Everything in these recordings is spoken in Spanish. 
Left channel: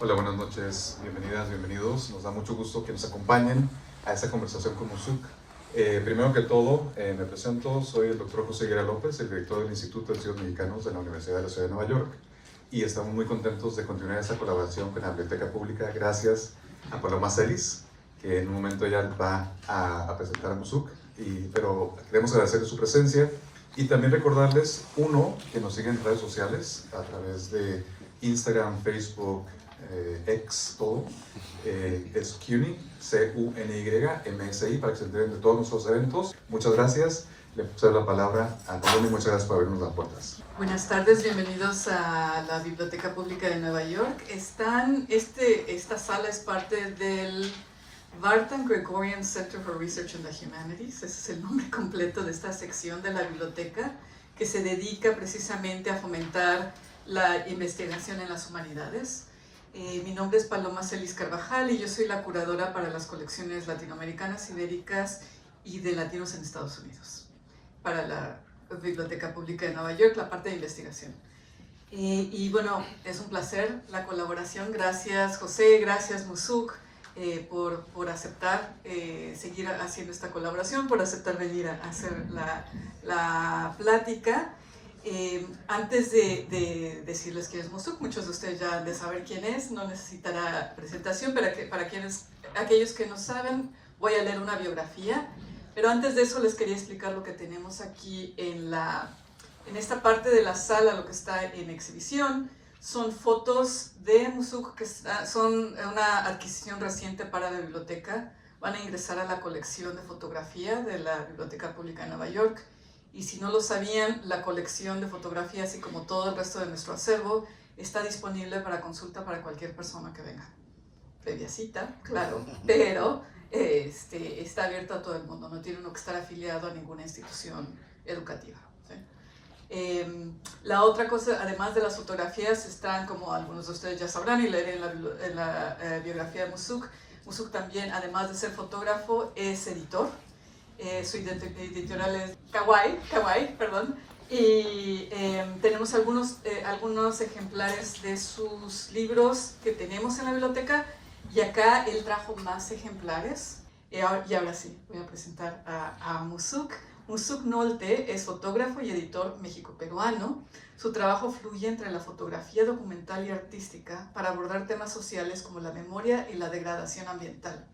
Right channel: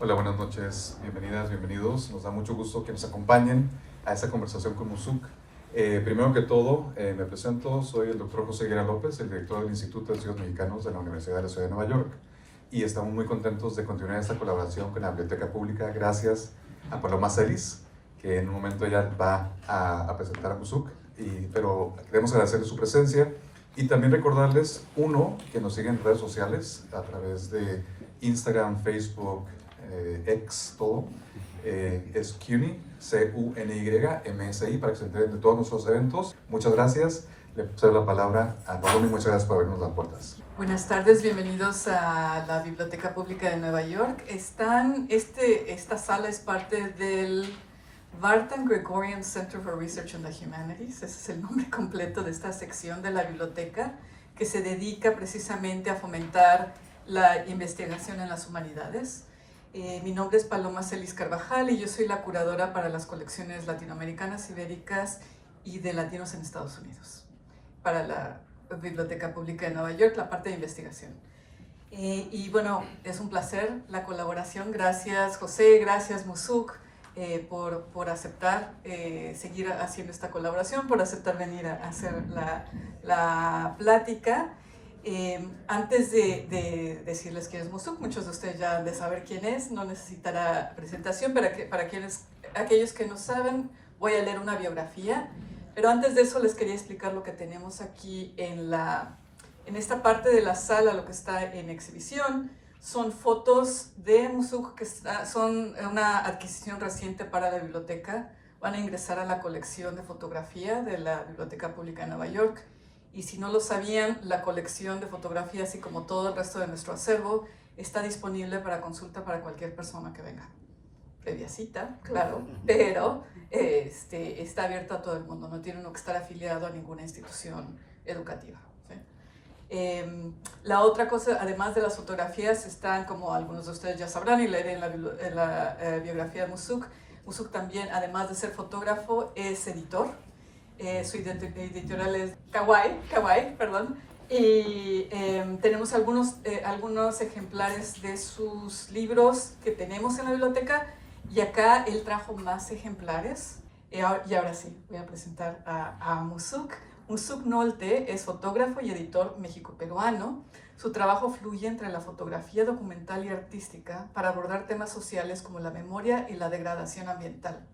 Hola, buenas noches, bienvenidas, bienvenidos. Nos da mucho gusto que nos acompañen a esta conversación con Musuk. Primero que todo, me presento, soy el doctor José Guerra López, el director del Instituto de Estudios Mexicanos de la Universidad de la Ciudad de Nueva York, y estamos muy contentos de continuar esta colaboración con la Biblioteca Pública gracias a Paloma Celis, que en un momento ya va a presentar a Musuk, pero queremos agradecerles su presencia y también recordarles, uno, que nos siguen en redes sociales a través de Instagram, Facebook, X, todo, es CUNY, CUNY-MSI, para que se enteren de todos nuestros eventos. Muchas gracias. Le cedo la palabra a Paloma y muchas gracias por abrirnos las puertas. Buenas tardes, bienvenidos a la Biblioteca Pública de Nueva York. Esta sala es parte del Barton Gregorian Center for Research in the Humanities. Ese es el nombre completo de esta sección de la biblioteca que se dedica precisamente a fomentar la investigación en las humanidades. Mi nombre es Paloma Celis Carvajal y yo soy la curadora para las colecciones latinoamericanas, ibéricas y de latinos en Estados Unidos, para la Biblioteca Pública de Nueva York, la parte de investigación. Y bueno, es un placer la colaboración. Gracias José, gracias Musuk por aceptar seguir haciendo esta colaboración, por aceptar venir a hacer la plática. Antes de decirles quién es Musuk, muchos de ustedes ya han de saber quién es, no necesitará presentación, para aquellos que no saben, voy a leer una biografía, pero antes de eso les quería explicar lo que tenemos aquí en esta parte de la sala. Lo que está en exhibición son fotos de Musuk que son una adquisición reciente para la biblioteca. Van a ingresar a la colección de fotografía de la Biblioteca Pública de Nueva York. Y si no lo sabían, la colección de fotografías, así como todo el resto de nuestro acervo, está disponible para consulta para cualquier persona que venga. Previa cita, claro, pero está abierto a todo el mundo, no tiene uno que estar afiliado a ninguna institución educativa. ¿Sí? La otra cosa, además de las fotografías, están, como algunos de ustedes ya sabrán y leerán en la biografía de Musuk. Musuk también, además de ser fotógrafo, es editor. Su editorial es Kawaii, perdón, y tenemos algunos ejemplares de sus libros que tenemos en la biblioteca, y acá él trajo más ejemplares. Y ahora sí, voy a presentar a Musuk. Musuk Nolte es fotógrafo y editor mexico-peruano. Su trabajo fluye entre la fotografía documental y artística para abordar temas sociales como la memoria y la degradación ambiental.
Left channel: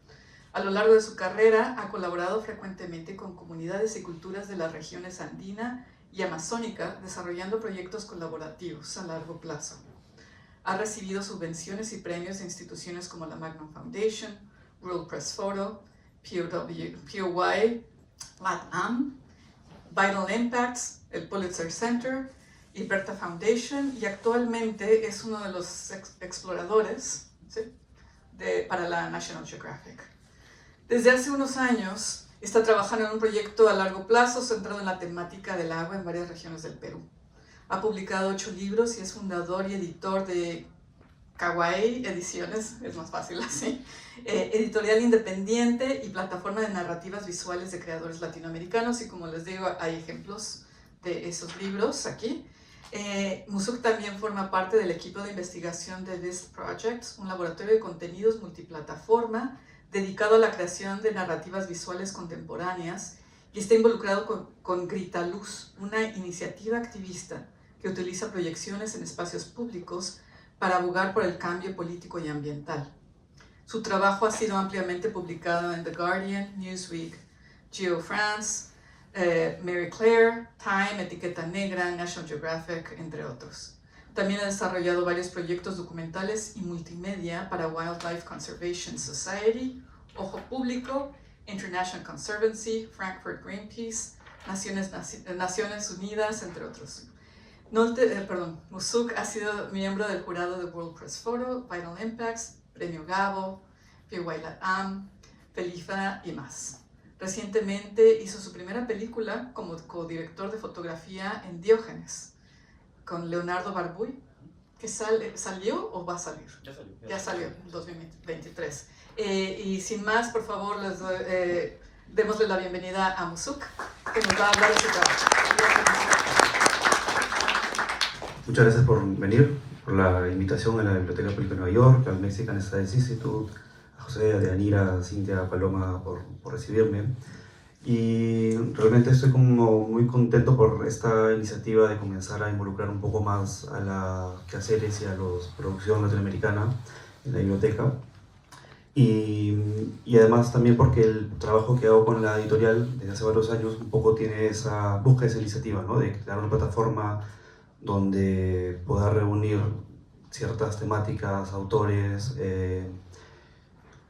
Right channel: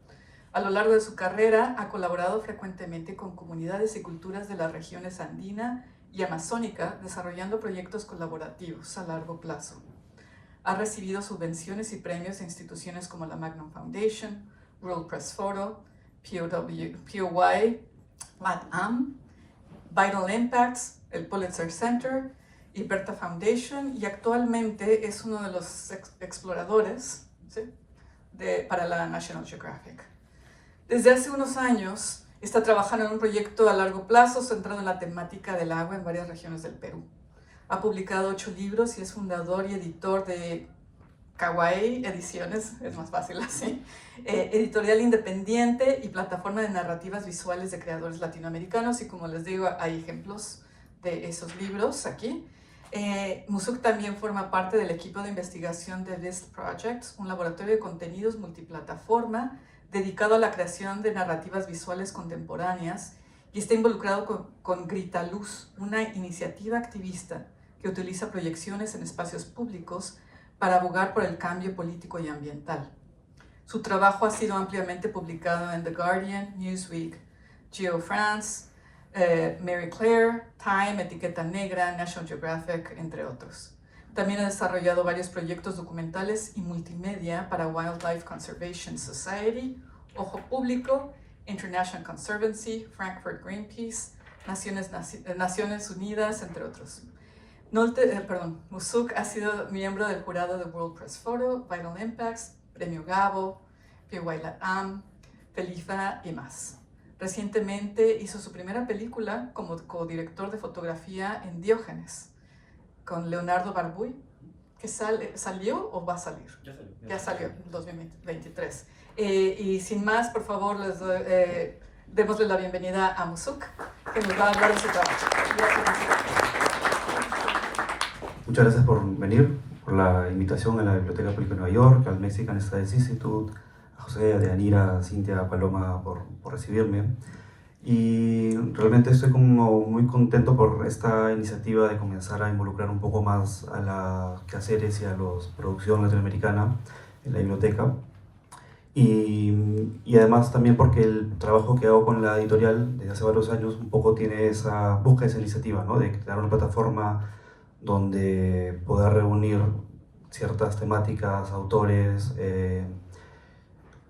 A lo largo de su carrera ha colaborado frecuentemente con comunidades y culturas de las regiones andina y amazónica, desarrollando proyectos colaborativos a largo plazo. Ha recibido subvenciones y premios de instituciones como la Magnum Foundation, World Press Photo, POY, LATAM, Vital Impacts, el Pulitzer Center y Bertha Foundation, y actualmente es uno de los exploradores, ¿sí?, para la National Geographic. Desde hace unos años está trabajando en un proyecto a largo plazo centrado en la temática del agua en varias regiones del Perú. Ha publicado 8 libros y es fundador y editor de Kawaii Ediciones, es más fácil así, editorial independiente y plataforma de narrativas visuales de creadores latinoamericanos, y como les digo, hay ejemplos de esos libros aquí. Musuk también forma parte del equipo de investigación de List Projects, un laboratorio de contenidos multiplataforma dedicado a la creación de narrativas visuales contemporáneas, y está involucrado con Grita Luz, una iniciativa activista que utiliza proyecciones en espacios públicos para abogar por el cambio político y ambiental. Su trabajo ha sido ampliamente publicado en The Guardian, Newsweek, GeoFrance, Marie Claire, Time, Etiqueta Negra, National Geographic, entre otros. También ha desarrollado varios proyectos documentales y multimedia para Wildlife Conservation Society, Ojo Público, International Conservancy, Frankfurt Greenpeace, Naciones Unidas, entre otros. Musuk ha sido miembro del jurado de World Press Photo, Vital Impacts, Premio Gabo, POY LATAM, FELIFA y más. Recientemente hizo su primera película como codirector de fotografía en Diógenes, con Leonardo Barbuy, que ¿salió o va a salir? Ya salió en 2023. Y sin más, por favor, démosle la bienvenida a Musuk, que nos va a hablar de su trabajo. Muchas gracias por venir. por la invitación a la Biblioteca Pública de Nueva York, al Mexican Studies Institute, a José, a Deyanira, a Cintia, a Paloma por recibirme. Y realmente estoy como muy contento por esta iniciativa de comenzar a involucrar un poco más a las quehaceres y a la producción latinoamericana en la biblioteca. Y además también porque el trabajo que hago con la editorial desde hace varios años un poco tiene esa, busca esa iniciativa, ¿no? De crear una plataforma donde poder reunir ciertas temáticas, autores,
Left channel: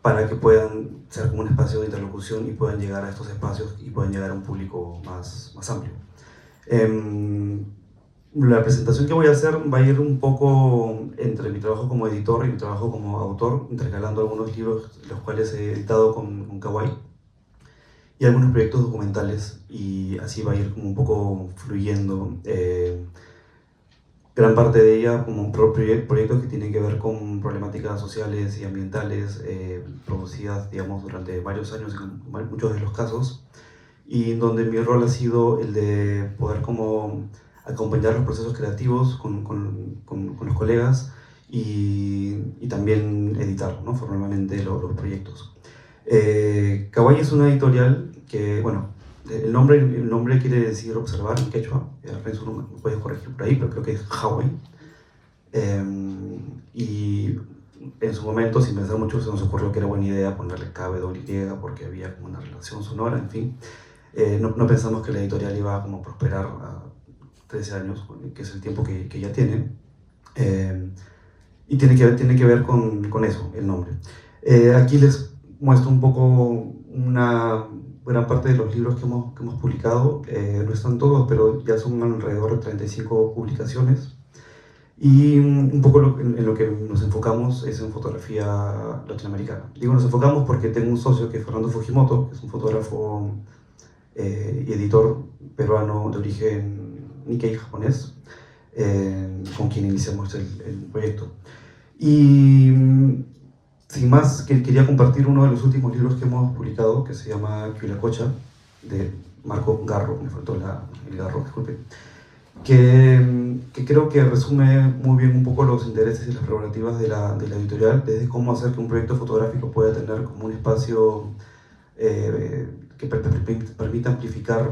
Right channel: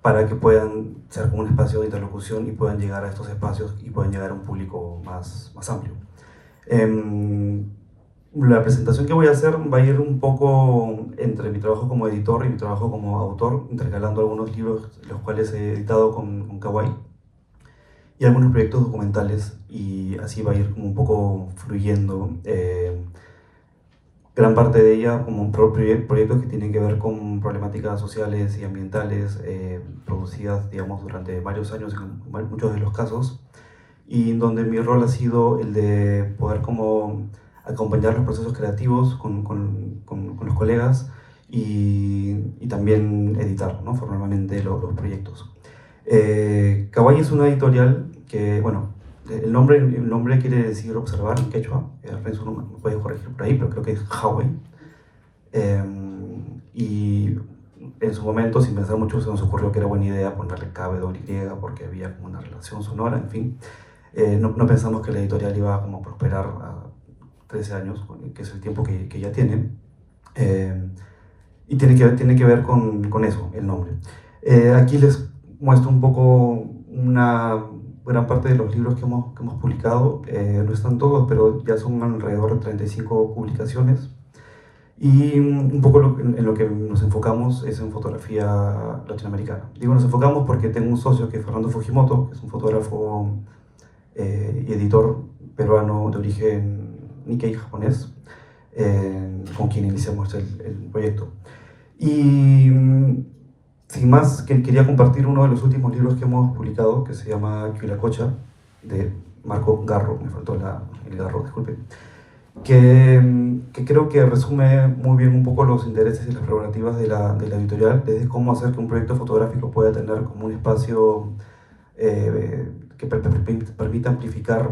para que puedan ser como un espacio de interlocución y puedan llegar a estos espacios y puedan llegar a un público más amplio. La presentación que voy a hacer va a ir un poco entre mi trabajo como editor y mi trabajo como autor, intercalando algunos libros los cuales he editado con Kawaii y algunos proyectos documentales, y así va a ir un poco fluyendo. Gran parte de ella como proyectos que tienen que ver con problemáticas sociales y ambientales producidas, digamos, durante varios años en muchos de los casos, y donde mi rol ha sido el de poder como acompañar los procesos creativos con los colegas y también editar, ¿no? Formalmente los proyectos. Kawaii es una editorial que, bueno, el nombre quiere decir observar en quechua, Renzo no me puede corregir por ahí, pero creo que es Hawaii. Y en su momento, sin pensar mucho, se nos ocurrió que era buena idea ponerle KWY porque había como una relación sonora, en fin. No pensamos que la editorial iba como a prosperar a 13 años, que es el tiempo que ya tiene. Y tiene que ver con eso, el nombre. Aquí les muestro un poco una gran parte de los libros que hemos publicado. No están todos, pero ya son alrededor de 35 publicaciones. Y un poco en lo que nos enfocamos es en fotografía latinoamericana. Digo nos enfocamos porque tengo un socio que es Fernando Fujimoto, que es un fotógrafo y editor peruano de origen Nikkei japonés, con quien iniciamos el proyecto. Y sin más, quería compartir uno de los últimos libros que hemos publicado, que se llama Quilacocha, de Marco Garro, me faltó el Garro, disculpe, que creo que resume muy bien un poco los intereses y las prerrogativas de la editorial, desde cómo hacer que un proyecto fotográfico pueda tener como un espacio que permita amplificar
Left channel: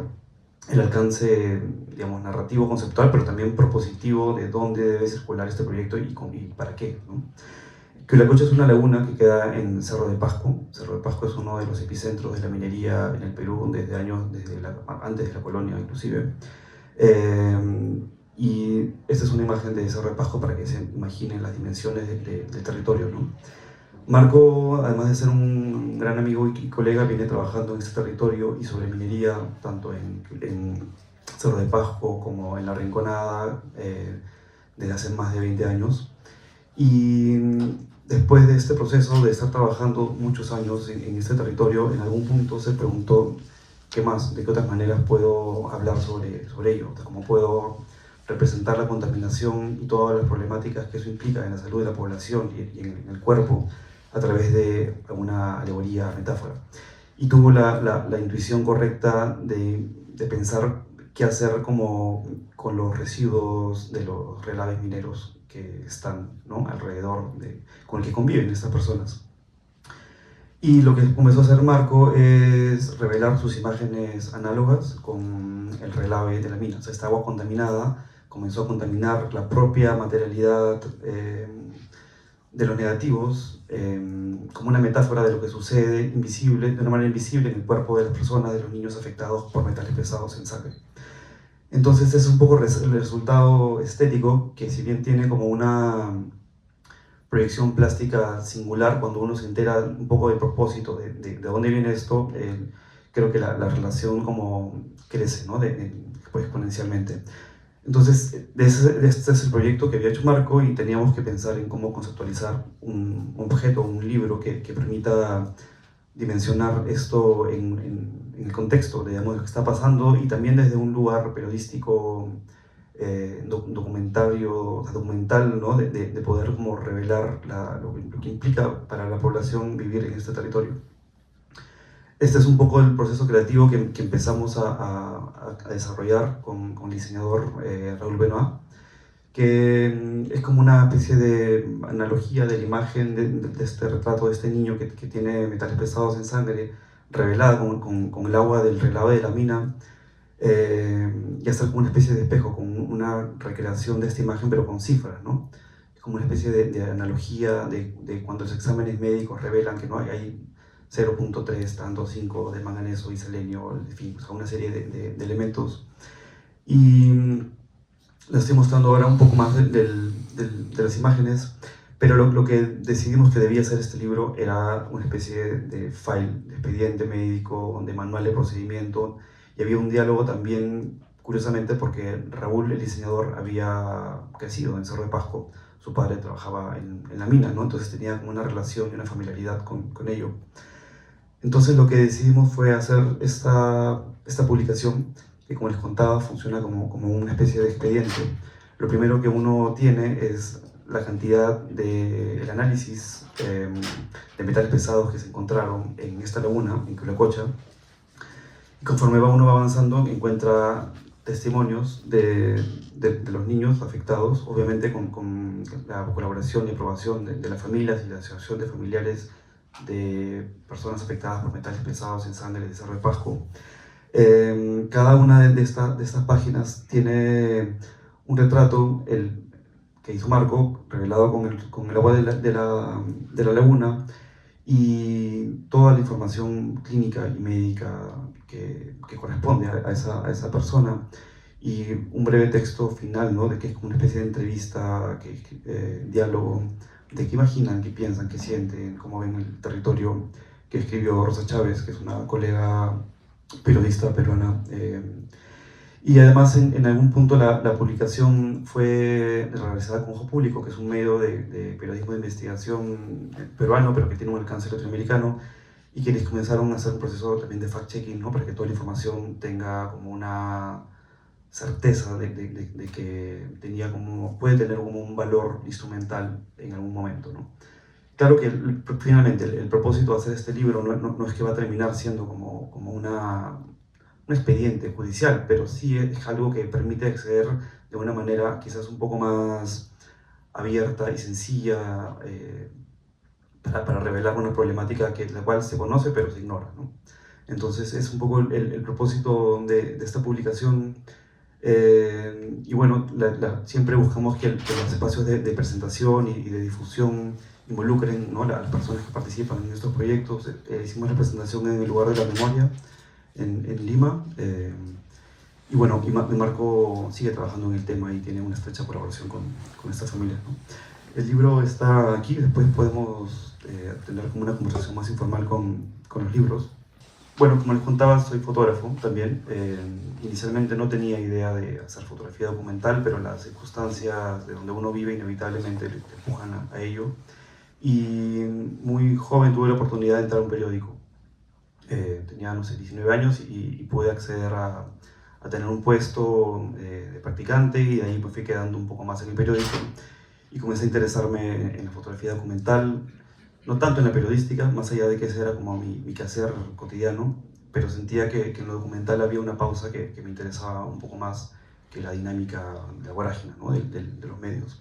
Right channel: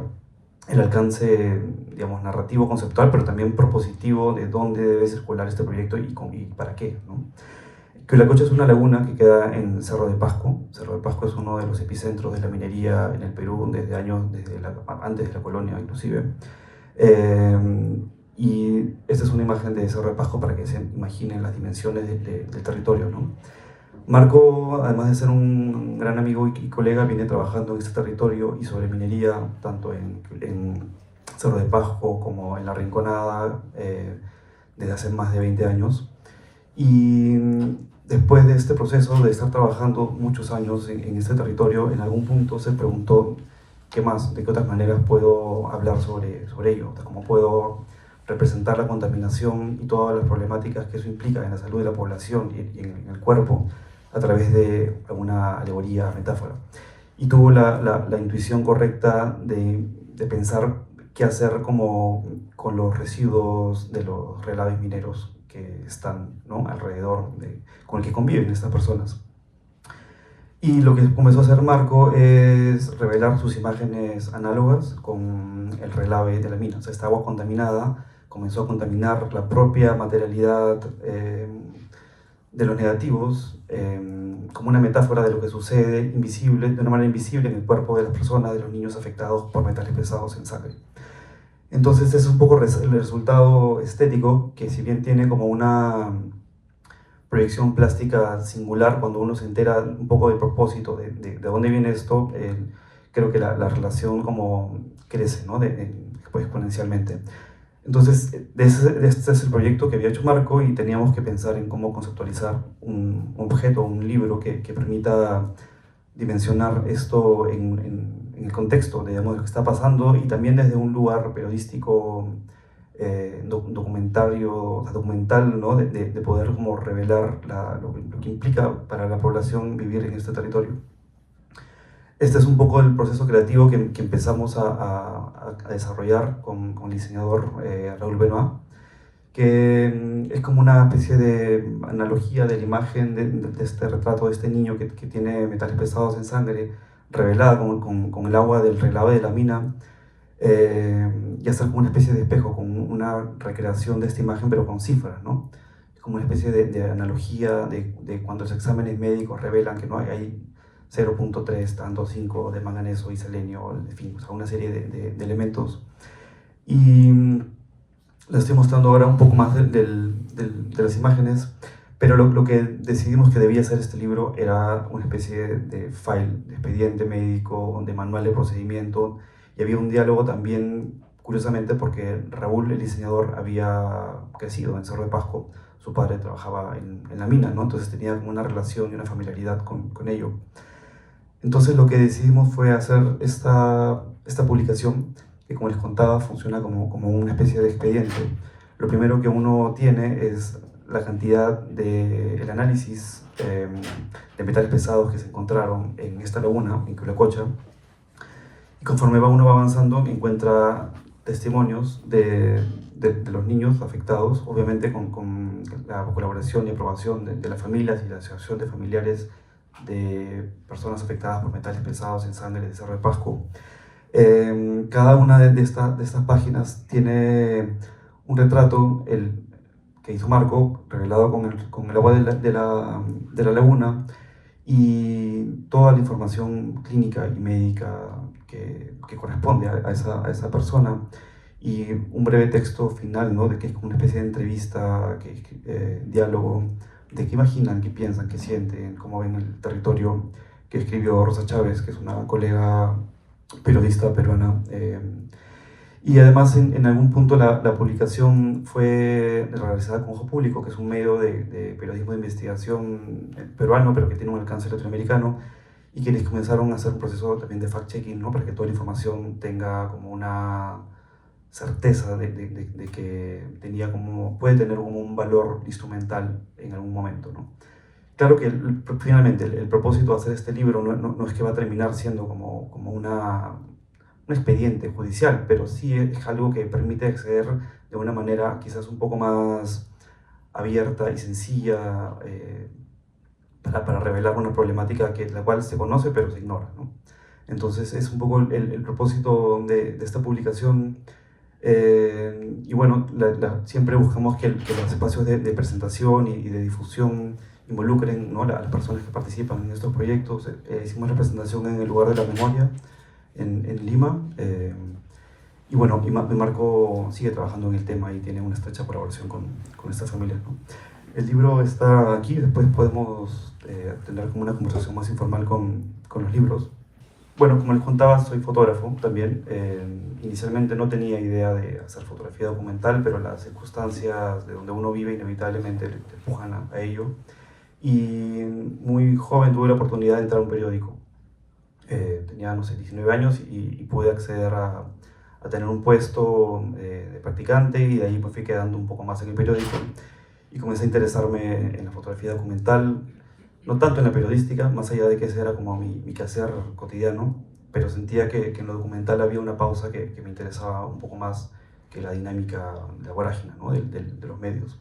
el alcance, digamos, narrativo, conceptual, pero también propositivo de dónde debe circular este proyecto y para qué, ¿no? Quilacocha es una laguna que queda en Cerro de Pasco. Cerro de Pasco es uno de los epicentros de la minería en el Perú desde antes de la colonia inclusive. Y esta es una imagen de Cerro de Pasco para que se imaginen las dimensiones del territorio, ¿no? Marco, además de ser un gran amigo y colega, viene trabajando en este territorio y sobre minería, tanto en Cerro de Pasco como en La Rinconada, desde hace más de 20 años. Y después de este proceso de estar trabajando muchos años en este territorio, en algún punto se preguntó qué más, de qué otras maneras puedo hablar sobre ello, cómo puedo representar la contaminación y todas las problemáticas que eso implica en la salud de la población y en el cuerpo a través de una alegoría, metáfora. Y tuvo la intuición correcta de pensar qué hacer con los residuos de los relaves mineros que están, ¿no?, alrededor, con el que conviven estas personas. Y lo que comenzó a hacer Marco es revelar sus imágenes análogas con el relave de la mina. O sea, esta agua contaminada comenzó a contaminar la propia materialidad de los negativos, como una metáfora de lo que sucede invisible, de una manera invisible en el cuerpo de las personas, de los niños afectados por metales pesados en sangre. Entonces es un poco el resultado estético, que si bien tiene como una proyección plástica singular, cuando uno se entera un poco del propósito, de dónde viene esto, creo que la relación como crece, ¿no?, pues exponencialmente. Entonces, este es el proyecto que había hecho Marco y teníamos que pensar en cómo conceptualizar un objeto, un libro que permita dimensionar esto en el contexto, digamos, de lo que está pasando, y también desde un lugar periodístico, documental, ¿no?, de poder como revelar lo que implica para la población vivir en este territorio. Este es un poco el proceso creativo que empezamos a desarrollar con el diseñador Raúl Benoit. que es como una especie de analogía de la imagen de este retrato de este niño que tiene metales pesados en sangre, revelada con el agua del relave de la mina, y hacer como una especie de espejo, con una recreación de esta imagen, pero con cifras, ¿no? Es como una especie de analogía de cuando los exámenes médicos revelan que no hay 0.3, tanto 5 de manganeso y selenio, en fin, o sea, una serie de elementos. Y les estoy mostrando ahora un poco más de las imágenes, pero lo que decidimos que debía ser este libro era una especie de file, de expediente médico, de manual de procedimiento, y había un diálogo también, curiosamente, porque Raúl, el diseñador, había crecido en Cerro de Pasco, su padre trabajaba en la mina, ¿no? Entonces tenía una relación y una familiaridad con ello. Entonces lo que decidimos fue hacer esta publicación, que como les contaba funciona como una especie de expediente. Lo primero que uno tiene es la cantidad del análisis de metales pesados que se encontraron en esta laguna, en Quillacolcha, y conforme uno va avanzando encuentra testimonios de los niños afectados, obviamente con la colaboración y aprobación de las familias y la asociación de familiares de personas afectadas por metales pesados en sangre de Cerro de Pasco. Cada una de estas páginas tiene un retrato que hizo Marco, revelado con el agua de la laguna, y toda la información clínica y médica que corresponde a esa persona, y un breve texto final, ¿no? De que es como una especie de entrevista, diálogo, de qué imaginan, qué piensan, qué sienten, cómo ven el territorio, que escribió Rosa Chávez, que es una colega periodista peruana. Y además en algún punto la publicación fue realizada con Ojo Público, que es un medio de periodismo de investigación peruano, pero que tiene un alcance latinoamericano, y quienes comenzaron a hacer un proceso también de fact-checking, ¿no? Para que toda la información tenga como una certeza de que puede tener como un valor instrumental en algún momento, ¿no? Claro que finalmente el propósito de hacer este libro no es que va a terminar siendo como un expediente judicial, pero sí es algo que permite acceder de una manera quizás un poco más abierta y sencilla, para revelar una problemática la cual se conoce pero se ignora, ¿no? Entonces es un poco el propósito de esta publicación. Y bueno, siempre buscamos que los espacios de presentación y de difusión involucren, ¿no? a las personas que participan en estos proyectos. Hicimos la presentación en el lugar de la memoria, en Lima, y bueno, y Marco sigue trabajando en el tema y tiene una estrecha colaboración con esta familia, ¿no? El libro está aquí, después podemos tener como una conversación más informal con los libros. Bueno, como les contaba, soy fotógrafo también. Inicialmente no tenía idea de hacer fotografía documental, pero las circunstancias de donde uno vive inevitablemente te empujan a ello. Y muy joven tuve la oportunidad de entrar a un periódico. Tenía, no sé, 19 años y pude acceder a tener un puesto de practicante, y de ahí me fui quedando un poco más en el periódico y comencé a interesarme en la fotografía documental. No tanto en la periodística, más allá de que ese era como mi quehacer cotidiano, pero sentía que en lo documental había una pausa que me interesaba un poco más que la dinámica, la vorágine, ¿no? de los medios.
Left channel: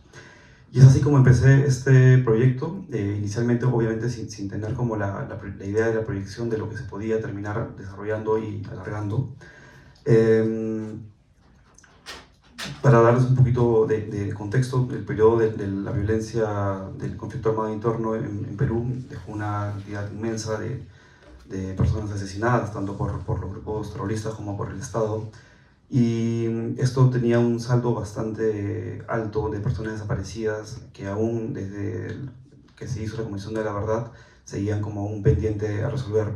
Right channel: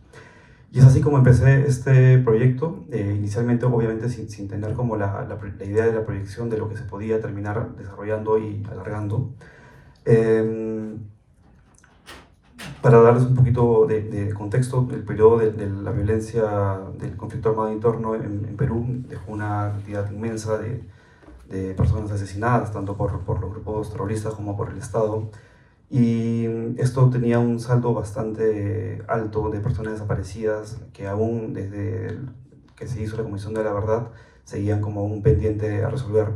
Y es así como empecé este proyecto, inicialmente obviamente sin tener como la idea de la proyección de lo que se podía terminar desarrollando y alargando. Para darles un poquito de contexto, el periodo de la violencia del conflicto armado interno en Perú dejó una cantidad inmensa de personas asesinadas, tanto por los grupos terroristas como por el Estado. Y esto tenía un saldo bastante alto de personas desaparecidas que aún desde que se hizo la Comisión de la Verdad seguían como un pendiente a resolver.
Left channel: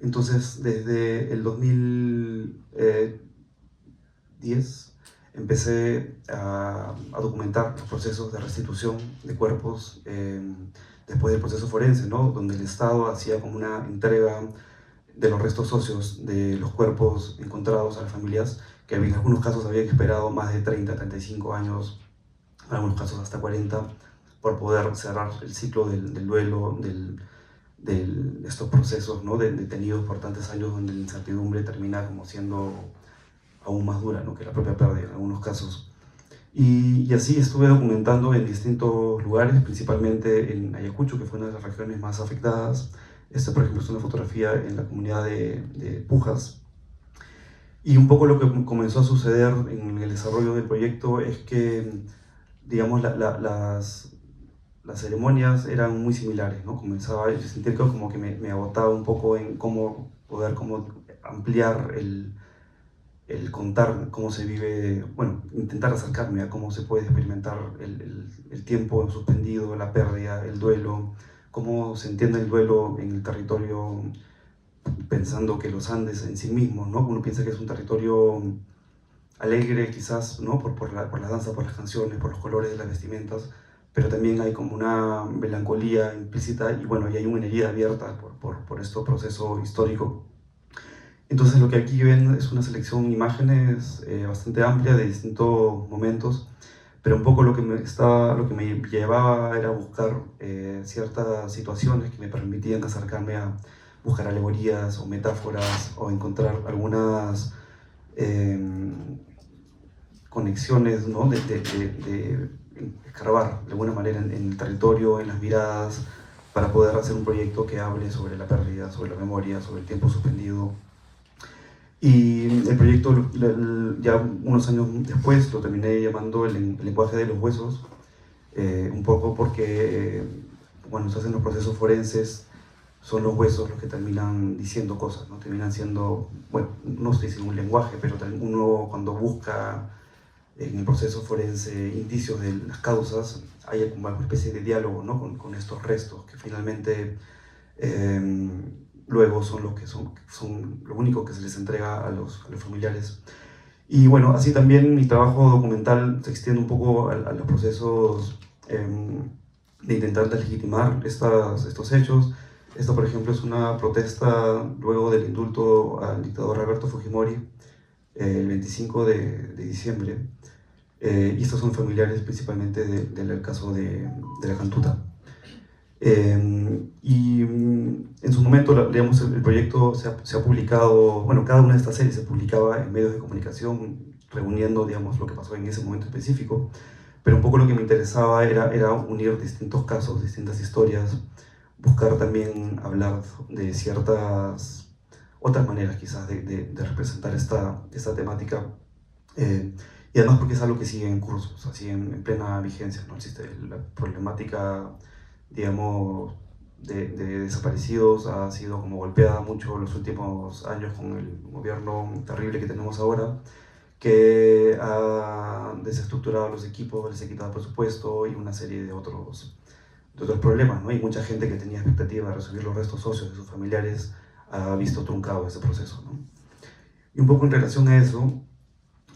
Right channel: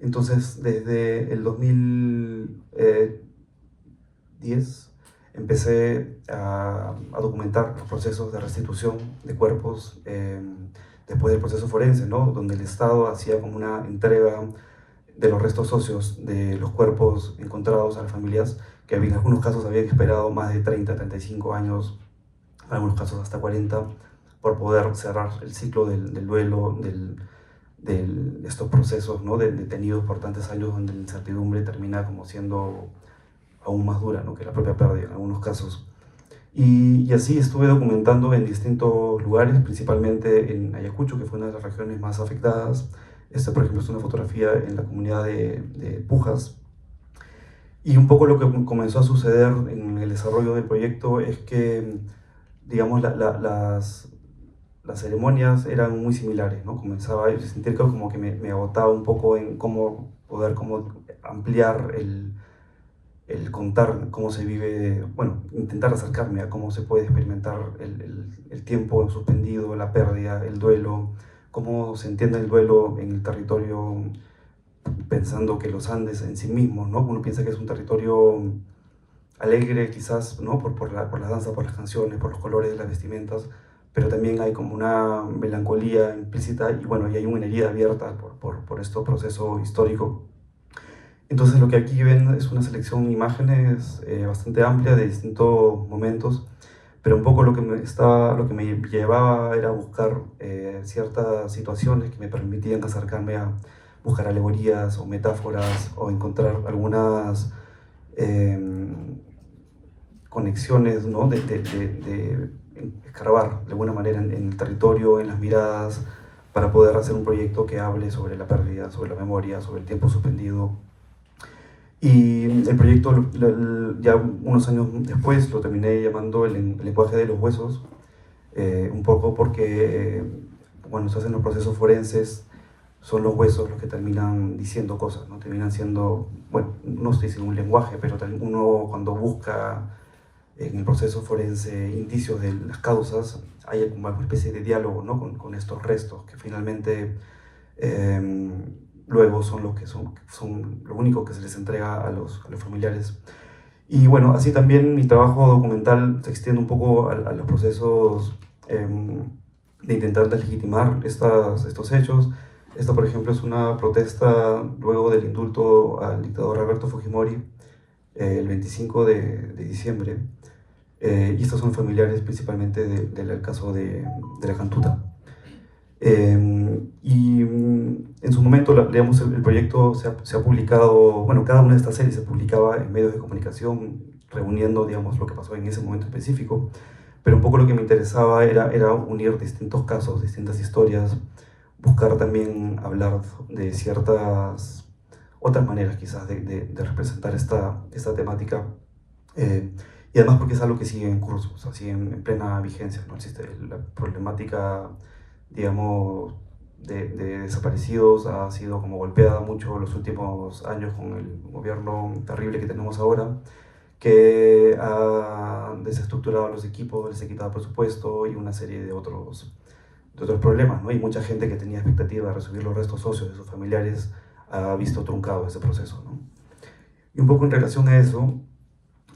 Entonces, desde el 2010 empecé a documentar los procesos de restitución de cuerpos después del proceso forense, ¿no? Donde el Estado hacía como una entrega de los restos óseos de los cuerpos encontrados a las familias, que en algunos casos habían esperado más de 30, 35 años, en algunos casos hasta 40, por poder cerrar el ciclo del duelo, de estos procesos, ¿no? Detenidos por tantos años, donde la incertidumbre termina como siendo aún más dura, ¿no? Que la propia pérdida en algunos casos. Y así estuve documentando en distintos lugares, principalmente en Ayacucho, que fue una de las regiones más afectadas. Esta, por ejemplo, es una fotografía en la comunidad de Pujas. Y un poco lo que comenzó a suceder en el desarrollo del proyecto es que, digamos, las ceremonias eran muy similares, ¿no? Comenzaba a sentir que como que me agotaba un poco en cómo poder cómo ampliar el contar cómo se vive, bueno, intentar acercarme a cómo se puede experimentar el tiempo suspendido, la pérdida, el duelo, cómo se entiende el duelo en el territorio, pensando que los Andes en sí mismos, ¿no? Uno piensa que es un territorio alegre quizás, ¿no? Por la danza, por las canciones, por los colores de las vestimentas, pero también hay como una melancolía implícita y bueno, y hay una herida abierta por este proceso histórico. Entonces lo que aquí ven es una selección de imágenes bastante amplia de distintos momentos, pero un poco lo que lo que me llevaba era buscar ciertas situaciones que me permitían acercarme a buscar alegorías o metáforas o encontrar algunas conexiones, ¿no? de escarbar de alguna manera en el territorio, en las miradas, para poder hacer un proyecto que hable sobre la pérdida, sobre la memoria, sobre el tiempo suspendido. Y el proyecto, ya unos años después, lo terminé llamando el lenguaje de los huesos, un poco porque, bueno, se hacen los procesos forenses, son los huesos los que terminan diciendo cosas, ¿no? Terminan siendo, bueno, no estoy diciendo un lenguaje, pero uno cuando busca en el proceso forense indicios de las causas, hay como una especie de diálogo, ¿no? con estos restos que finalmente luego son los que son lo único que se les entrega a los familiares. Y bueno, así también mi trabajo documental se extiende un poco a los procesos de intentar legitimar estos hechos. Esta, por ejemplo, es una protesta luego del indulto al dictador Alberto Fujimori el 25 de diciembre. Y estos son familiares principalmente del caso de la Cantuta. Y en su momento, digamos, el proyecto se ha publicado, bueno, cada una de estas series se publicaba en medios de comunicación, reuniendo, digamos, lo que pasó en ese momento específico, pero un poco lo que me interesaba era unir distintos casos, distintas historias, buscar también hablar de ciertas otras maneras quizás de representar esta temática, y además porque es algo que sigue en curso, o sea, sigue en plena vigencia, ¿no? Existe la problemática, digamos, de desaparecidos, ha sido como golpeada mucho en los últimos años con el gobierno terrible que tenemos ahora, que ha desestructurado los equipos, les ha quitado presupuesto y una serie de otros problemas, ¿no? Y mucha gente que tenía expectativa de recibir los restos óseos de sus familiares ha visto truncado ese proceso, ¿no? Y un poco en relación a eso,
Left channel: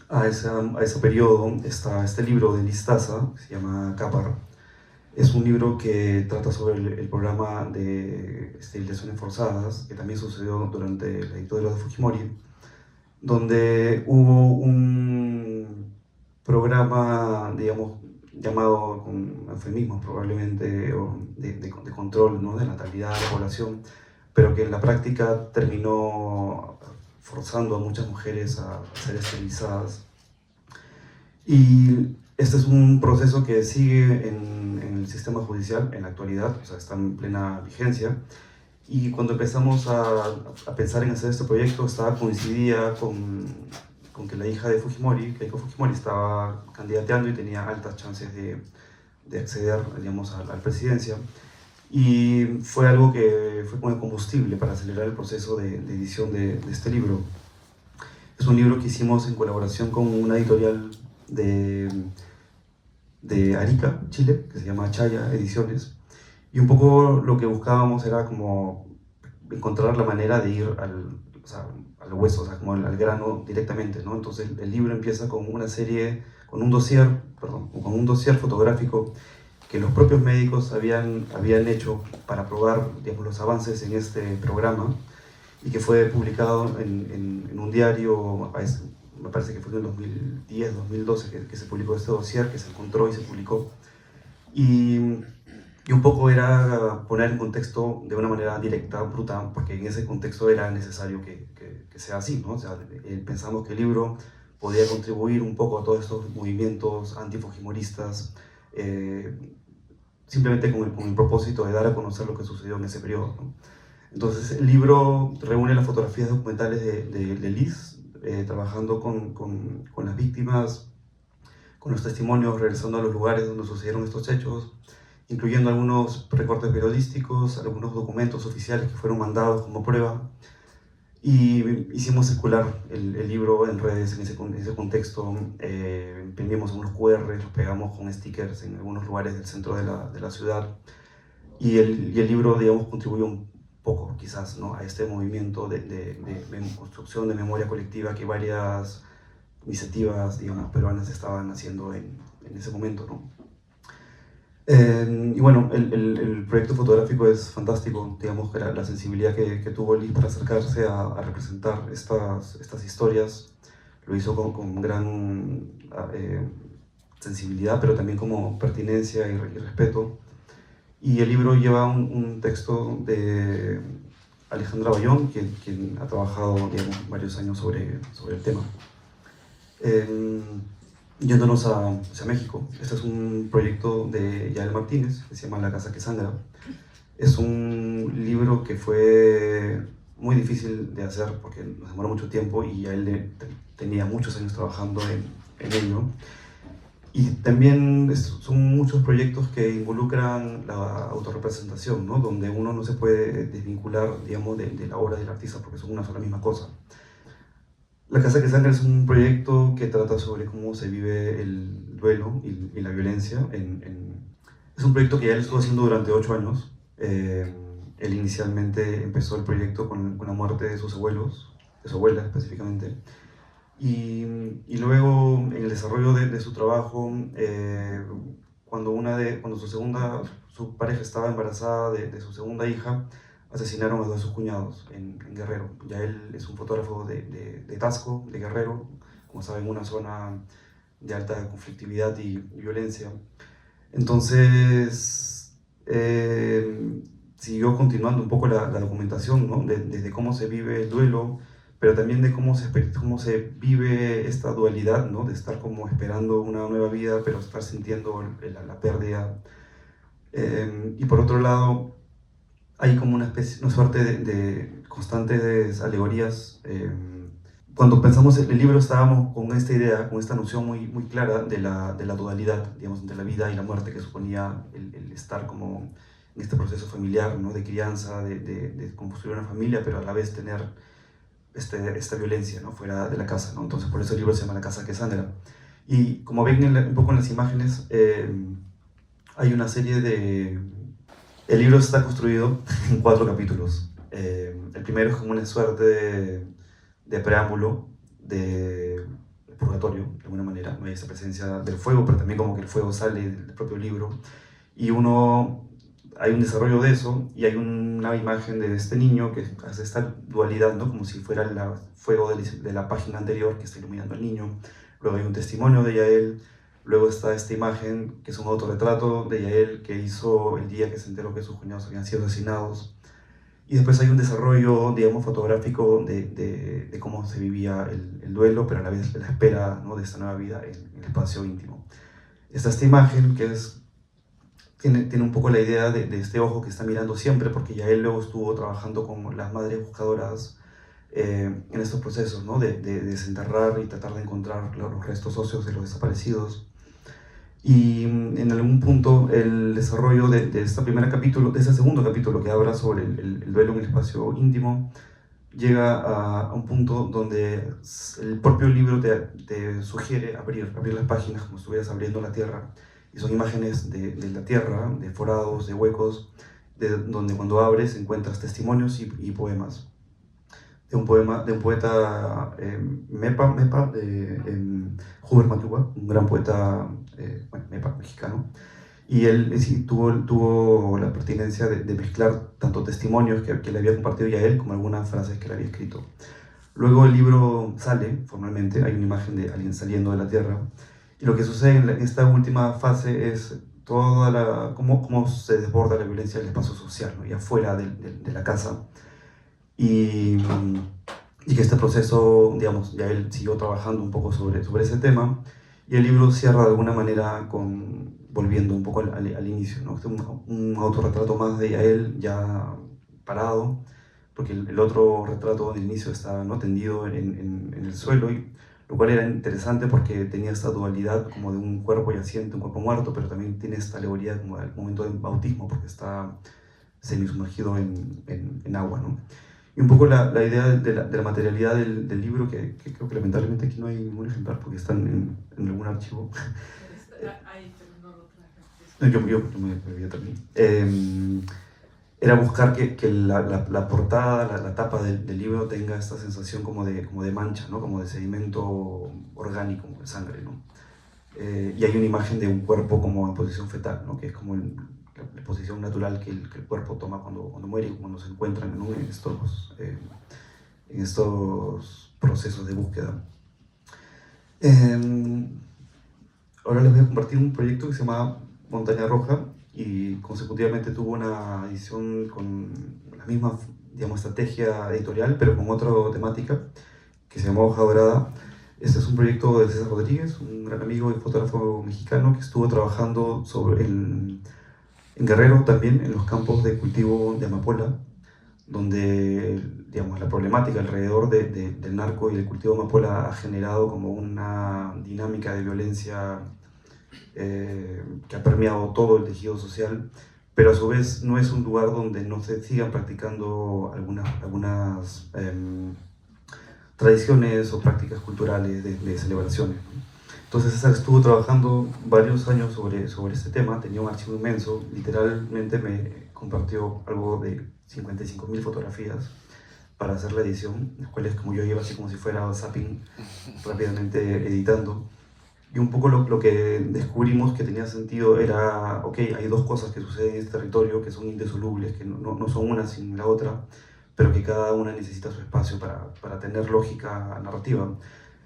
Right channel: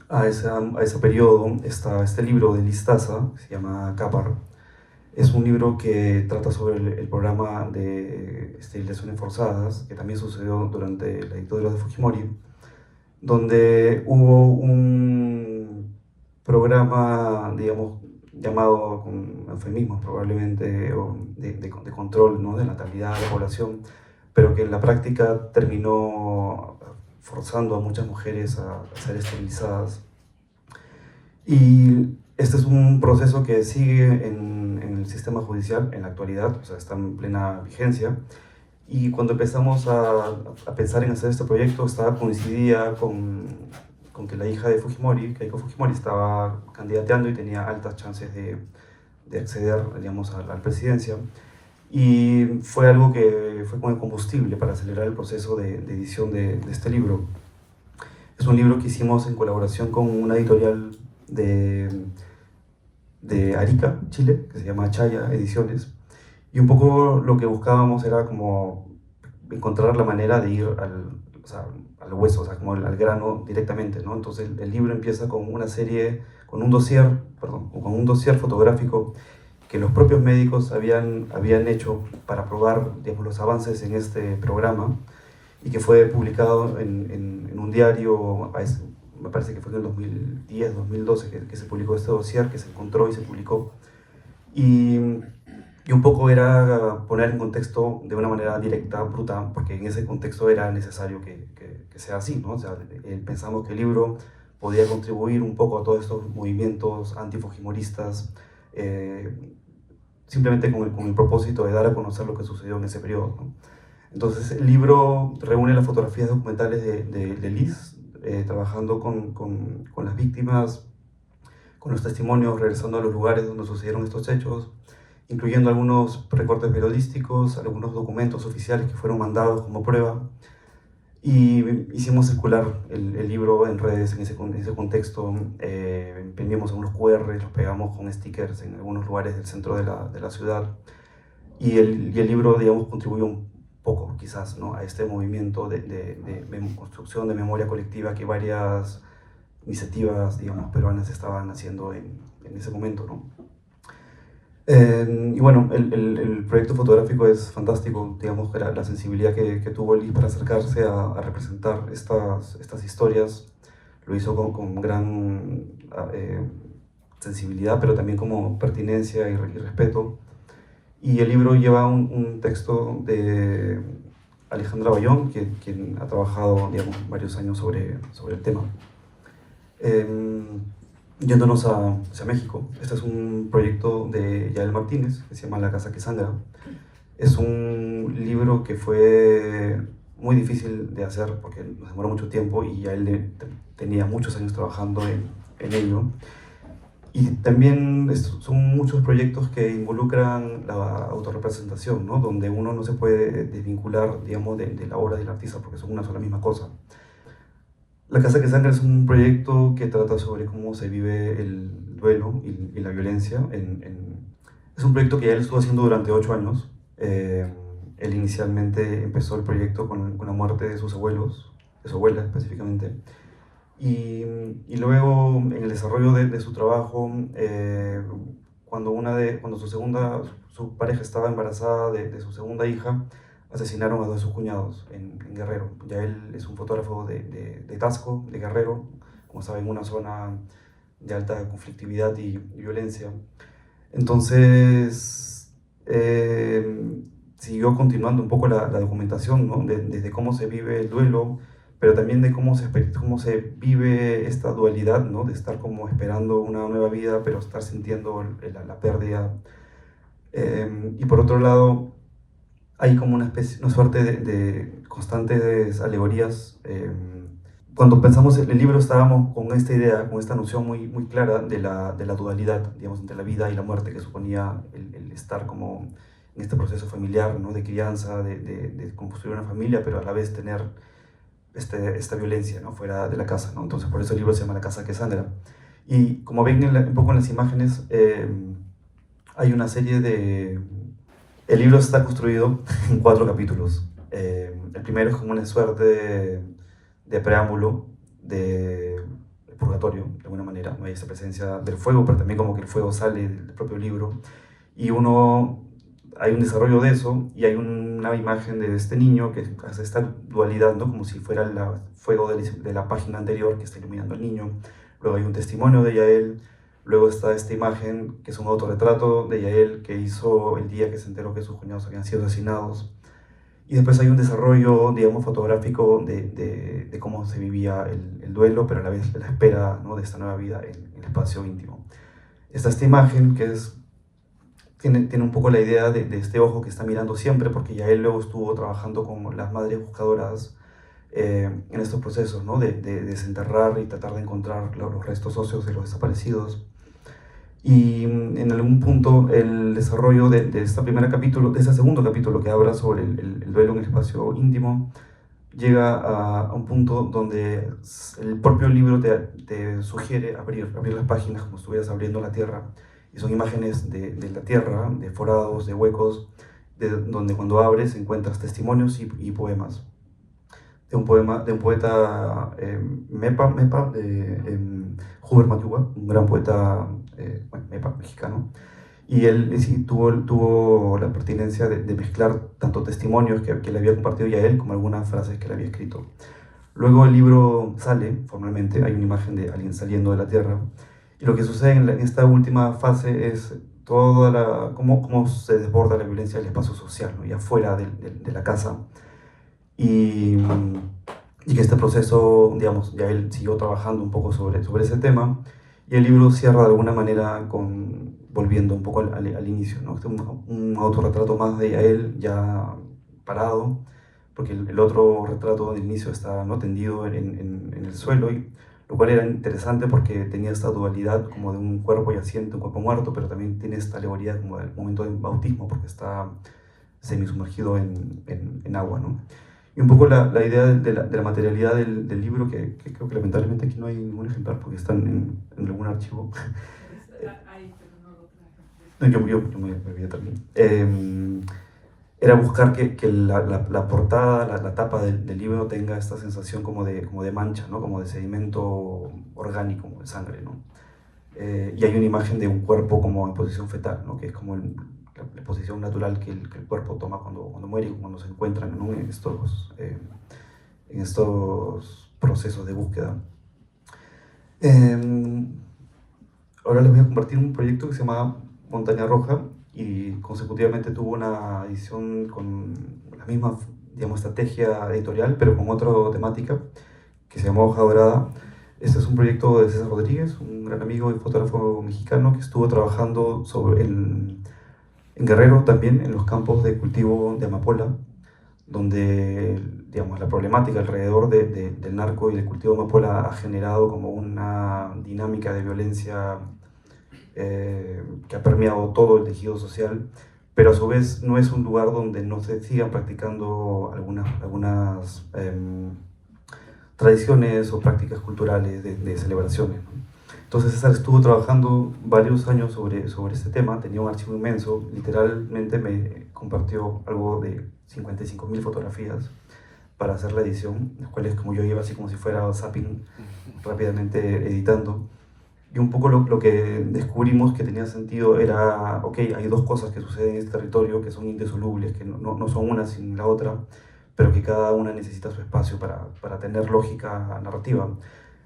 a ese periodo, está este libro de Liz Taza, que se llama Cápara. Es un libro que trata sobre el programa de esterilizaciones forzadas, que también sucedió durante la dictadura de Fujimori, donde hubo un programa, digamos, llamado con eufemismos probablemente, de control, ¿no? de la natalidad de la población, pero que en la práctica terminó forzando a muchas mujeres a ser esterilizadas. Y este es un proceso que sigue en el sistema judicial en la actualidad, o sea, está en plena vigencia. Y cuando empezamos a pensar en hacer este proyecto, coincidía con que la hija de Fujimori, Keiko Fujimori, estaba candidateando y tenía altas chances de acceder, digamos, a la presidencia. Y fue algo que fue como el combustible para acelerar el proceso de edición de este libro. Es un libro que hicimos en colaboración con una editorial de Arica, Chile, que se llama Chaya Ediciones. Y un poco lo que buscábamos era como encontrar la manera de ir al hueso, o sea, como al grano directamente, ¿no? Entonces el libro empieza con con un dossier fotográfico que los propios médicos habían hecho para probar, digamos, los avances en este programa, y que fue publicado en un diario, me parece que fue en 2010, 2012 que se publicó este dossier, que se encontró y se publicó. Y un poco era poner en contexto de una manera directa, bruta, porque en ese contexto era necesario que sea así, ¿no? O sea, pensamos que el libro podía contribuir un poco a todos estos movimientos antifujimoristas, simplemente con el propósito de dar a conocer lo que sucedió en ese periodo, ¿no? Entonces el libro reúne las fotografías documentales de Liz, trabajando con las víctimas, con los testimonios, regresando a los lugares donde sucedieron estos hechos, incluyendo algunos recortes periodísticos, algunos documentos oficiales que fueron mandados como prueba. Y hicimos circular el libro en redes en ese contexto. Imprimimos algunos QR, los pegamos con stickers en algunos lugares del centro de la ciudad. Y el libro, digamos, contribuyó un poco, quizás, ¿no?, a este movimiento de construcción de memoria colectiva que varias iniciativas, digamos, peruanas estaban haciendo en ese momento, ¿no? Y bueno, el proyecto fotográfico es fantástico, digamos, que la sensibilidad que tuvo Liz para acercarse a representar estas historias, lo hizo con gran sensibilidad, pero también como pertinencia y respeto. Y el libro lleva un texto de Alejandra Bayón, quien ha trabajado, digamos, varios años sobre el tema. Yéndonos hacia México, este es un proyecto de Yael Martínez, que se llama La Casa que Sangra. Es un libro que fue muy difícil de hacer porque nos demoró mucho tiempo y Yael tenía muchos años trabajando en ello. Y también son muchos proyectos que involucran la autorrepresentación, ¿no?, donde uno no se puede desvincular, digamos, de la obra del artista porque son una sola misma cosa. La Casa que Sangra es un proyecto que trata sobre cómo se vive el duelo y la violencia. Es un proyecto que él estuvo haciendo durante 8 años. Él inicialmente empezó el proyecto con la muerte de sus abuelos, de su abuela específicamente. Y luego, en el desarrollo de su trabajo, cuando su pareja estaba embarazada de su segunda hija, asesinaron a 2 de sus cuñados en Guerrero. Ya él es un fotógrafo de Tasco, de Guerrero, como saben, una zona de alta conflictividad y violencia. Entonces, siguió continuando un poco la documentación, ¿no?, desde cómo se vive el duelo, pero también de cómo se vive esta dualidad, ¿no?, de estar como esperando una nueva vida, pero estar sintiendo la pérdida. Y por otro lado, hay como una suerte de constantes alegorías. Cuando pensamos en el libro estábamos con esta idea, con esta noción muy clara de la dualidad, digamos, entre la vida y la muerte que suponía el estar como en este proceso familiar, ¿no?, de crianza, de construir una familia, pero a la vez tener esta violencia, ¿no?, fuera de la casa, ¿no? Entonces por eso el libro se llama La Casa que Sangra. Y como ven un poco en las imágenes, hay una serie de... El libro está construido en 4 capítulos. El primero es como una suerte de preámbulo de purgatorio, de alguna manera. Hay esa presencia del fuego, pero también como que el fuego sale del propio libro. Y hay un desarrollo de eso, y hay una imagen de este niño que hace esta dualidad, ¿no?, como si fuera el fuego de la página anterior que está iluminando al niño. Luego hay un testimonio de Yael. Luego está esta imagen, que es un autorretrato de Yael que hizo el día que se enteró que sus cuñados habían sido asesinados. Y después hay un desarrollo, digamos, fotográfico de cómo se vivía el duelo, pero a la vez la espera, ¿no?, de esta nueva vida, el espacio íntimo. Esta imagen que tiene un poco la idea de este ojo que está mirando siempre, porque Yael luego estuvo trabajando con las madres buscadoras en estos procesos, ¿no?, de desenterrar y tratar de encontrar los restos óseos de los desaparecidos. Y en algún punto el desarrollo de ese segundo capítulo que habla sobre el duelo en el espacio íntimo, llega a un punto donde el propio libro te sugiere abrir las páginas como si estuvieras abriendo la tierra, y son imágenes de la tierra, de forados, de huecos, donde cuando abres encuentras testimonios y poemas. De un poeta Mepa, Hubert Matuba, un gran poeta Mepa mexicano, y él sí, tuvo la pertinencia de mezclar tanto testimonios que le había compartido ya él como algunas frases que le había escrito. Luego el libro sale formalmente, hay una imagen de alguien saliendo de la tierra, y lo que sucede en esta última fase es cómo se desborda la violencia del espacio social, ¿no?, y afuera de la casa. Y y que este proceso, digamos, ya él siguió trabajando un poco sobre ese tema, y el libro cierra de alguna manera volviendo un poco al inicio, ¿no? Este es un autorretrato más de a él ya parado, porque el otro retrato del inicio estaba, ¿no?, tendido en el suelo, lo cual era interesante porque tenía esta dualidad como de un cuerpo yaciente, un cuerpo muerto, pero también tiene esta alegoría como del momento del bautismo, porque está semisumergido en agua, ¿no? Y un poco la idea de la materialidad del libro, que creo que lamentablemente aquí no hay ningún ejemplar porque están en algún archivo. Ahí, pero no lo traje. Yo me olvidé también. Era buscar que la portada, la tapa del libro tenga esta sensación como de mancha, ¿no? Como de sedimento orgánico, como de sangre, ¿no? Y hay una imagen de un cuerpo como en posición fetal, ¿no? Que es como la posición natural que el cuerpo toma cuando muere y cuando se encuentran, ¿no?, en estos procesos de búsqueda. Ahora les voy a compartir un proyecto que se llama Montaña Roja, y consecutivamente tuvo una edición con la misma, digamos, estrategia editorial, pero con otra temática, que se llamó Hoja Dorada. Este es un proyecto de César Rodríguez, un gran amigo y fotógrafo mexicano que estuvo trabajando en Guerrero también, en los campos de cultivo de amapola, donde, digamos, la problemática alrededor del narco y del cultivo de amapola ha generado como una dinámica de violencia que ha permeado todo el tejido social, pero a su vez no es un lugar donde no se sigan practicando algunas tradiciones o prácticas culturales de celebraciones. Entonces César estuvo trabajando varios años sobre este tema, tenía un archivo inmenso, literalmente me compartió algo de 55.000 fotografías para hacer la edición, las cuales como yo iba así como si fuera zapping, rápidamente editando. Y un poco lo que descubrimos que tenía sentido era, ok, hay dos cosas que suceden en este territorio que son indisolubles, que no son una sin la otra, pero que cada una necesita su espacio para tener lógica narrativa.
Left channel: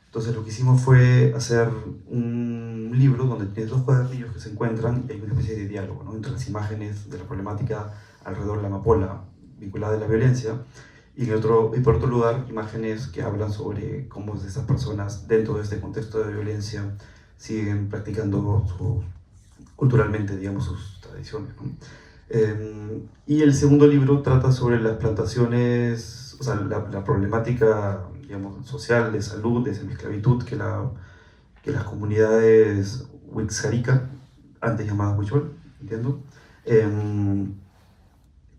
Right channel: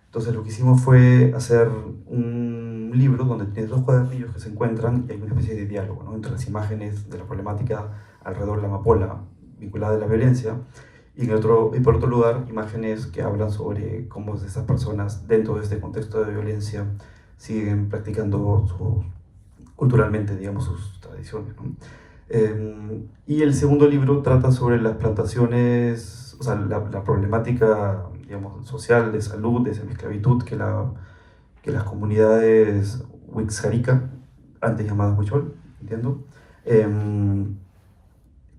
Entonces lo que hicimos fue hacer un libro donde tienes dos cuadernillos que se encuentran y hay una especie de diálogo, ¿no?, entre las imágenes de la problemática alrededor de la amapola vinculada a la violencia, y por otro lugar imágenes que hablan sobre cómo esas personas dentro de este contexto de violencia siguen practicando culturalmente, digamos, sus tradiciones, ¿no? Y el segundo libro trata sobre las plantaciones, o sea, la problemática, digamos, social, de salud, de semiesclavitud que las comunidades Wixárika, antes llamadas Huichol, entiendo,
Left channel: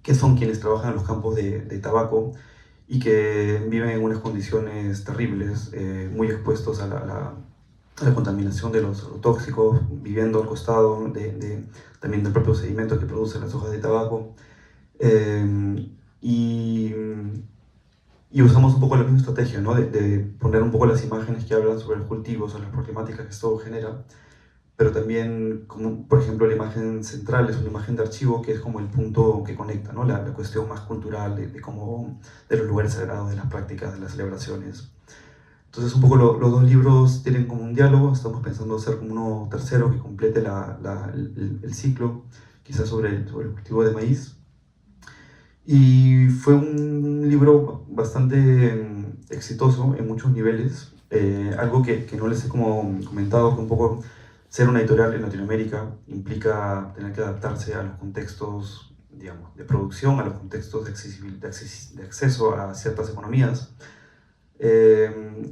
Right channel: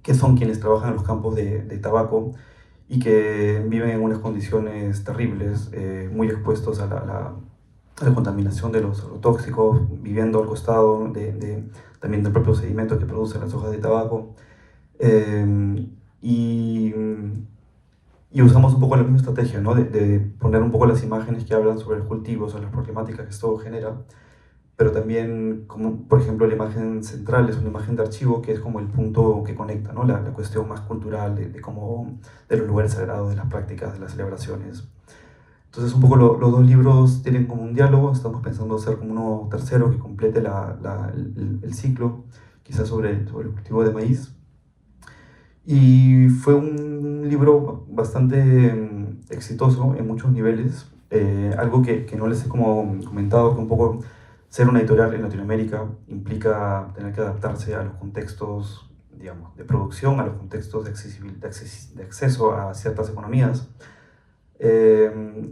que son quienes trabajan en los campos de tabaco y que viven en unas condiciones terribles, muy expuestos a la contaminación de los agrotóxicos, viviendo al costado también del propio sedimento que producen las hojas de tabaco. Y usamos un poco la misma estrategia, ¿no?, de poner un poco las imágenes que hablan sobre el cultivo, sobre las problemáticas que esto genera, pero también, como por ejemplo la imagen central es una imagen de archivo que es como el punto que conecta, ¿no?, la cuestión más cultural de los lugares sagrados, de las prácticas, de las celebraciones. Entonces un poco los dos libros tienen como un diálogo, estamos pensando hacer como uno tercero que complete el ciclo, quizás sobre el cultivo de maíz. Y fue un libro bastante exitoso en muchos niveles, algo que no les he como comentado, que un poco ser una editorial en Latinoamérica implica tener que adaptarse a los contextos, digamos, de producción, a los contextos de acceso a ciertas economías,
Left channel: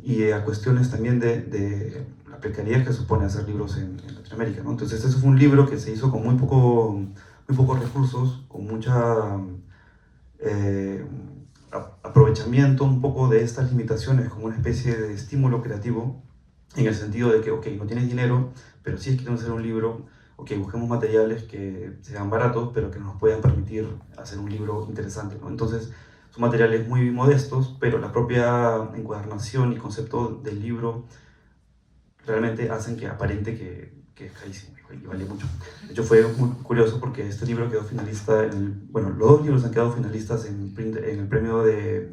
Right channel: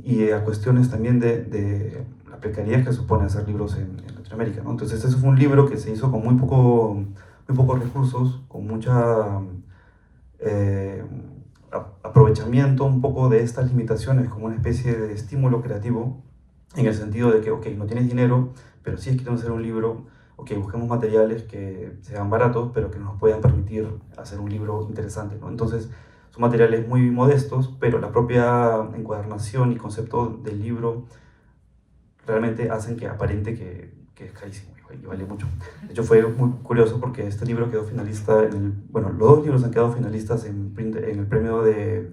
y a cuestiones también de la precariedad que supone hacer libros en Latinoamérica, ¿no? Entonces este fue un libro que se hizo con muy pocos recursos, con mucha aprovechamiento un poco de estas limitaciones como una especie de estímulo creativo, en el sentido de que, ok, no tienes dinero, pero sí queremos hacer un libro, ok, busquemos materiales que sean baratos, pero que nos puedan permitir hacer un libro interesante, ¿no? Entonces, son materiales muy modestos, pero la propia encuadernación y concepto del libro realmente hacen que aparente que es carísimo y vale mucho. De hecho, fue muy curioso porque este libro quedó finalista, bueno, los dos libros han quedado finalistas en el premio de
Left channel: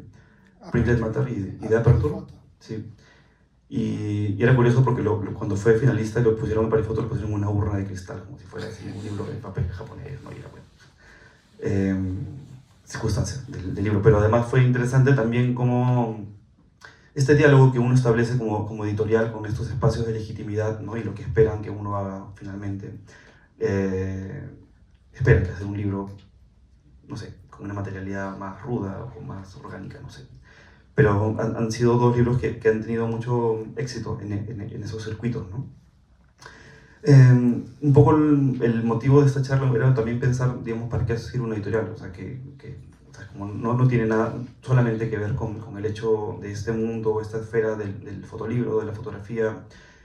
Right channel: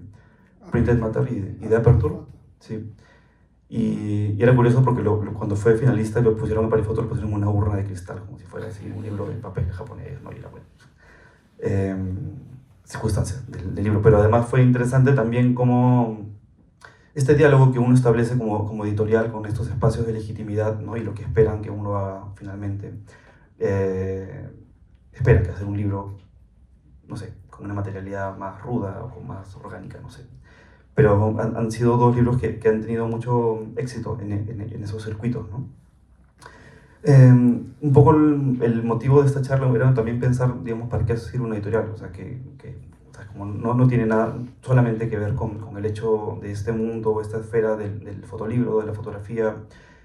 Printed Matter y de Aperture. Sí. Y era curioso porque cuando fue finalista lo pusieron para el foto, lo pusieron en una urna de cristal, como si fuera así un libro de papel japonés, ¿no? Y circunstancias del libro. Pero además fue interesante también cómo este diálogo que uno establece como editorial con estos espacios de legitimidad, ¿no? Y lo que esperan que uno haga finalmente. Esperan que hacer un libro, no sé, con una materialidad más ruda o más orgánica, no sé. Pero han sido dos libros que han tenido mucho éxito en esos circuitos, ¿no? Un poco el motivo de esta charla era también pensar, digamos, para qué hacer una editorial, o sea, o sea, como no tiene nada solamente que ver con el hecho de este mundo, esta esfera del fotolibro, de la fotografía.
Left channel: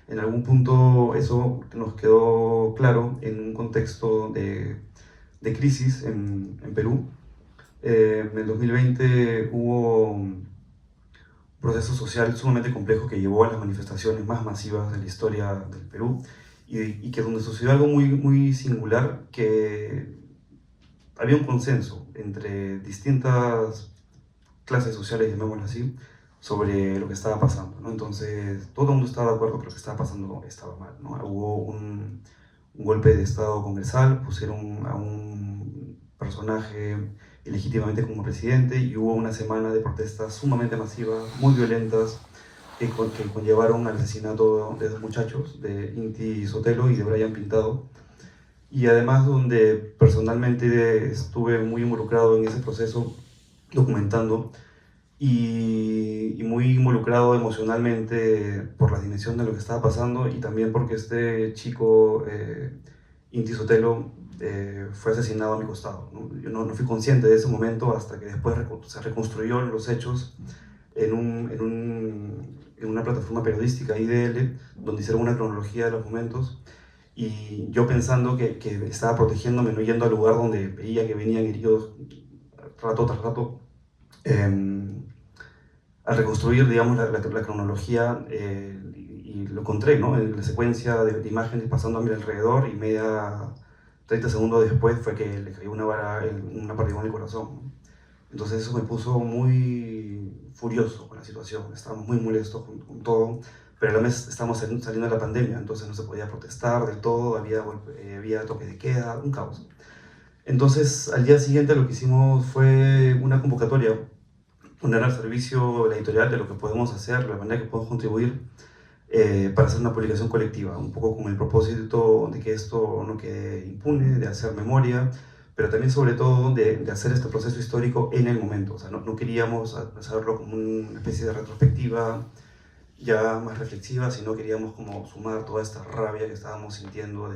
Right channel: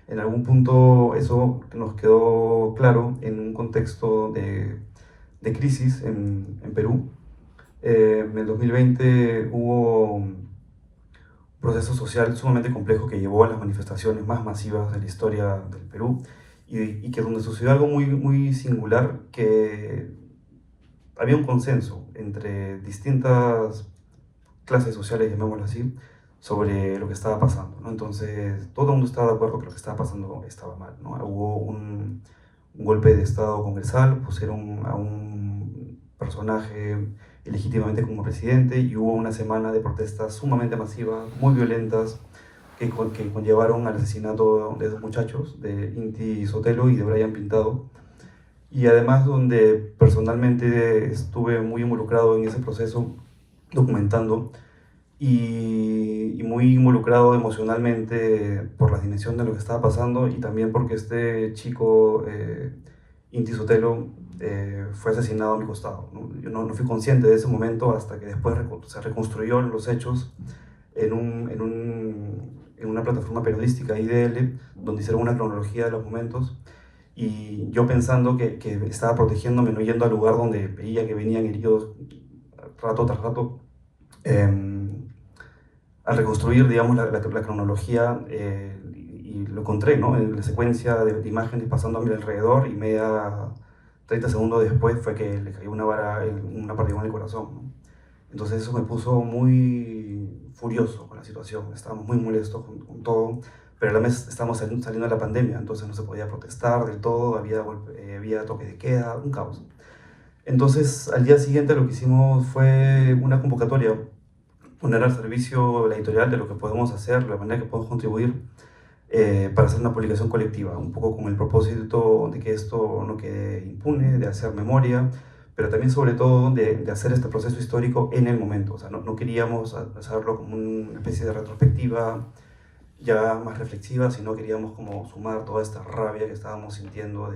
En algún punto eso nos quedó claro en un contexto de crisis en Perú. En el 2020 hubo un proceso social sumamente complejo que llevó a las manifestaciones más masivas de la historia del Perú, y que donde sucedió algo muy singular, que había un consenso entre distintas clases sociales, llamémoslo así, sobre lo que estaba pasando, ¿no? Entonces, todo el mundo estaba de acuerdo que lo que estaba pasando estaba mal, ¿no? Hubo un golpe de Estado congresal, pusieron a un personaje ilegítimamente como presidente, y hubo una semana de protestas sumamente masivas, muy violentas, que conllevaron al asesinato de dos muchachos, de Inti Sotelo y de Brian Pintado. Y además donde personalmente estuve muy involucrado en ese proceso, documentando, y muy involucrado emocionalmente por la dimensión de lo que estaba pasando, y también porque este chico, Inti Sotelo, fue asesinado a mi costado, ¿no? Yo no fui consciente de ese momento hasta que después se reconstruyó los hechos en una plataforma periodística, IDL, donde hicieron una cronología de los momentos, y yo pensando que estaba protegiéndome, no yendo al lugar donde veía que venían heridos rato tras rato. Al reconstruir, digamos, la cronología, y lo encontré, ¿no? En la secuencia de imágenes pasando a mi alrededor, y 30 segundos después fue que le cayó una partida en el corazón, ¿no? Entonces eso me puso muy furioso con la situación, estábamos muy molestos con todo, pero a la vez estábamos saliendo de la pandemia, entonces no se podía protestar del todo, había toque de queda, un caos. Entonces al día siguiente lo que hicimos fue una convocatoria, poner al servicio de la editorial de lo que podemos hacer, la manera que podemos contribuir, para hacer una publicación colectiva, un poco con el propósito de que esto no quede impune, de hacer memoria, pero también sobre todo de hacer este proceso histórico en el momento. O sea, no queríamos hacerlo como una especie de retrospectiva ya más reflexiva, sino queríamos como sumar toda esta rabia que estábamos sintiendo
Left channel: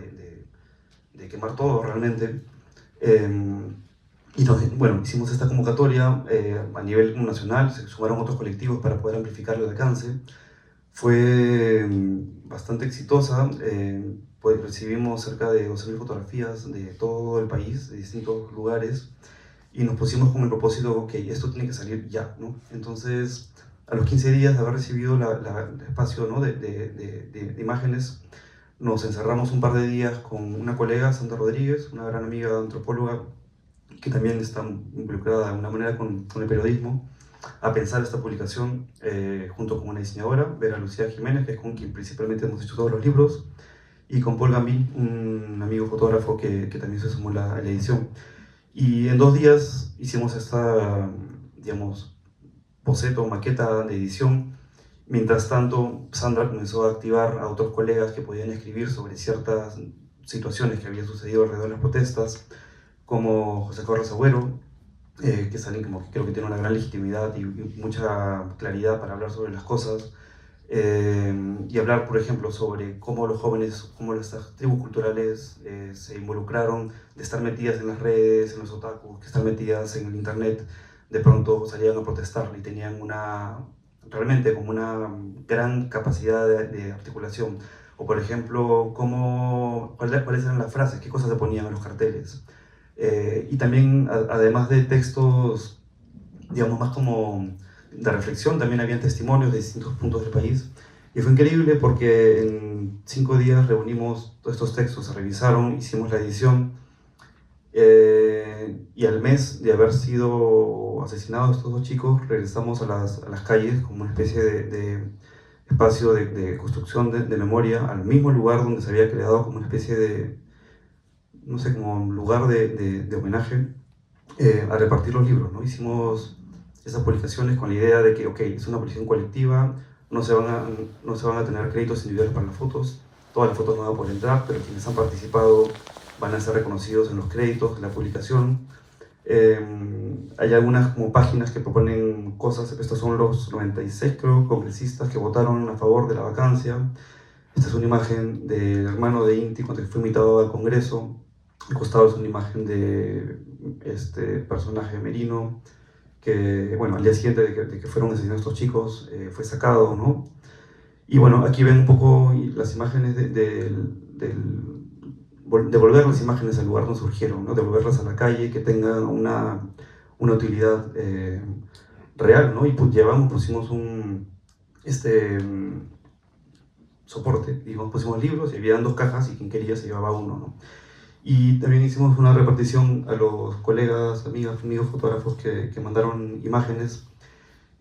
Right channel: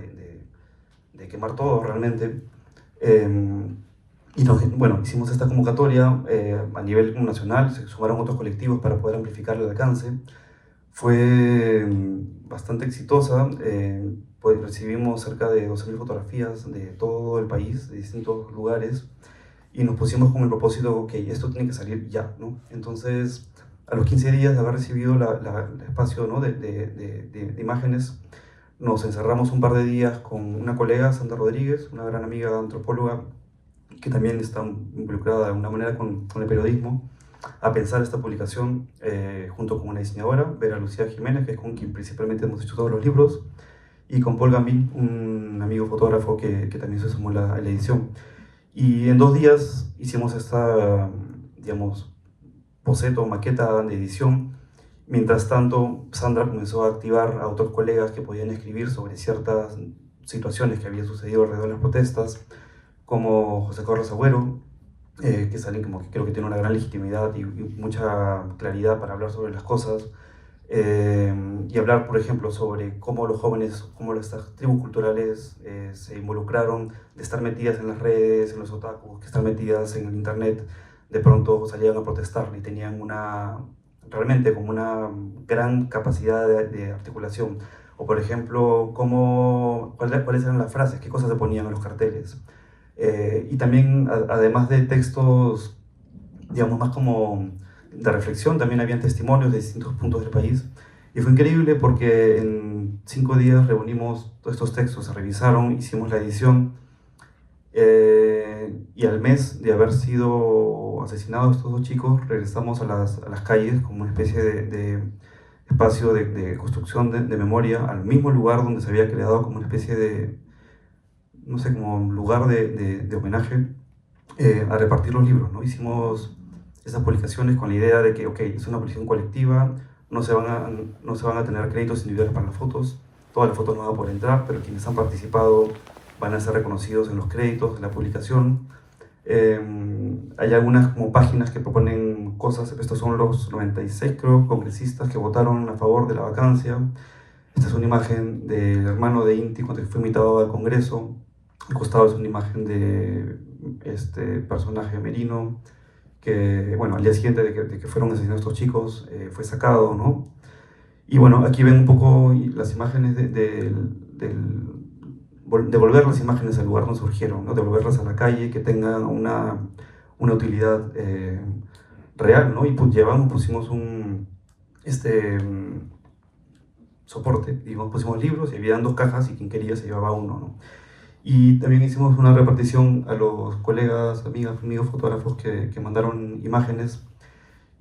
de quemar todo realmente. Y bueno, hicimos esta convocatoria a nivel nacional, se sumaron otros colectivos para poder amplificar el alcance. Fue bastante exitosa, pues recibimos cerca de 12.000 fotografías de todo el país, de distintos lugares, y nos pusimos con el propósito, ok, esto tiene que salir ya, ¿no? Entonces, a los 15 días de haber recibido el espacio, ¿no? de imágenes, nos encerramos un par de días con una colega, Sandra Rodríguez, una gran amiga antropóloga, que también está involucrada de alguna manera con el periodismo, a pensar esta publicación, junto con una diseñadora, Vera Lucía Jiménez, que es con quien principalmente hemos hecho todos los libros, y con Paul Gambin, un amigo fotógrafo que también se sumó a la edición. Y en 2 días hicimos esta, digamos, boceto, maqueta de edición. Mientras tanto, Sandra comenzó a activar a otros colegas que podían escribir sobre ciertas situaciones que habían sucedido alrededor de las protestas, como José Carlos Agüero, que es alguien que creo que tiene una gran legitimidad y mucha claridad para hablar sobre las cosas, y hablar, por ejemplo, sobre cómo los jóvenes, cómo estas tribus culturales se involucraron, de estar metidas en las redes, en los otakus, que están metidas en el internet, de pronto salían a protestar y tenían realmente como una gran capacidad de articulación. O por ejemplo, cuáles eran las frases, qué cosas se ponían en los carteles. Y también, además de textos, digamos, más como de reflexión, también había testimonios de distintos puntos del país. Y fue increíble porque en 5 días reunimos todos estos textos, se revisaron, hicimos la edición, y al mes de haber sido asesinados estos 2 chicos, regresamos a las calles como una especie de espacio de construcción de memoria, al mismo lugar donde se había creado como una especie de, no sé, como un lugar de homenaje, a repartir los libros, ¿no? Hicimos estas publicaciones con la idea de que, ok, es una publicación colectiva, no se van a tener créditos individuales para las fotos, todas las fotos no van a poder entrar, pero quienes han participado van a ser reconocidos en los créditos de la publicación. Hay algunas como páginas que proponen cosas. Estos son los 96, creo, congresistas que votaron a favor de la vacancia. Esta es una imagen del hermano de Inti cuando fue invitado al Congreso. Al costado es una imagen de este personaje Merino, que, bueno, al día siguiente de que fueron asesinados estos chicos, fue sacado, ¿no? Y bueno, aquí ven un poco las imágenes de volver las imágenes al lugar donde surgieron, ¿no? Devolverlas a la calle, que tengan una utilidad real, ¿no? Y pues pusimos un soporte, digamos, pusimos libros y había 2 cajas y quien quería se llevaba uno, ¿no? Y también hicimos una repartición a los colegas, amigos fotógrafos que mandaron imágenes.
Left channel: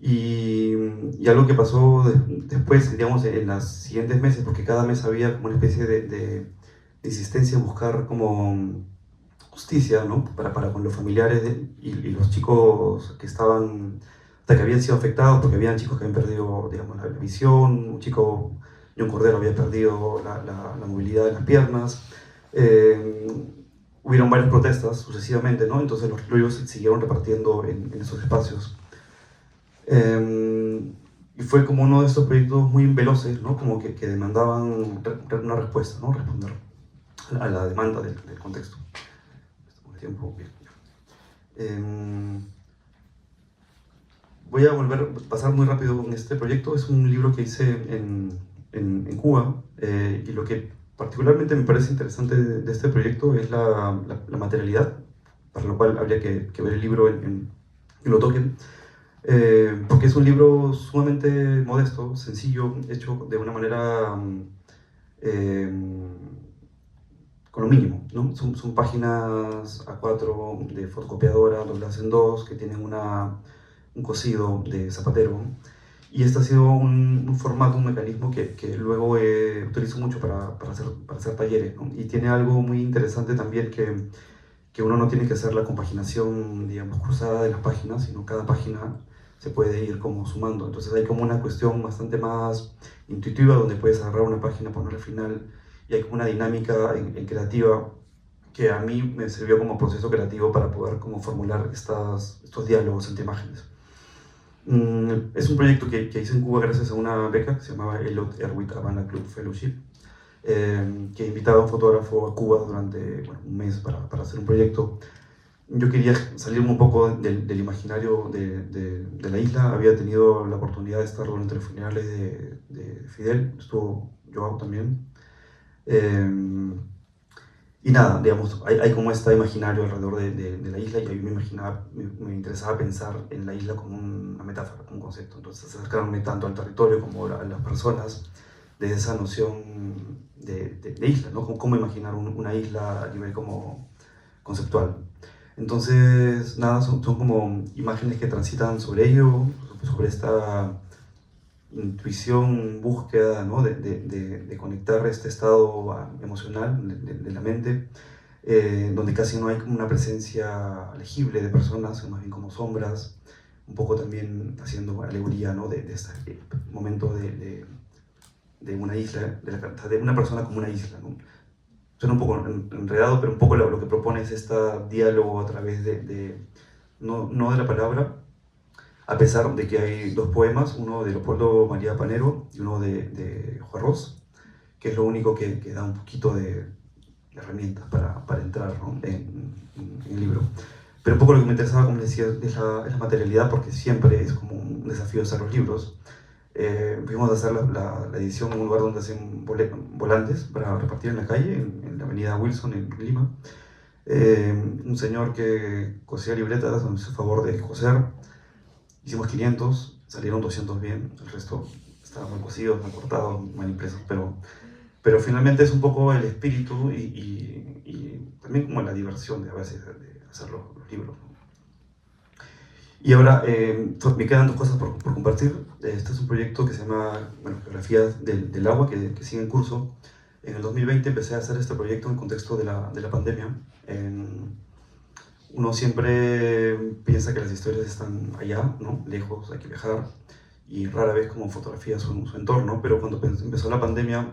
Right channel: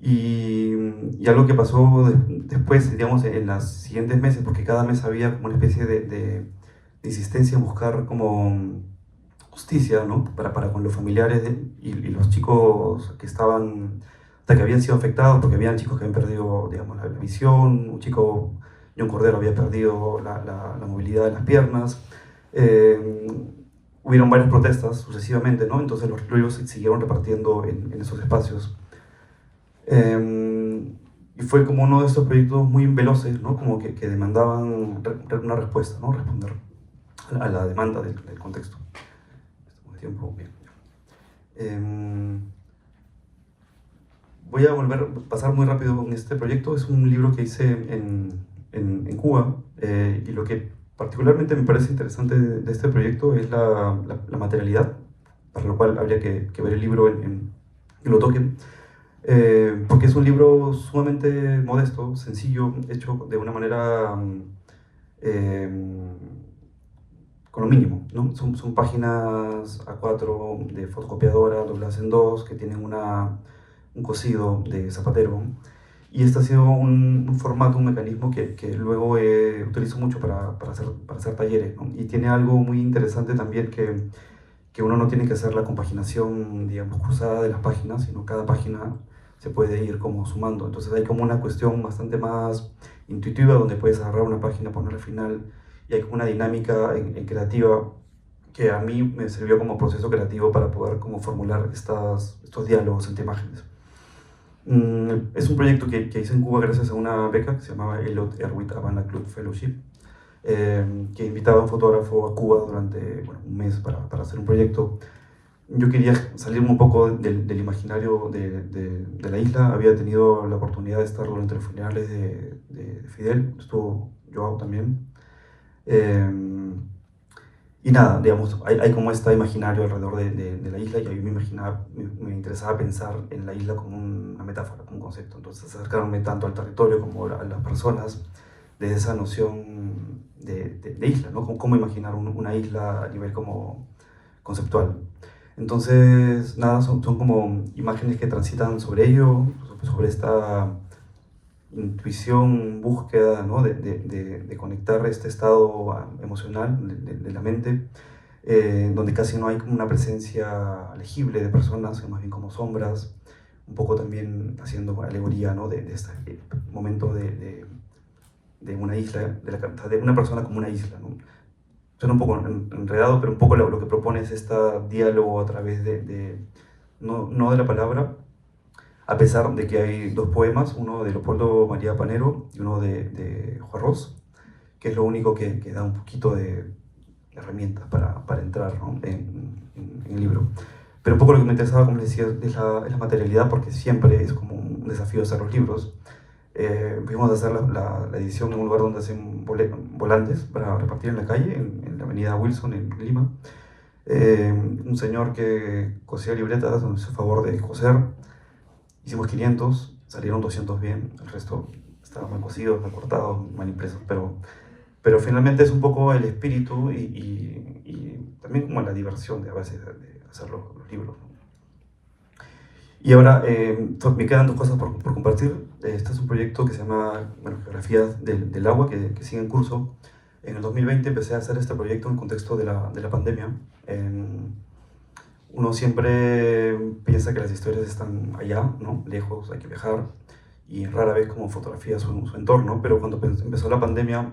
Y algo que pasó después, digamos, en los siguientes meses, porque cada mes había como una especie de insistencia en buscar como justicia, ¿no? para con los familiares y los chicos que habían sido afectados, porque habían chicos que habían perdido, digamos, la visión, un chico, John Cordero, había perdido la movilidad de las piernas. Hubieron varias protestas sucesivamente, ¿no? Entonces los libros se siguieron repartiendo en esos espacios. Y fue como uno de estos proyectos muy veloces, ¿no? Como que demandaban una respuesta, ¿no? Responder a la demanda del contexto. Voy a pasar muy rápido con este proyecto. Es un libro que hice en Cuba, y lo que particularmente me parece interesante de este proyecto es la materialidad, para lo cual habría que ver el libro y lo toquen. Porque es un libro sumamente modesto, sencillo, hecho de una manera con lo mínimo, ¿no? Son páginas A4 de fotocopiadora, dobladas en 2, que tienen un cosido de zapatero. Y este ha sido un formato, un mecanismo que luego utilizo mucho para hacer talleres, ¿no? Y tiene algo muy interesante también, que uno no tiene que hacer la compaginación, digamos, cruzada de las páginas, sino cada página se puede ir como sumando. Entonces hay como una cuestión bastante más intuitiva, donde puedes agarrar una página, ponerla al final, y hay como una dinámica en creativa que a mí me sirvió como proceso creativo para poder como formular estos diálogos entre imágenes. Es un proyecto que hice en Cuba gracias a una beca que se llamaba Elliot Erwitt Havana Club Fellowship, que invitaba a un fotógrafo a Cuba durante un mes para hacer un proyecto. Yo quería salirme un poco del imaginario de la isla. Había tenido la oportunidad de estar durante los funerales de Fidel, estuvo Joao también. Y nada, digamos, hay como este imaginario alrededor de la isla, y a mí me interesaba pensar en la isla como una metáfora, como un concepto. Entonces acercarme tanto al territorio como a las personas desde esa noción de isla, ¿no? Cómo imaginar una isla a nivel como conceptual. Entonces, nada, son como imágenes que transitan sobre ello, sobre esta intuición, búsqueda, ¿no? de conectar este estado emocional de la mente, donde casi no hay como una presencia legible de personas, sino más bien como sombras, un poco también haciendo alegoría, ¿no? de este momento de una isla, de una persona como una isla, ¿no? Suena un poco enredado, pero un poco lo que propone es este diálogo a través no de la palabra, a pesar de que hay 2 poemas, uno de Leopoldo María Panero y uno de Juan Ros, que es lo único que da un poquito de herramientas para entrar, ¿no? en el libro. Pero un poco lo que me interesaba, como les decía, es la materialidad, porque siempre es como un desafío hacer los libros. Fuimos a hacer la edición en un lugar donde hacen volantes para repartir en la calle, en la avenida Wilson, en Lima. Un señor que cosía libretas, nos hizo favor de coser. Hicimos 500, salieron 200 bien, el resto estaban mal cosidos, recortados, mal impresos, pero finalmente es un poco el espíritu y también como la diversión de a veces de hacer los libros. Y ahora me quedan 2 cosas por compartir. Este es un proyecto que se llama Geografías del Agua, que sigue en curso. En el 2020 empecé a hacer este proyecto en el contexto de la pandemia. Uno siempre piensa que las historias están allá, ¿no? Lejos, hay que viajar, y rara vez como fotografía su entorno, pero cuando empezó la pandemia,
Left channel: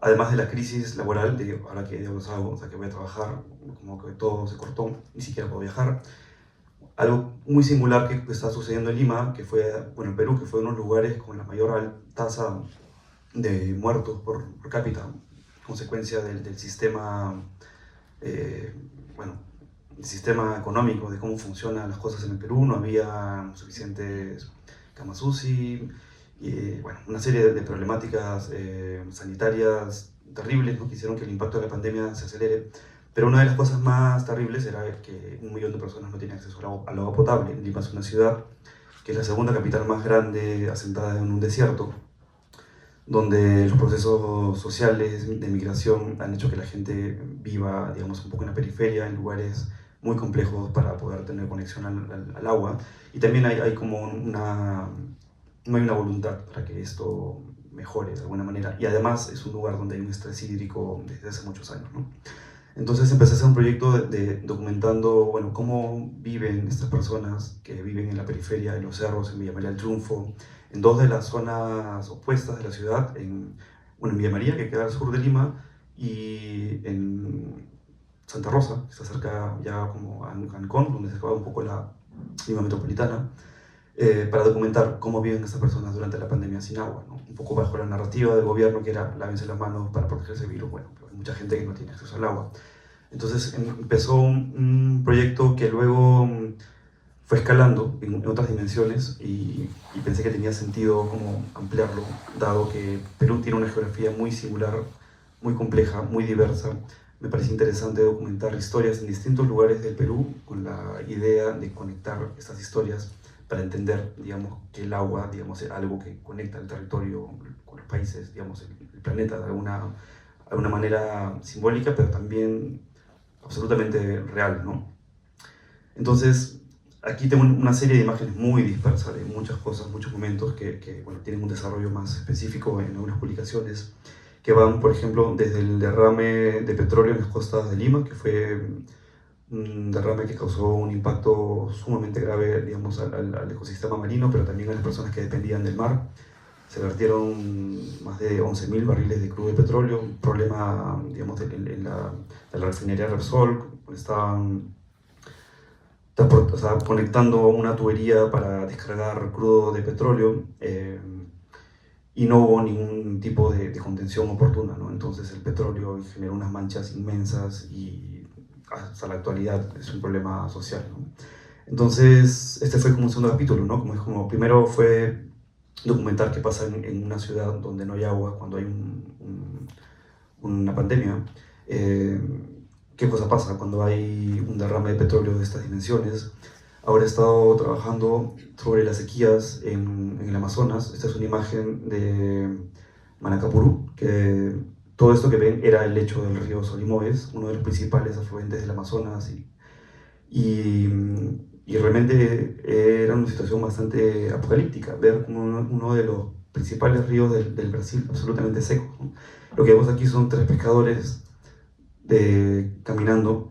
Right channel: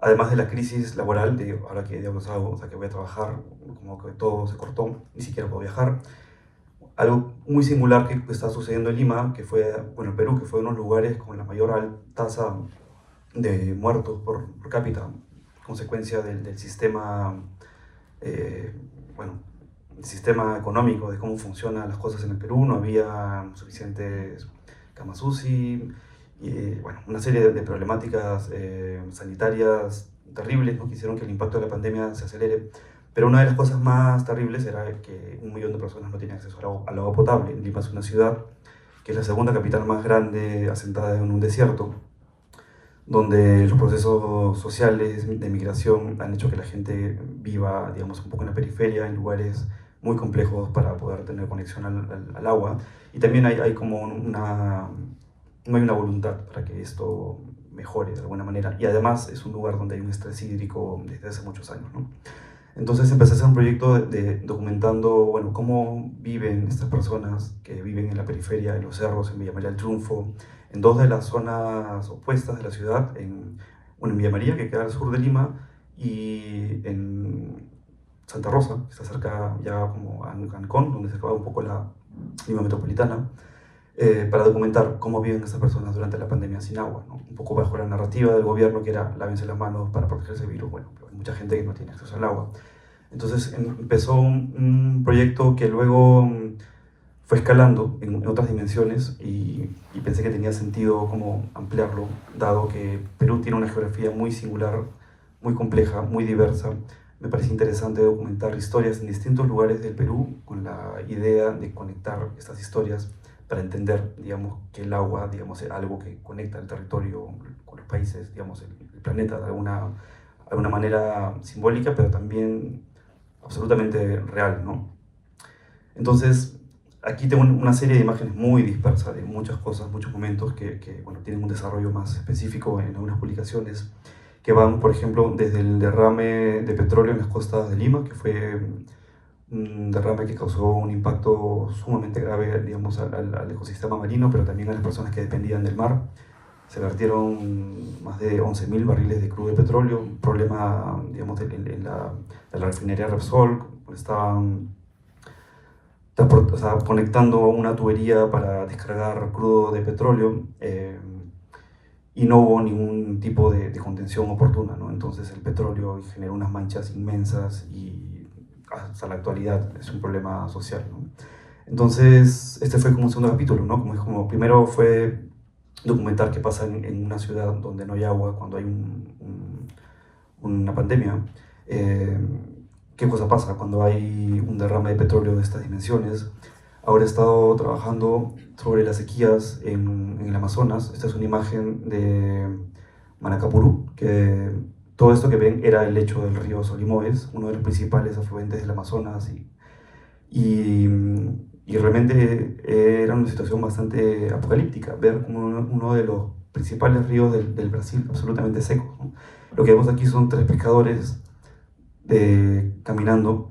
además de la crisis laboral, de ahora que digamos hago, o sea, que voy a trabajar, como que todo se cortó, ni siquiera puedo viajar. Algo muy singular que está sucediendo en Lima, que fue, bueno, en Perú, que fue uno de los lugares con la mayor tasa de muertos por cápita, consecuencia del sistema, bueno, el sistema económico, de cómo funcionan las cosas en el Perú. No había suficientes camas UCI, y bueno, una serie de problemáticas sanitarias terribles, ¿no? Que hicieron que el impacto de la pandemia se acelere. Pero una de las cosas más terribles era que 1 millón de personas no tenían acceso al agua potable. Lima es una ciudad que es la segunda capital más grande asentada en un desierto, donde los procesos sociales de migración han hecho que la gente viva, digamos, un poco en la periferia, en lugares muy complejos para poder tener conexión al agua. Y también hay como no hay una voluntad para que esto mejore de alguna manera. Y además es un lugar donde hay un estrés hídrico desde hace muchos años, ¿no? Entonces empecé a hacer un proyecto documentando, bueno, cómo viven estas personas que viven en la periferia, en los cerros, en Villa María del Triunfo, en dos de las zonas opuestas de la ciudad, bueno, en Villa María, que queda al sur de Lima, y en Santa Rosa, que está cerca ya como a Ancón, donde se acaba un poco la Lima metropolitana, para documentar cómo viven estas personas durante la pandemia sin agua, ¿no? Un poco bajo la narrativa del gobierno, que era lávense las manos para protegerse del virus. Bueno, hay mucha gente que no tiene acceso al agua. Entonces empezó un proyecto que luego fue escalando en otras dimensiones, y pensé que tenía sentido como ampliarlo, dado que Perú tiene una geografía muy singular, muy compleja, muy diversa. Me parecía interesante documentar historias en distintos lugares del Perú con la idea de conectar estas historias para entender, digamos, que el agua, digamos, es algo que conecta el territorio con los países, digamos, el planeta de alguna manera simbólica, pero también absolutamente real, ¿no? Entonces, aquí tengo una serie de imágenes muy dispersas de muchas cosas, muchos momentos que bueno, tienen un desarrollo más específico en algunas publicaciones, que van, por ejemplo, desde el derrame de petróleo en las costas de Lima, que fue un derrame que causó un impacto sumamente grave, digamos, al ecosistema marino, pero también a las personas que dependían del mar. Se vertieron más de 11.000 barriles de crudo de petróleo, un problema, digamos, de la refinería Repsol. Estaban o sea, conectando una tubería para descargar crudo de petróleo, y no hubo ningún tipo de contención oportuna, ¿no? Entonces el petróleo generó unas manchas inmensas, y hasta la actualidad es un problema social, ¿no? Entonces este fue como un segundo capítulo, ¿no? Como primero fue documentar qué pasa en una ciudad donde no hay agua cuando hay una pandemia. ¿Qué cosa pasa cuando hay un derrame de petróleo de estas dimensiones? Ahora he estado trabajando sobre las sequías en el Amazonas. Esta es una imagen de Manacapurú, que todo esto que ven era el lecho del río Solimoes, uno de los principales afluentes del Amazonas, y realmente era una situación bastante apocalíptica, ver como uno de los principales ríos del Brasil absolutamente seco, ¿no? Lo que vemos aquí son 3 pescadores caminando.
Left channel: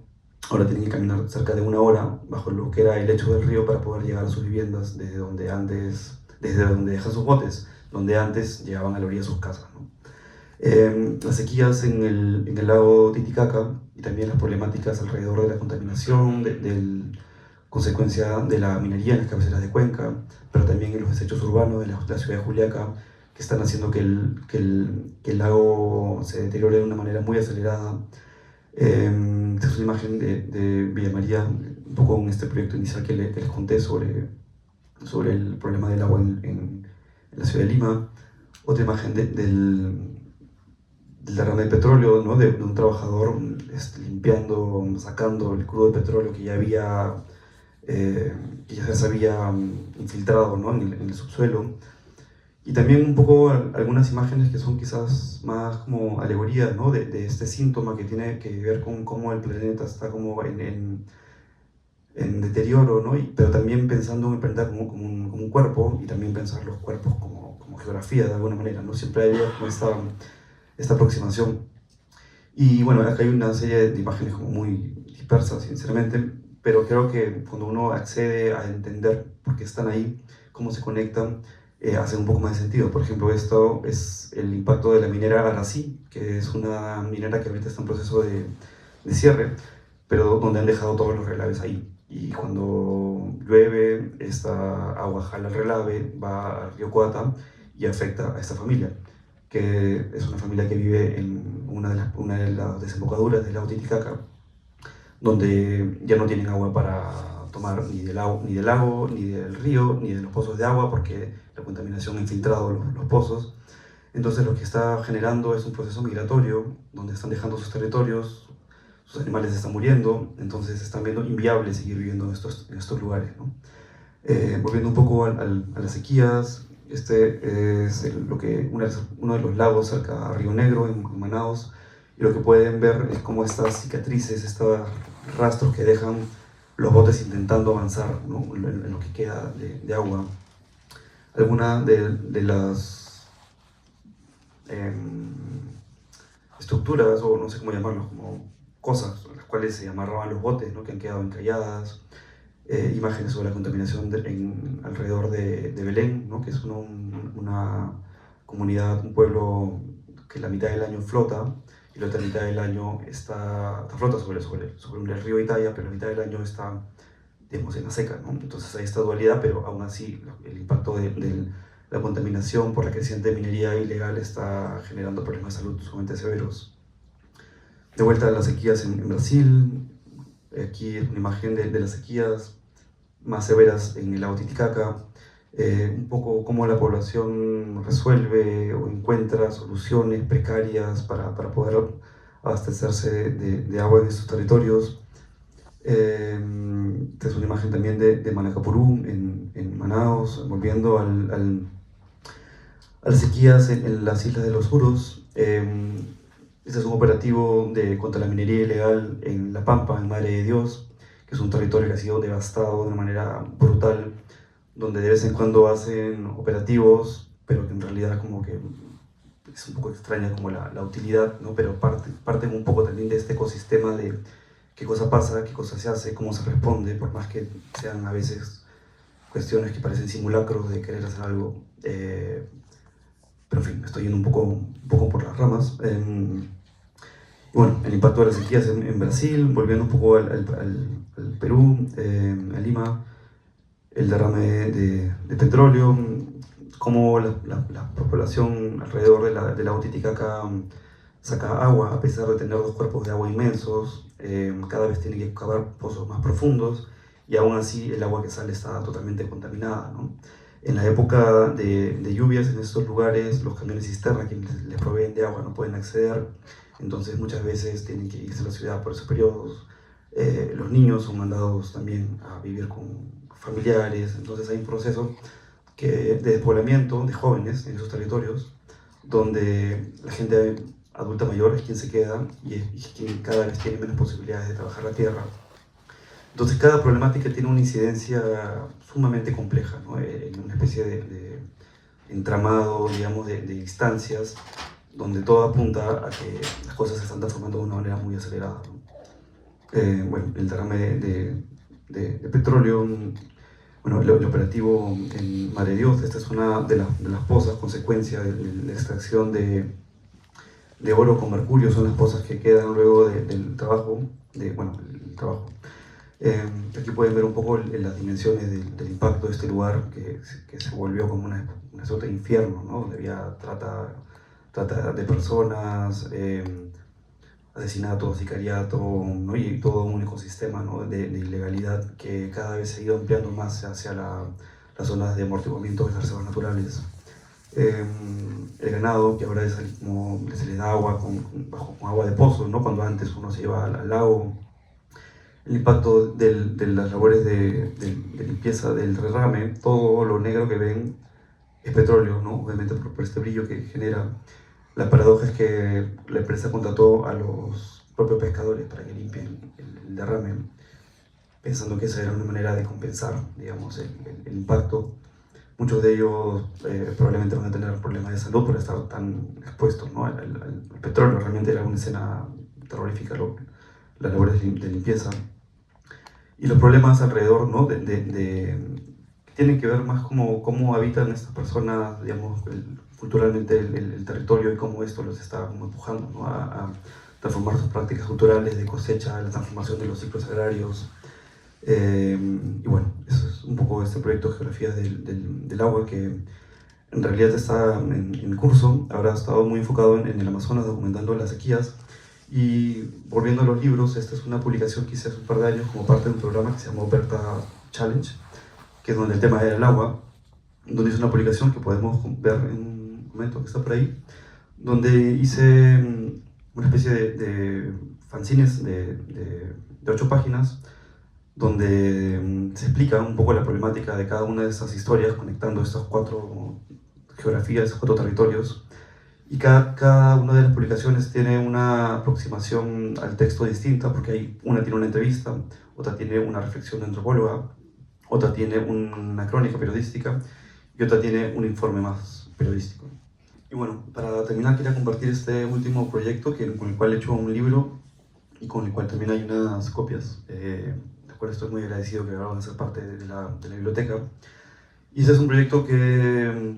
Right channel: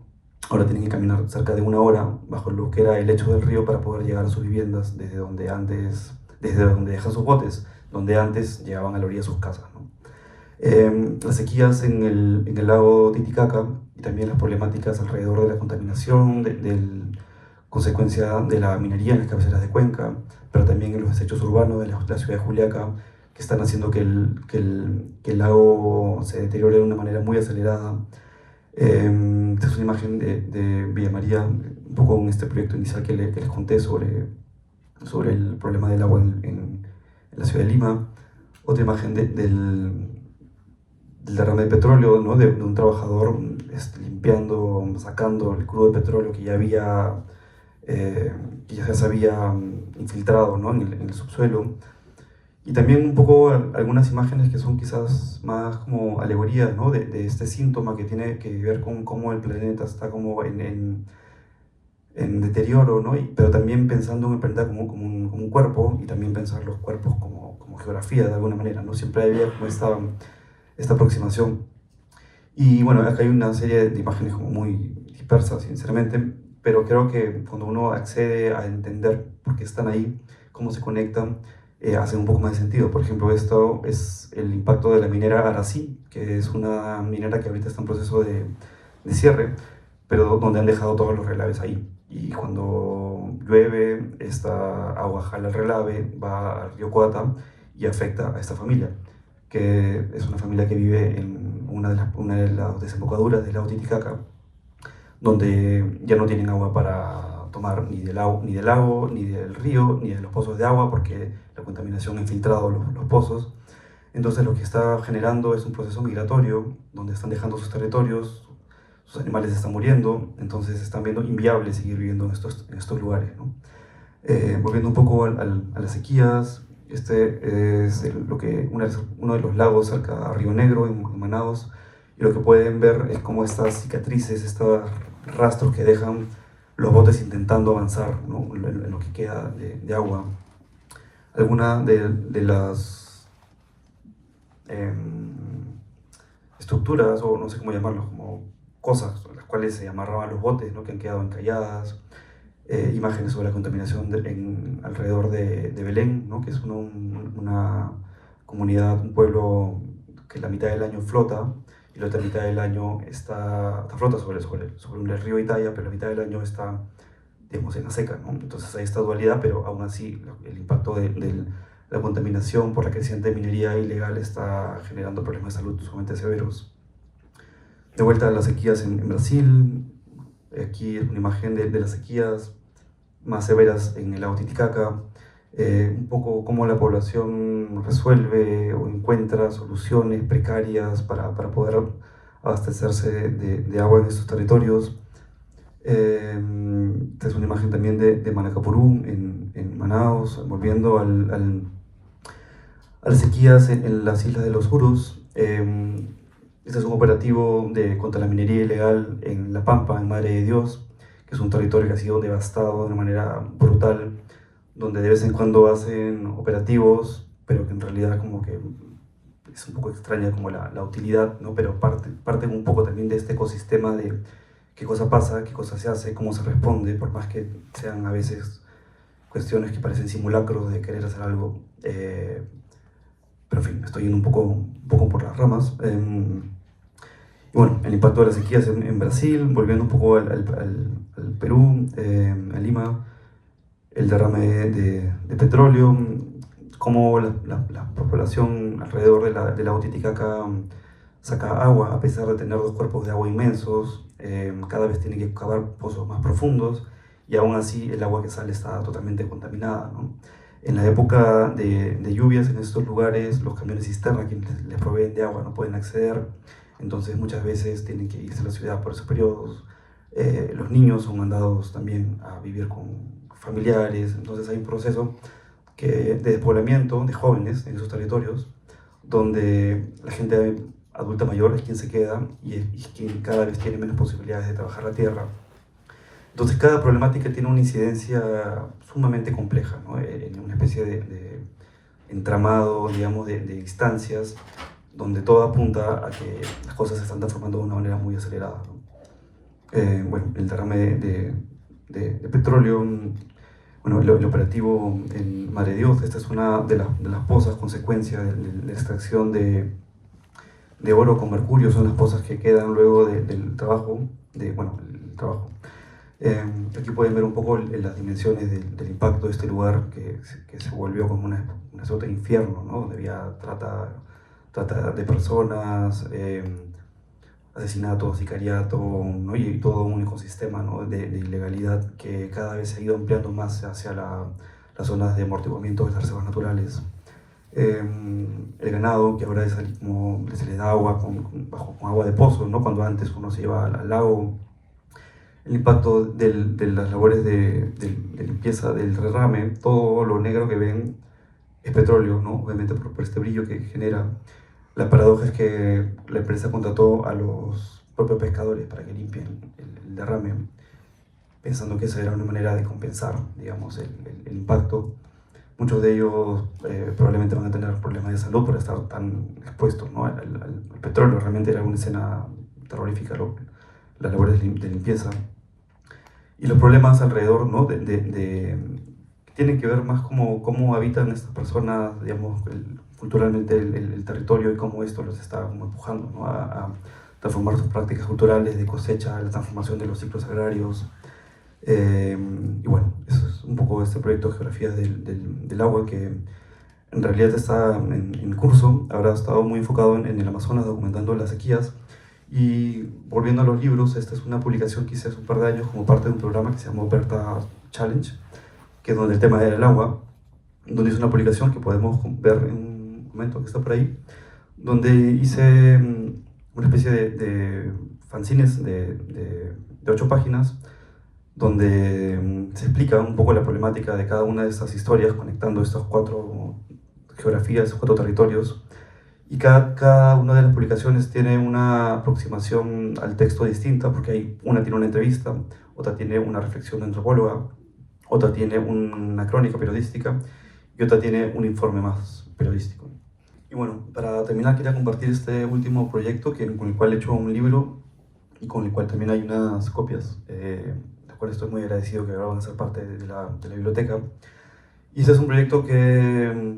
Ahora tienen que caminar cerca de 1 hora bajo lo que era el lecho del río para poder llegar a sus viviendas desde donde dejan sus botes, donde antes llegaban a la orilla de sus casas, ¿no? Las sequías en el lago Titicaca, y también las problemáticas alrededor de la contaminación, consecuencia de la minería en las cabeceras de Cuenca, pero también en los desechos urbanos de la ciudad de Juliaca, que están haciendo que el lago se deteriore de una manera muy acelerada. Esta es una imagen de Villa María, un poco en este proyecto inicial que les conté sobre el problema del agua en la ciudad de Lima. Otra imagen del derrame de petróleo, ¿no? de un trabajador limpiando, sacando el crudo de petróleo que ya se había infiltrado, ¿no? en el subsuelo. Y también un poco algunas imágenes que son quizás más como alegorías, ¿no? de este síntoma que tiene que ver con cómo el planeta está como en deterioro, ¿no? Pero también pensando en el planeta como un cuerpo, y también pensar los cuerpos como geografía de alguna manera, ¿no? Siempre hay esta aproximación. Y bueno, acá hay una serie de imágenes como muy dispersa, sinceramente, pero creo que cuando uno accede a entender por qué están ahí, cómo se conectan, hace un poco más de sentido. Por ejemplo, esto es el impacto de la minera Arací, que es una minera que ahorita está en proceso de cierre, pero donde han dejado todos los relaves ahí. Y cuando llueve, esta agua jala el relave, va al río Coata y afecta a esta familia, que es una familia que vive en una de las desembocaduras del lago Titicaca, donde ya no tienen agua para tomar ni del lago, ni del río, ni de los pozos de agua, porque la contaminación ha infiltrado los pozos. Entonces lo que está generando es un proceso migratorio, donde están dejando sus territorios, sus animales están muriendo, entonces están viendo inviable seguir viviendo en estos lugares, ¿no? Volviendo un poco a las sequías, este es uno de los lagos cerca a Río Negro, en Manaos, y lo que pueden ver es cómo estas cicatrices, estos rastros que dejan los botes intentando avanzar, ¿no? en lo que queda de agua. Algunas de las estructuras, o no sé cómo llamarlos, como cosas a las cuales se amarraban los botes, ¿no? que han quedado encalladas, imágenes sobre la contaminación alrededor de Belén, ¿no? que es una comunidad, un pueblo que la mitad del año flota y la otra mitad del año flota sobre el río Italia, pero la mitad del año está, digamos, en la seca, ¿no? Entonces hay esta dualidad, pero aún así el impacto de la contaminación por la creciente minería ilegal está generando problemas de salud sumamente severos. De vuelta a las sequías en Brasil, aquí una imagen de las sequías más severas en el lago Titicaca, un poco cómo la población resuelve o encuentra soluciones precarias para poder abastecerse de agua en estos territorios. Esta es una imagen también de Manacapurú, en Manaos, volviendo a las sequías en las islas de los Urus. Este es un operativo contra la minería ilegal en La Pampa, en Madre de Dios, que es un territorio que ha sido devastado de manera brutal, donde de vez en cuando hacen operativos, pero que en realidad como que es un poco extraña como la utilidad, ¿no? Pero parte un poco también de este ecosistema de qué cosa pasa, qué cosa se hace, cómo se responde, por más que sean a veces cuestiones que parecen simulacros de querer hacer algo. Pero en fin, estoy yendo un poco por las ramas. Bueno, el impacto de las sequías en Brasil, volviendo un poco al Perú, a Lima, el derrame de petróleo, cómo la población alrededor del lago Titicaca saca agua, a pesar de tener dos cuerpos de agua inmensos, cada vez tiene que cavar pozos más profundos y aún así el agua que sale está totalmente contaminada, ¿no? En la época de lluvias en estos lugares, los camiones cisterna que les proveen de agua no pueden acceder, entonces muchas veces tienen que irse a la ciudad por esos periodos. Los niños son mandados también a vivir con familiares, entonces hay un proceso de despoblamiento de jóvenes en esos territorios, donde la gente adulta mayor es quien se queda y es quien cada vez tiene menos posibilidades de trabajar la tierra. Entonces cada problemática tiene una incidencia sumamente compleja, ¿no? En una especie de entramado, digamos, de instancias donde todo apunta a que las cosas se están transformando de una manera muy acelerada, ¿no? Bueno, el derrame de petróleo, bueno, el operativo en Madre Dios, esta es una de las pozas consecuencia de la extracción de oro con mercurio, son las pozas que quedan luego del trabajo, el trabajo. Aquí pueden ver un poco las dimensiones del impacto de este lugar que se volvió como una suerte de infierno, ¿no? Donde había trata de personas, asesinato, sicariato, ¿no? Y todo un ecosistema, ¿no? de ilegalidad que cada vez se ha ido ampliando más hacia las zonas de amortiguamiento de las reservas naturales. El ganado, que ahora como se le da agua con agua de pozo, ¿no? Cuando antes uno se iba al lago. El impacto de las labores de limpieza del derrame, todo lo negro que ven es petróleo, ¿no? Obviamente por este brillo que genera. La paradoja es que la empresa contrató a los propios pescadores para que limpien el derrame, pensando que esa era una manera de compensar, digamos, el impacto. Muchos de ellos probablemente van a tener problemas de salud por estar tan expuestos, ¿no? al petróleo. Realmente era una escena terrorífica lo las labores de limpieza y los problemas alrededor, ¿no? Que tienen que ver más cómo habitan estas personas, digamos, culturalmente el territorio y cómo esto los está como empujando, ¿no? a transformar sus prácticas culturales de cosecha, la transformación de los ciclos agrarios. Y bueno, eso es un poco este proyecto de geografías del agua que en realidad está en curso. Habrá estado muy enfocado en el Amazonas, documentando las sequías. Y volviendo a los libros, esta es una publicación que hice hace un par de años como parte de un programa que se llamó Berta Challenge, que es donde el tema era el agua, donde hice una publicación que podemos ver en un momento que está por ahí, donde hice una especie de fanzines de 8 páginas, donde se explica un poco la problemática de cada una de estas historias, conectando estas 4 geografías, 4 territorios. Y cada una de las publicaciones tiene una aproximación al texto distinta, porque una tiene una entrevista, otra tiene una reflexión antropóloga, otra tiene una crónica periodística y otra tiene un informe más periodístico. Y bueno, para terminar quería compartir este último proyecto con el cual he hecho un libro y con el cual también hay unas copias, de las cuales estoy muy agradecido que ahora van a ser parte de la biblioteca. Y ese es un proyecto que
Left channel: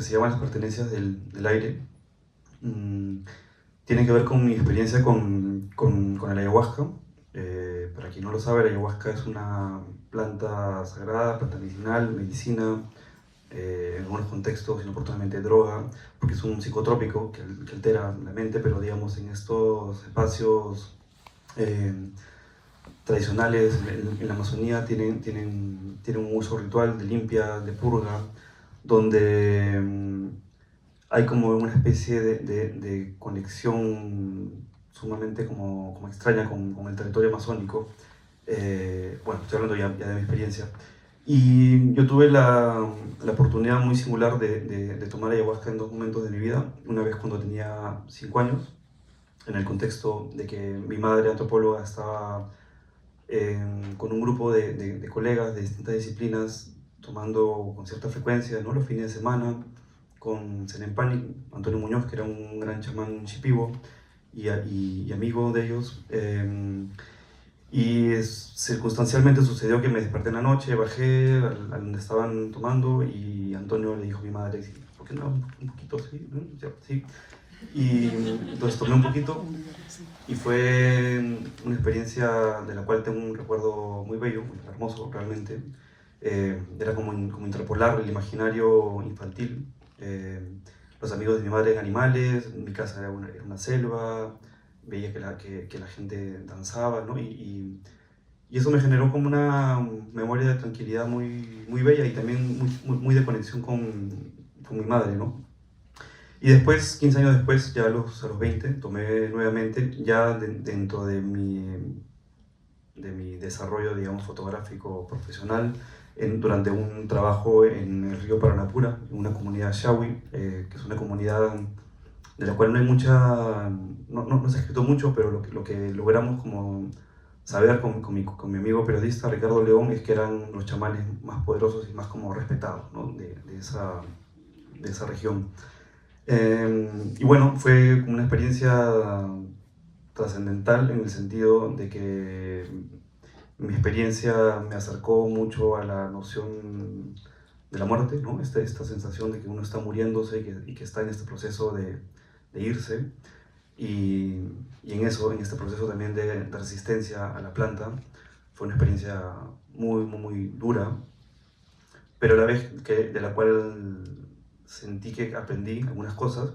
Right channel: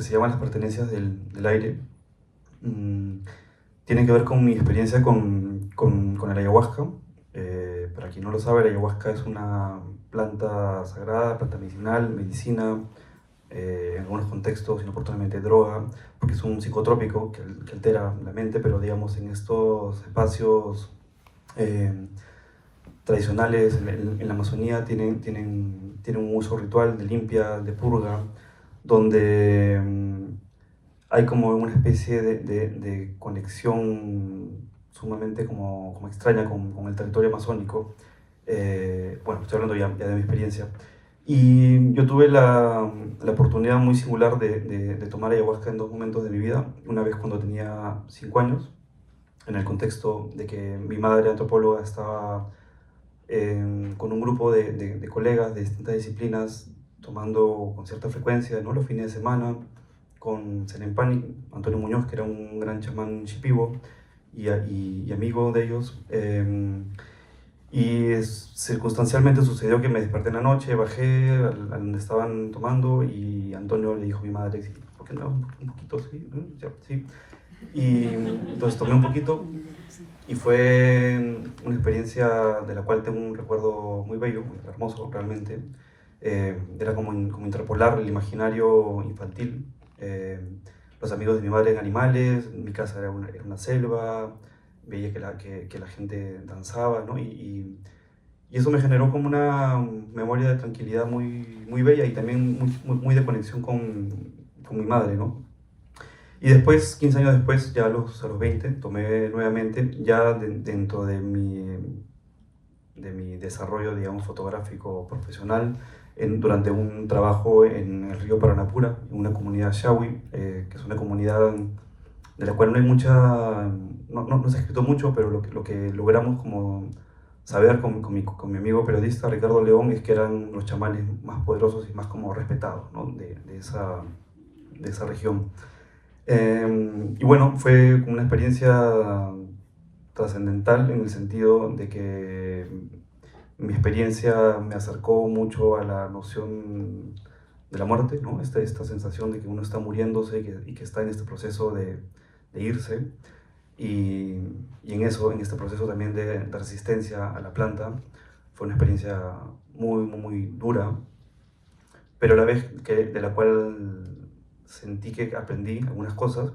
se llama Las pertenencias del aire. Tiene que ver con mi experiencia con el ayahuasca. Para quien no lo sabe, la ayahuasca es una planta sagrada, planta medicinal, medicina, en algunos contextos inoportunamente droga, porque es un psicotrópico que altera la mente, pero digamos en estos espacios tradicionales en la Amazonía tienen un uso ritual de limpia, de purga, donde hay como una especie de conexión sumamente como extraña con el territorio amazónico. Bueno, estoy hablando ya de mi experiencia. Y yo tuve la oportunidad muy singular de tomar ayahuasca en 2 momentos de mi vida. Una vez cuando tenía 5 años, en el contexto de que mi madre antropóloga estaba con un grupo de colegas de distintas disciplinas tomando con cierta frecuencia, ¿no?, los fines de semana, con Senempani, Antonio Muñoz, que era un gran chamán shipibo y amigo de ellos. Circunstancialmente sucedió que me desperté en la noche, bajé a donde estaban tomando y Antonio le dijo a mi madre, ¿por qué no? Un poquito, sí, sí. Y entonces tomé un poquito y fue una experiencia de la cual tengo un recuerdo muy bello, muy hermoso realmente. Era como interpolar el imaginario infantil. Los amigos de mi madre eran animales, mi casa era una selva, veía que la gente danzaba, ¿no? Y eso me generó como una memoria de tranquilidad muy bella y también muy de conexión con mi madre, ¿no? Y después, 15 años después, ya a los 20, tomé nuevamente, ya dentro de mi desarrollo, digamos, fotográfico profesional, durante un trabajo en el río Paranapura, una comunidad Shawi, que es una comunidad de la cual no hay no se ha escrito mucho, pero lo que logramos como saber con mi amigo periodista Ricardo León es que eran los chamanes más poderosos y más como respetados, ¿no?, de esa región. Y bueno, fue una experiencia trascendental en el sentido de que mi experiencia me acercó mucho a la noción de la muerte, ¿no? Esta sensación de que uno está muriéndose y que está en este proceso de irse. Y en este proceso también de resistencia a la planta, fue una experiencia muy dura, pero a la vez de la cual sentí que aprendí algunas cosas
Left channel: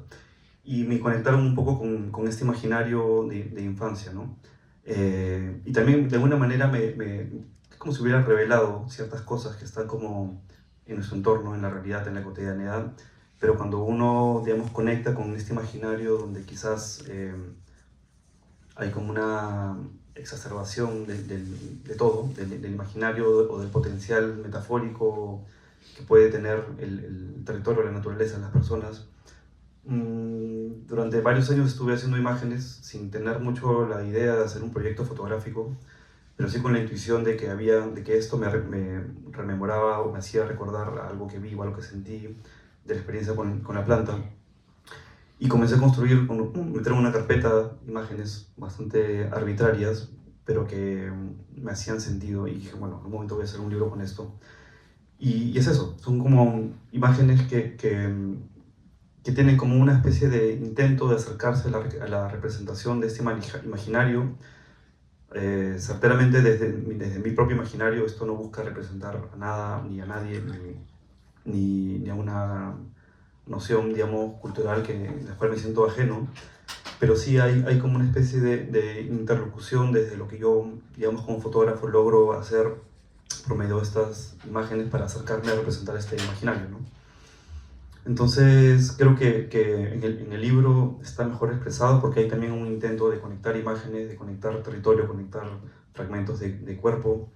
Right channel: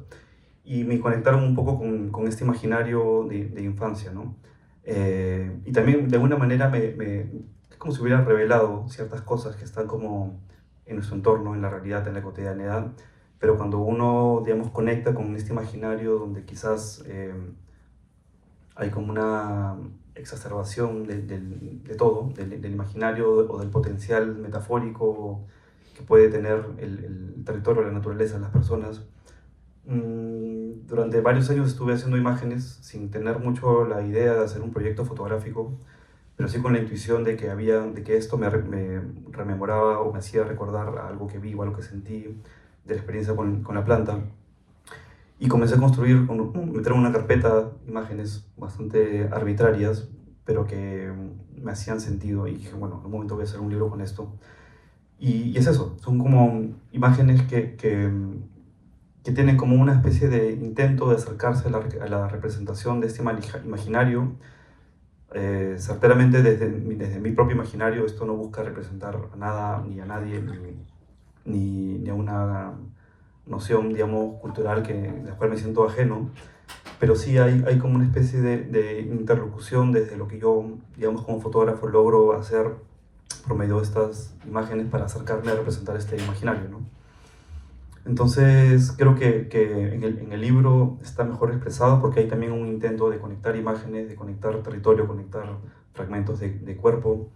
y me conectaron un poco con este imaginario de infancia, ¿no? Y también de alguna manera es como si hubiera revelado ciertas cosas que están como en nuestro entorno, en la realidad, en la cotidianidad, pero cuando uno, digamos, conecta con este imaginario donde quizás hay como una exacerbación de todo, del imaginario o del potencial metafórico que puede tener el territorio, la naturaleza, las personas. Durante varios años estuve haciendo imágenes sin tener mucho la idea de hacer un proyecto fotográfico, pero sí con la intuición de que esto me rememoraba o me hacía recordar algo que vi o algo que sentí de la experiencia con la planta. Y comencé a construir, meter en una carpeta imágenes bastante arbitrarias, pero que me hacían sentido y dije, bueno, en un momento voy a hacer un libro con esto. Y es eso, son como imágenes que tienen como una especie de intento de acercarse a la representación de este imaginario. Certeramente desde mi propio imaginario esto no busca representar nada ni a nadie ni a una noción, digamos, cultural de la cual me siento ajeno, pero sí hay como una especie de interlocución desde lo que yo, digamos, como fotógrafo logro hacer por medio de estas imágenes para acercarme a representar este imaginario, ¿no? Entonces creo que en el libro está mejor expresado porque hay también un intento de conectar imágenes, de conectar territorio, conectar fragmentos de cuerpo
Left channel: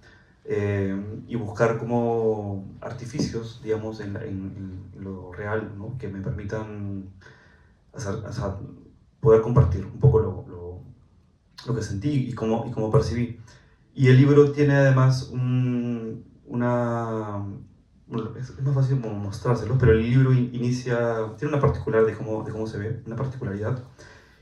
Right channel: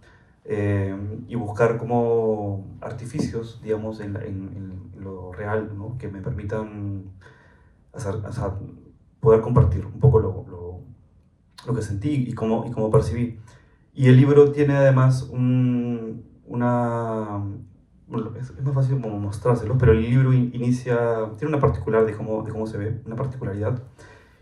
y buscar como artificios, digamos, en lo real, ¿no? Que me permitan poder compartir un poco lo que sentí y cómo percibí. Y el libro tiene además bueno, es más fácil como mostrárselo, pero el libro tiene una particularidad de cómo se ve, una particularidad.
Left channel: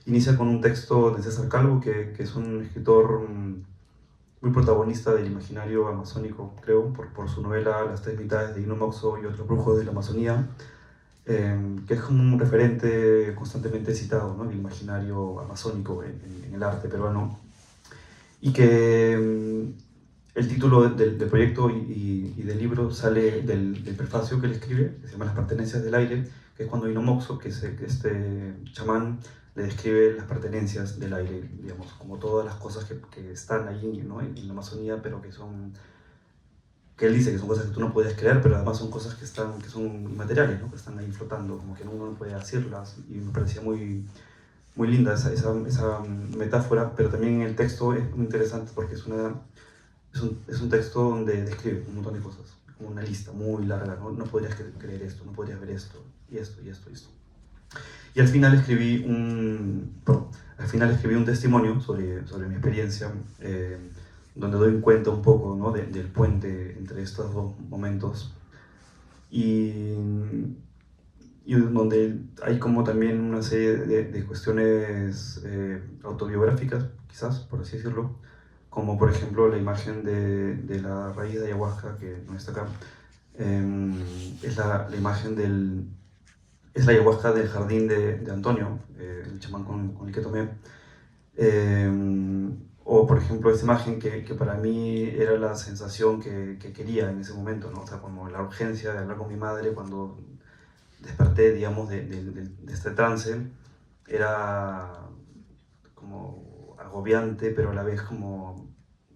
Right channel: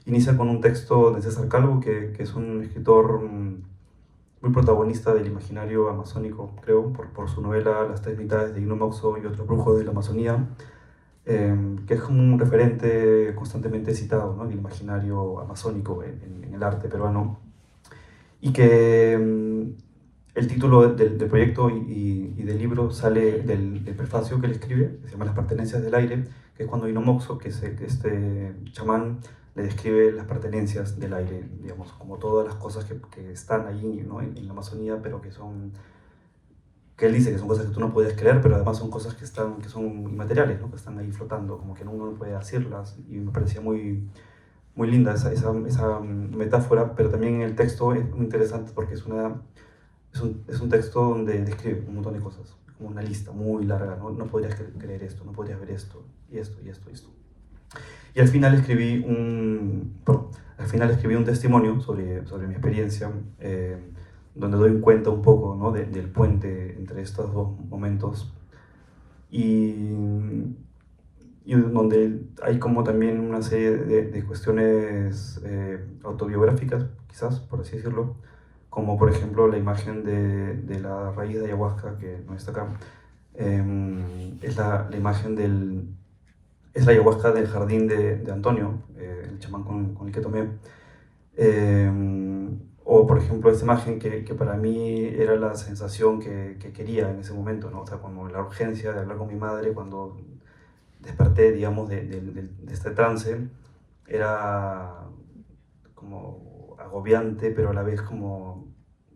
Inicia con un texto de César Calvo, que es un escritor muy protagonista del imaginario amazónico, creo, por su novela Las tres mitades de Ino Moxo y otro brujo de la Amazonía, que es como un referente constantemente citado, ¿no? Del imaginario amazónico en el arte peruano, y que el título del proyecto y del libro sale del prefacio que él escribe, que se llama Las pertenencias del aire, que es cuando Ino Moxo, que es este chamán, le describe las pertenencias del aire, digamos, como todas las cosas que están allí, ¿no? en la Amazonía, pero que él dice que son cosas que tú no puedes creer, pero además son cosas que son inmateriales, ¿no? Que están ahí flotando, como que uno no puede decirlas, y me parecía muy linda esa metáfora, pero también en el texto es muy interesante porque es un texto donde describe un montón de cosas, como una lista muy larga, no podrías creer esto, no podrías ver esto, y esto, y esto, y esto. Y al final escribí un testimonio sobre mi experiencia, donde doy cuenta un poco, ¿no? del puente entre estos dos momentos, y donde hay como también una serie de cuestiones autobiográficas, quizás, por así decirlo, como por ejemplo la imagen de la raíz de ayahuasca, que no está acá. Es la imagen es la ayahuasca del jardín de Antonio, el chamán con el que tomé. O por ejemplo esta imagen que para mí era la sensación que quería en ese momento, ¿no? O sea, como la urgencia de hablar con mi madre cuando desperté, digamos, de este trance. Era como agobiante, pero a la vez como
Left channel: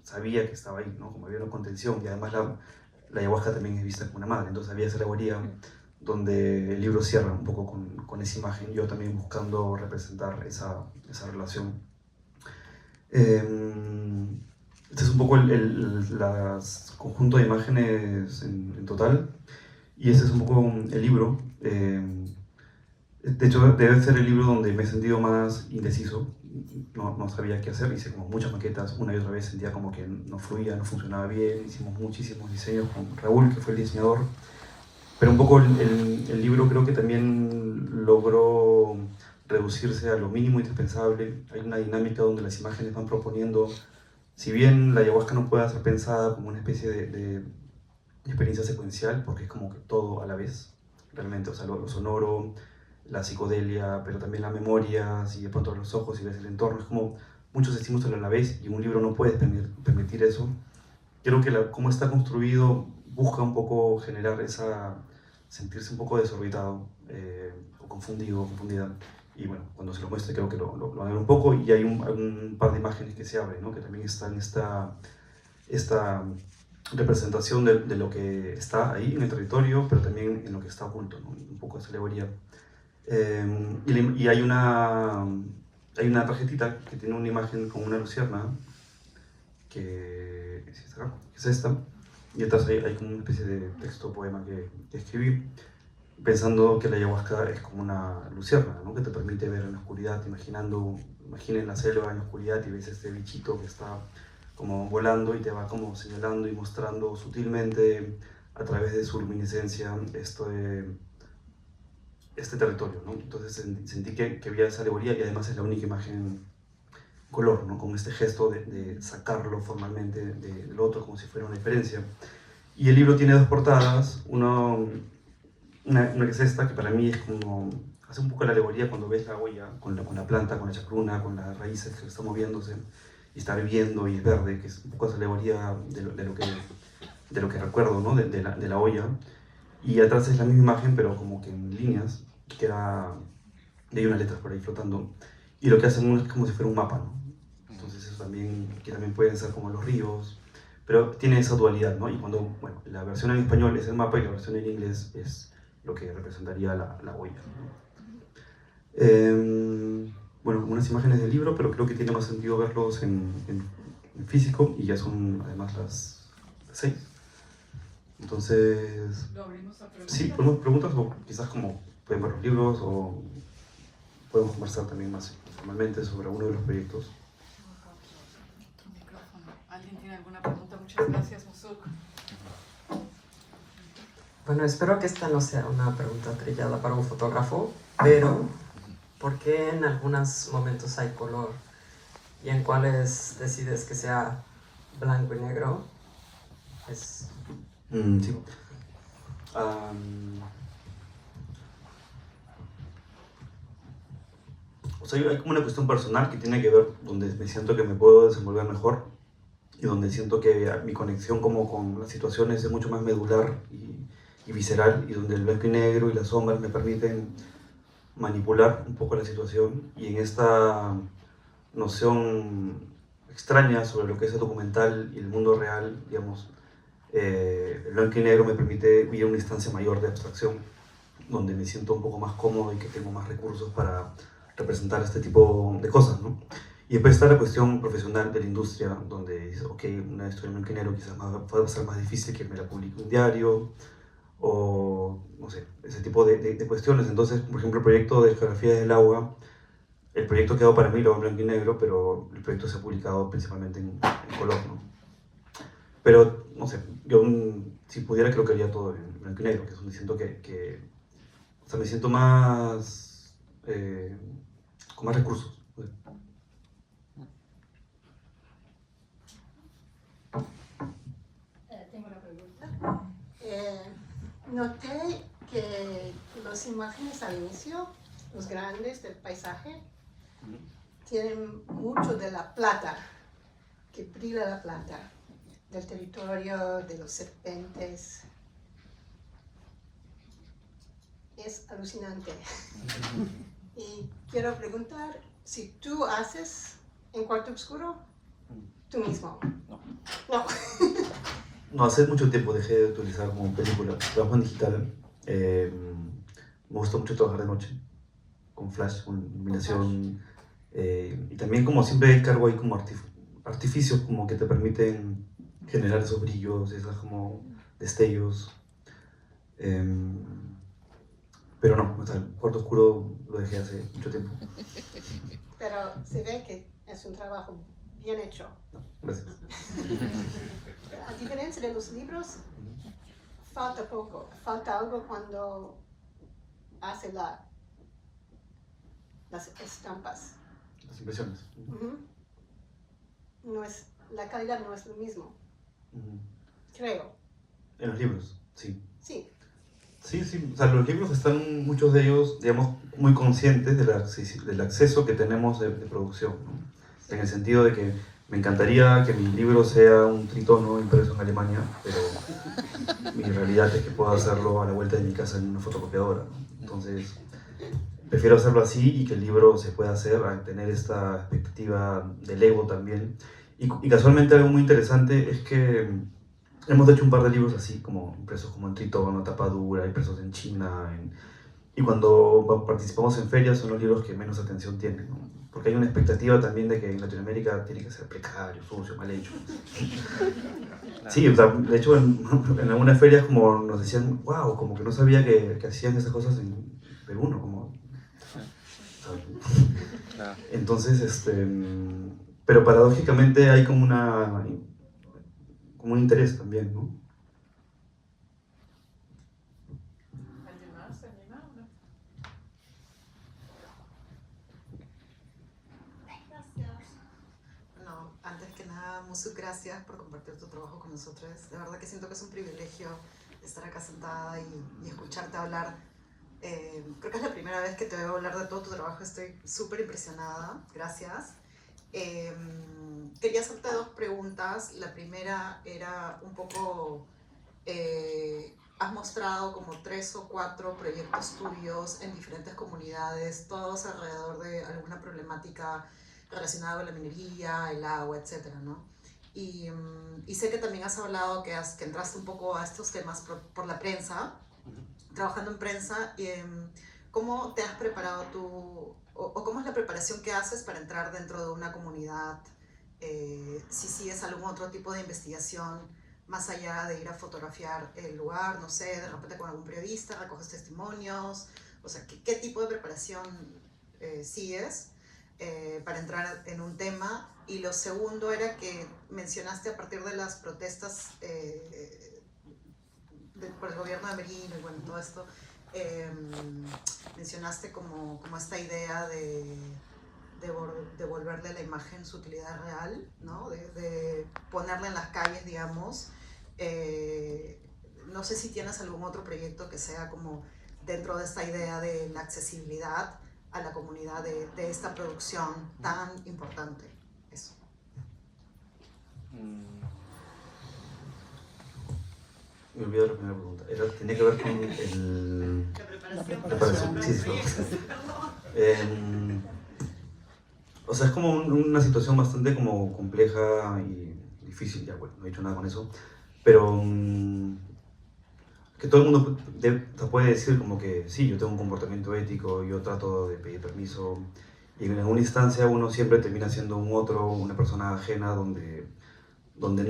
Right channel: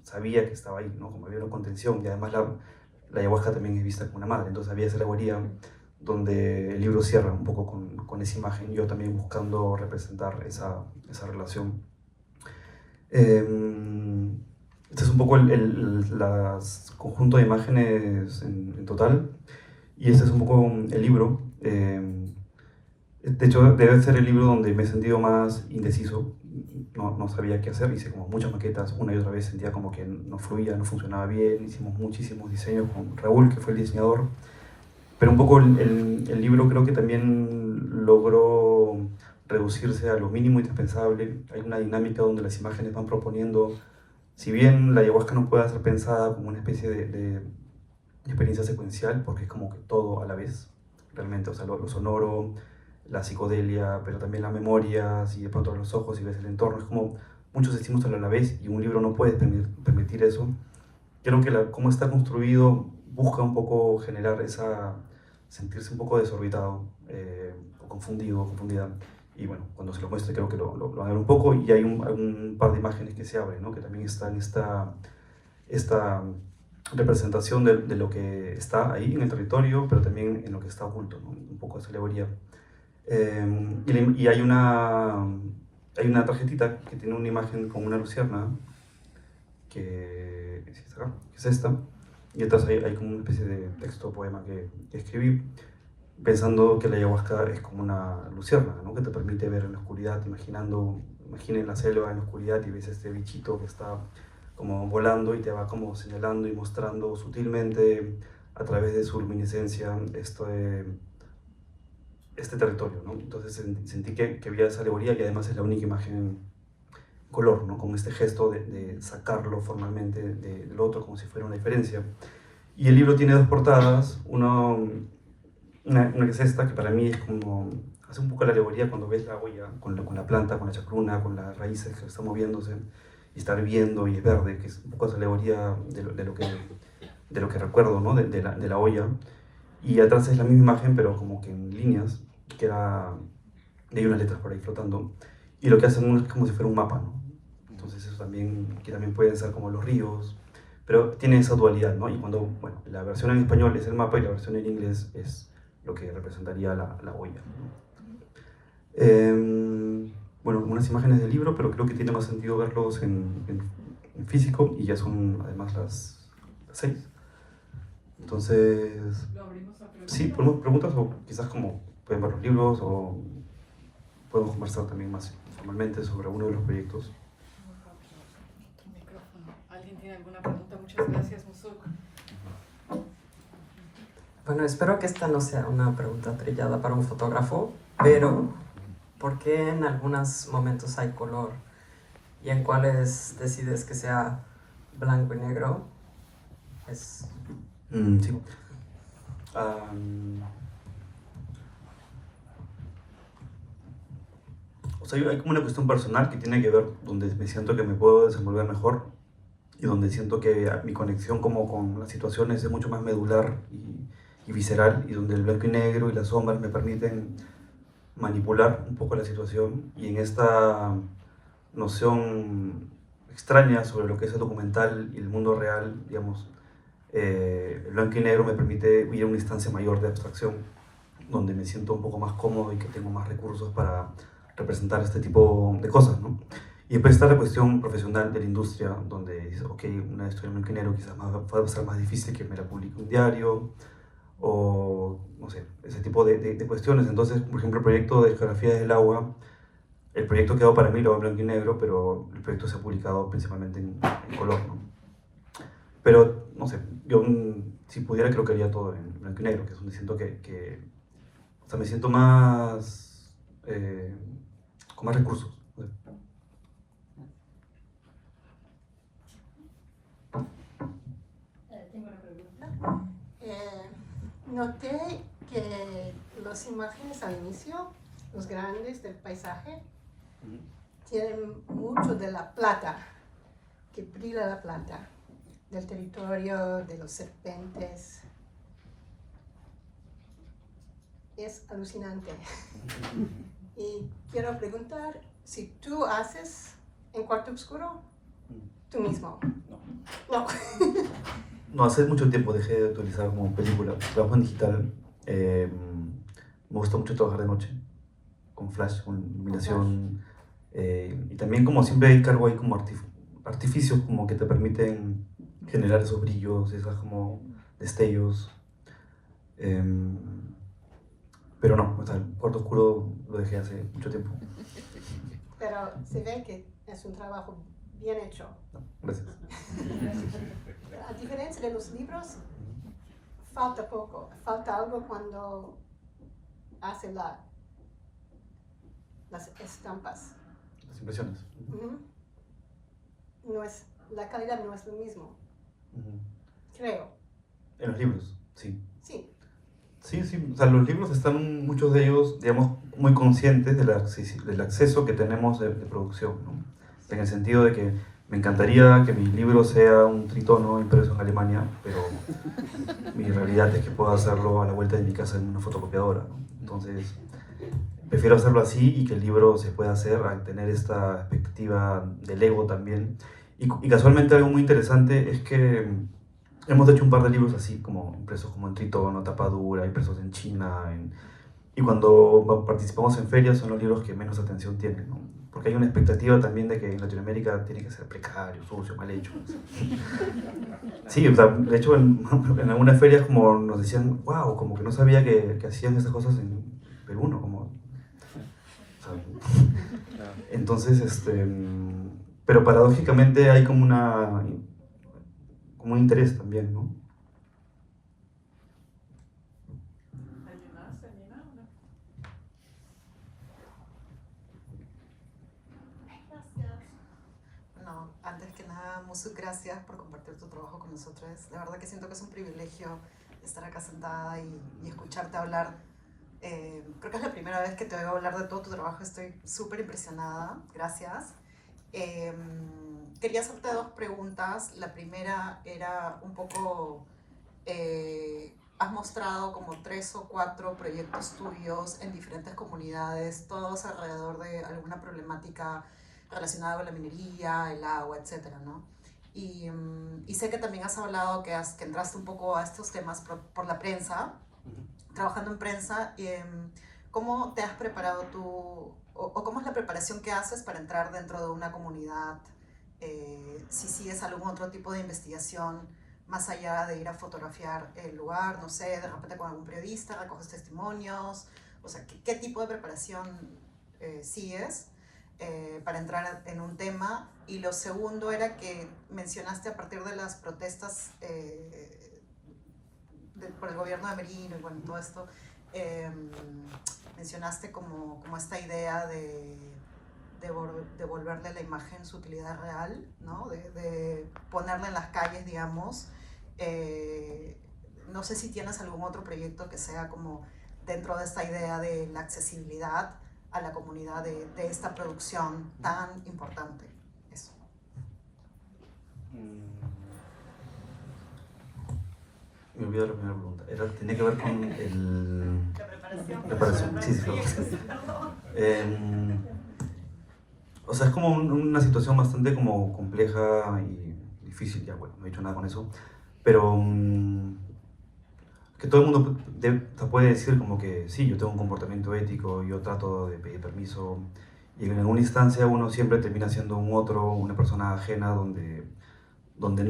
sabía que estaba ahí, ¿no? Como había una contención, y además la ayahuasca también es vista como una madre, entonces había esa alegoría donde el libro cierra un poco con esa imagen, yo también buscando representar esa relación. Este es un poco el conjunto de imágenes en total, y este es un poco el libro. De hecho, debe ser el libro donde me he sentido más indeciso. No sabía qué hacer, hice como muchas maquetas, una y otra vez sentía como que no fluía, no funcionaba bien, hicimos muchísimos diseños con Raúl, que fue el diseñador, pero un poco el libro creo que también logró reducirse a lo mínimo indispensable. Hay una dinámica donde las imágenes van proponiendo, si bien la ayahuasca no puede ser pensada como una especie de experiencia secuencial, porque es como que todo a la vez, realmente, o sea, lo sonoro, la psicodelia, pero también la memoria, si de pronto los ojos y ves el entorno, es como muchos estímulos a la vez, y un libro no puede permitir eso. Creo que cómo está construido busca un poco generar sentirse un poco desorbitado, o confundido, confundida. Y bueno, cuando se lo muestre creo que lo van a ver un poco, y hay un par de imágenes que se abren, ¿no? Que también están esta representación de lo que está ahí en el territorio, pero también en lo que está oculto, ¿no? Un poco esa alegoría. Y hay una tarjetita que tiene una imagen como una luciérnaga, que es esta, y detrás hay como una especie de texto, poema que escribí, pensando que la ayahuasca es como una luciérnaga, ¿no? Que te permite ver en la oscuridad, imaginen la selva en la oscuridad y ves este bichito que está como volando y te va como señalando y mostrando sutilmente a través de su luminiscencia este territorio, ¿no? Entonces sentí que había esa alegoría, y además es la única imagen en color, ¿no? Con este gesto de sacarlo formalmente del otro como si fuera una diferencia. Y el libro tiene dos portadas, una que es esta, que para mí es como, hace un poco la alegoría cuando ves la olla, con la planta, con la chacruna, con las raíces que están moviéndose, y está hirviendo y es verde, que es un poco esa alegoría de lo que recuerdo, ¿no? De la olla. Y atrás es la misma imagen, pero como que en líneas, queda, y hay unas letras por ahí flotando, y lo que hacen es como si fuera un mapa, ¿no? Entonces eso también, que también pueden ser como los ríos, pero tiene esa dualidad, ¿no? Y cuando, bueno, la versión en español es el mapa y la versión en inglés es lo que representaría la olla. Bueno, unas imágenes del libro, pero creo que tiene más sentido verlos en físico, y ya son además las 6. Entonces, ¿Lo abrimos a preguntas? sí, preguntas, o quizás como pueden ver los libros, o podemos conversar también más formalmente sobre alguno de los proyectos. Otro micrófono. ¿Alguien tiene alguna pregunta? Muchas gracias, Musuk. Bueno, espero que esta no sea una pregunta trillada para un fotógrafo, pero ¿por qué en algunos momentos hay color y en cuáles decides que sea blanco y negro? Sí. O sea, hay como una cuestión personal que tiene que ver donde me siento que me puedo desenvolver mejor, y donde siento que mi conexión como con las situaciones es mucho más medular y visceral, y donde el blanco y negro y las sombras me permiten manipular un poco la situación, y en esta noción extraña sobre lo que es el documental y el mundo real, digamos, el blanco y negro me permite vivir una instancia mayor de abstracción, donde me siento un poco más cómodo y que tengo más recursos para representar este tipo de cosas, ¿no? Y después está la cuestión profesional de la industria, donde dices, ok, una historia en blanco y negro quizás va a ser más difícil que me la publique un diario, o no sé, ese tipo de cuestiones. Entonces, por ejemplo, el proyecto de Geografía del Agua, el proyecto quedó para mí, lo hago en blanco y negro, pero el proyecto se ha publicado principalmente en color, ¿no? Pero, no sé, yo si pudiera creo que haría todo en blanco y negro, que es donde siento o sea, me siento más, con más recursos. Tengo una pregunta. Noté que las imágenes al inicio, los grandes del paisaje, tienen mucho de la plata, que brilla la plata, del territorio, de los serpentes. Es alucinante. Y quiero preguntar si tú haces en cuarto oscuro, tú mismo. No. No, hace mucho tiempo dejé de utilizar como película, trabajo en digital. Me gusta mucho trabajar de noche, con flash, con iluminación. Y también como siempre hay cargo ahí como artificios como que te permiten generar esos brillos, esas como destellos. Pero no, o sea, el cuarto oscuro lo dejé hace mucho tiempo. Pero se ven que es un trabajo bien hecho. Gracias. A diferencia de los libros, falta poco, falta algo cuando hace las estampas. Las impresiones. No es, la calidad no es lo mismo, creo. En los libros, sí. Sí. Sí, sí, o sea, los libros están, muchos de ellos, digamos, muy conscientes del acceso que tenemos de producción, ¿no? En el sentido de que me encantaría que mi libro sea un tritono impreso en Alemania, pero mi realidad es que puedo hacerlo a la vuelta de mi casa en una fotocopiadora. Entonces, prefiero hacerlo así, y que el libro se pueda hacer al tener esta expectativa del ego también. Y casualmente algo muy interesante es que hemos hecho un par de libros así, como impresos como en tritono, tapadura, impresos en China. Y cuando participamos en ferias son los libros que menos atención tienen, ¿no? Porque hay una expectativa también de que en Latinoamérica tiene que ser precario, sucio, mal hecho. Sí, o sea, de hecho en algunas ferias como nos decían, wow, como que no sabía que hacían esas cosas en Perú, ¿no? Como, o sea, entonces, pero paradójicamente hay como un interés también, ¿no? ¿Alguien más? ¿Alguien más? Musuk, gracias por compartir tu trabajo con nosotros. La verdad que siento que es un privilegio estar acá sentada y escucharte hablar. Creo que es la primera vez que te oigo hablar de todo tu trabajo, estoy súper impresionada, gracias. Quería hacerte dos preguntas. La primera era un poco, has mostrado como 3 o 4 proyectos tuyos en diferentes comunidades, todos alrededor de alguna problemática relacionada con la minería, el agua, etcétera, ¿no? Y sé que también has hablado que entraste un poco a estos temas por la prensa, trabajando en prensa. ¿Cómo te has preparado tú, o cómo es la preparación que haces para entrar dentro de una comunidad? Si sigues algún otro tipo de investigación, más allá de ir a fotografiar el lugar, no sé, de repente con algún periodista, recoges testimonios, o sea, ¿qué tipo de preparación sigues para entrar en un tema? Y lo segundo era que mencionaste a partir de las protestas por el gobierno de Merino y bueno, todo esto, mencionaste como esta idea de devolverle a la imagen su utilidad real, ¿no? De ponerla en las calles, digamos. No sé si tienes algún otro proyecto que sea como dentro de esta idea de la accesibilidad a la comunidad de esta producción tan importante. Eso. Me olvidé la primera pregunta. Tenía que ver con el... La preparación para preparación, sí, proyectos. O sea, es como una situación bastante como compleja y difícil, ya bueno, no he dicho nada con eso, pero que todo el mundo puede decir como que sí, yo tengo un comportamiento ético, yo trato de pedir permiso, y en alguna instancia uno siempre termina siendo una persona ajena donde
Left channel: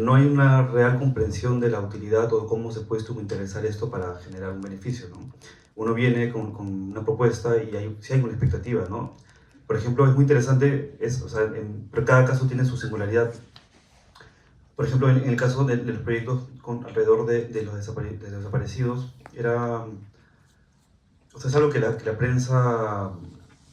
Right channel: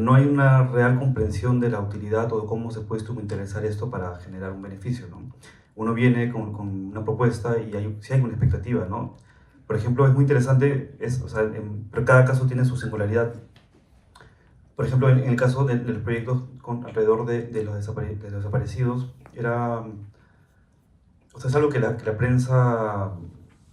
no hay una real comprensión de la utilidad o de cómo se puede instrumentalizar esto para generar un beneficio, ¿no? Uno viene con una propuesta y sí hay una expectativa, ¿no? Por ejemplo, es muy interesante, pero cada caso tiene su singularidad. Por ejemplo, en el caso del proyecto alrededor de los desaparecidos, es algo que la prensa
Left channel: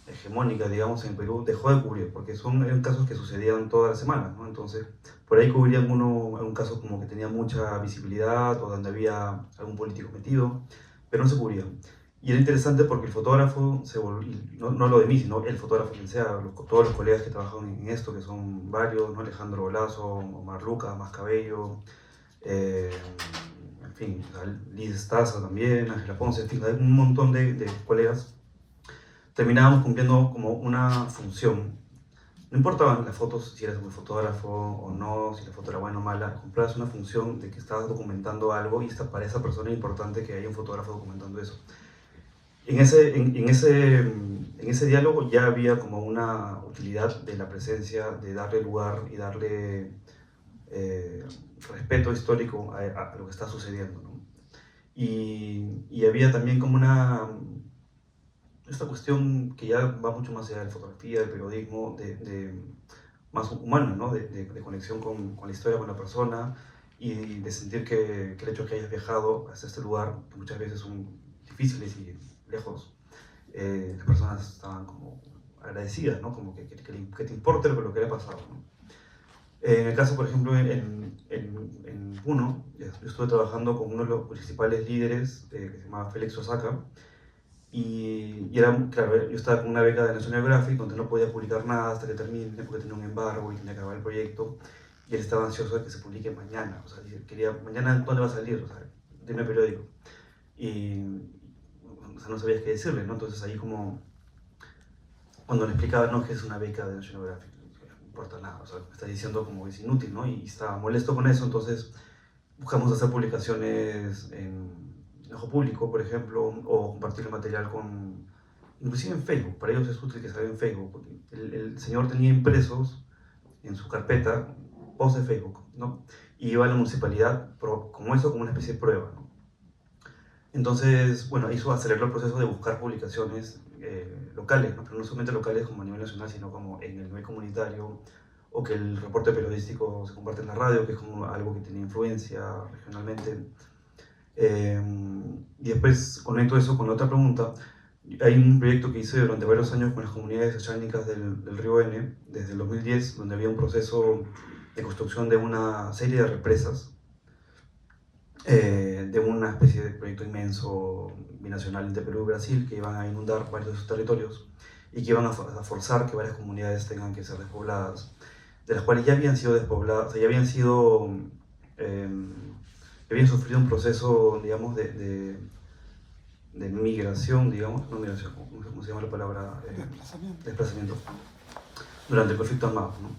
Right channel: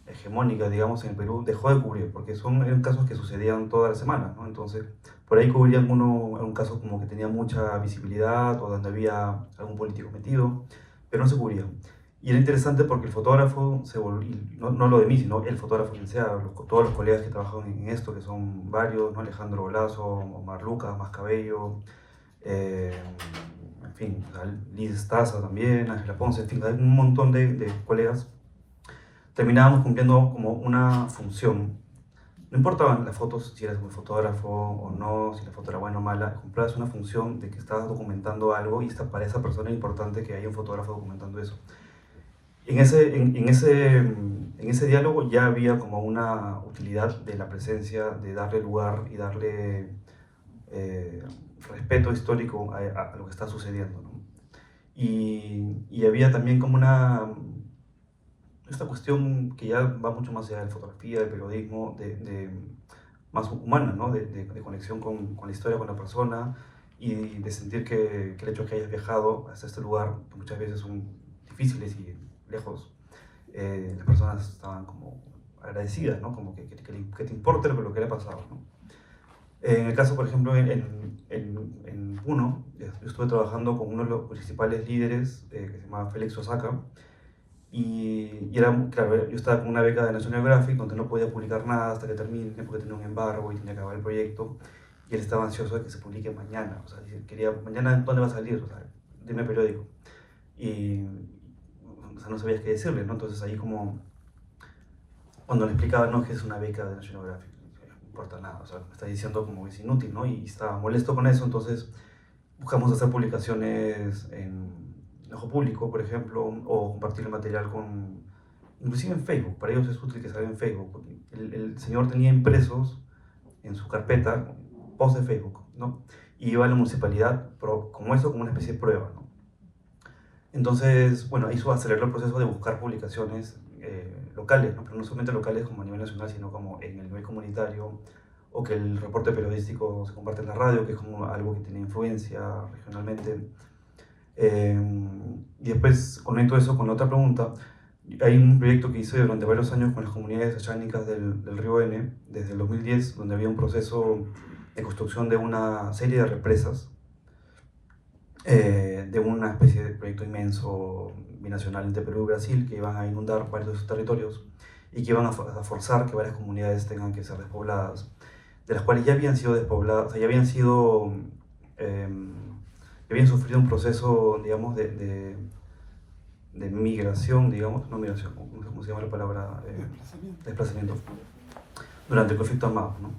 hegemónica, digamos, en Perú dejó de cubrir, porque eran casos que sucedían todas las semanas, ¿no? Entonces, por ahí cubrían un caso como que tenía mucha visibilidad o donde había algún político metido, pero no se cubría. Y era interesante porque el fotógrafo se volvió, no lo de mí, sino el fotógrafo quien sea, todos los colegas que trabajan en esto, que son varios, ¿no? Alejandro Bolazo, Omar Lucas, Mascabello, en fin, Liz Estaza también, Ángela Ponce, en fin, un montón de colegas, terminábamos cumpliendo como una función. No importaban las fotos, si eras un fotógrafo o no, si la foto era buena o mala, cumplías una función de que estabas documentando algo y para esa persona es importante que haya un fotógrafo documentando eso. En ese diálogo ya había como una utilidad de la presencia, de darle lugar y darle respeto histórico a lo que está sucediendo, ¿no? Y había también como esta cuestión que ya va mucho más allá de fotografía, de periodismo, más humana, ¿no? de conexión con la historia, con la persona, y de sentir que el hecho de que hayas viajado hasta este lugar, que muchas veces son difíciles y lejos, las personas estaban como agradecidas, ¿no? Como que te importe lo que le ha pasado, ¿no? En el caso, por ejemplo, en Puno, yo estuve trabajando con uno de los principales líderes, que se llama Félix Osaka, y claro, yo estaba con una beca de National Geographic donde no podía publicar nada hasta que termine, porque tenía un embargo y tenía que acabar el proyecto, y él estaba ansioso de que se publique mañana, o sea, quería, mañana, ¿dónde va a salir? O sea, dime el periódico. Y o sea, no sabías qué decirle, ¿no? Entonces ahí como, cuando le explicaba, no, que es una beca de National Geographic, no importa nada, o sea, me está diciendo como que es inútil, ¿no? Y estaba molesto con eso, entonces buscamos hacer publicaciones en Ojo Público, por ejemplo, o compartir el material inclusive en Facebook. Para ellos es útil que salga en Facebook. El señor tenía impresos en su carpeta post de Facebook, ¿no? Y iba a la municipalidad como una especie de prueba, ¿no? Entonces, bueno, eso aceleró el proceso de buscar publicaciones locales, ¿no? Pero no solamente locales como a nivel nacional, sino como en el nivel comunitario, o que el reporte periodístico se comparte en la radio, que es como algo que tiene influencia regionalmente. Y después conecto eso con la otra pregunta. Hay un proyecto que hice durante varios años con las comunidades achánicas del río N, desde el 2010, donde había un proceso de construcción de una serie de represas, de una especie de proyecto inmenso binacional entre Perú y Brasil, que iban a inundar varios de sus territorios y que iban a forzar que varias comunidades tengan que ser despobladas, de las cuales ya habían sido despobladas, o sea, ya habían sido, habían sufrido un proceso, digamos, de migración, digamos, no migración, ¿cómo se llama la palabra? Desplazamiento, durante el conflicto armado, ¿no?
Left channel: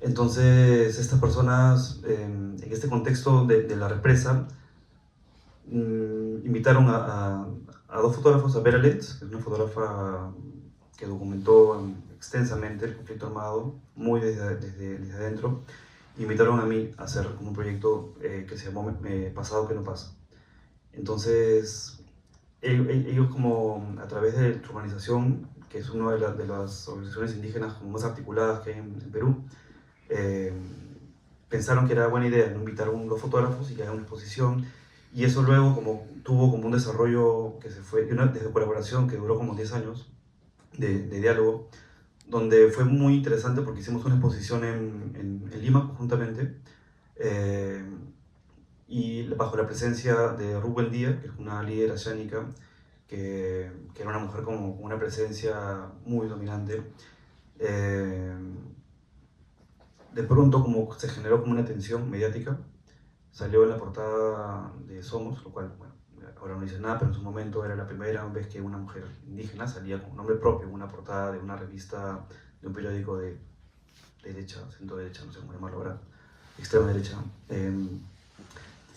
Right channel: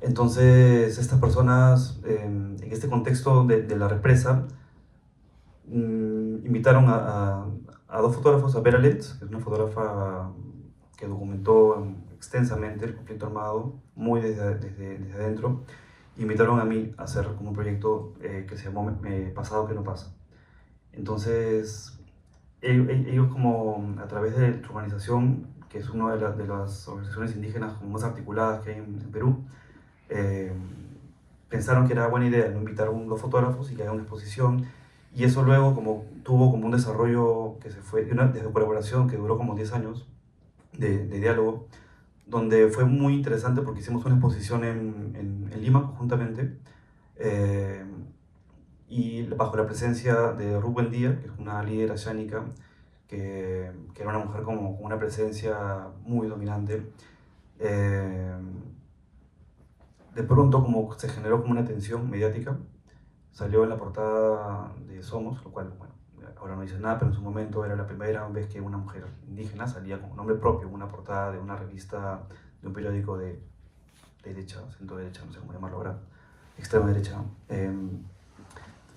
Entonces, estas personas, en este contexto de la represa, invitaron a dos fotógrafos, a Vera Letts, que es una fotógrafa que documentó extensamente el conflicto armado, muy desde adentro. Invitaron a mí a hacer un proyecto que se llamó Pasado que no pasa. Entonces, ellos como a través de su organización, que es una de las organizaciones indígenas más articuladas que hay en Perú, pensaron que era buena idea, ¿no?, invitar a dos fotógrafos y que hagan una exposición, y eso luego tuvo como un desarrollo que se fue, de colaboración que duró como 10 años de diálogo, donde fue muy interesante porque hicimos una exposición en Lima conjuntamente, y bajo la presencia de Ruth Buendía, que es una líder oceánica, que era una mujer con una presencia muy dominante. De pronto como se generó como una tensión mediática, salió en la portada de Somos, lo cual, bueno, ahora no dice nada, pero en su momento era la primera vez que una mujer indígena salía con nombre propio en una portada de una revista, de un periódico de derecha, centro derecha, no sé cómo llamarlo ahora, extrema derecha,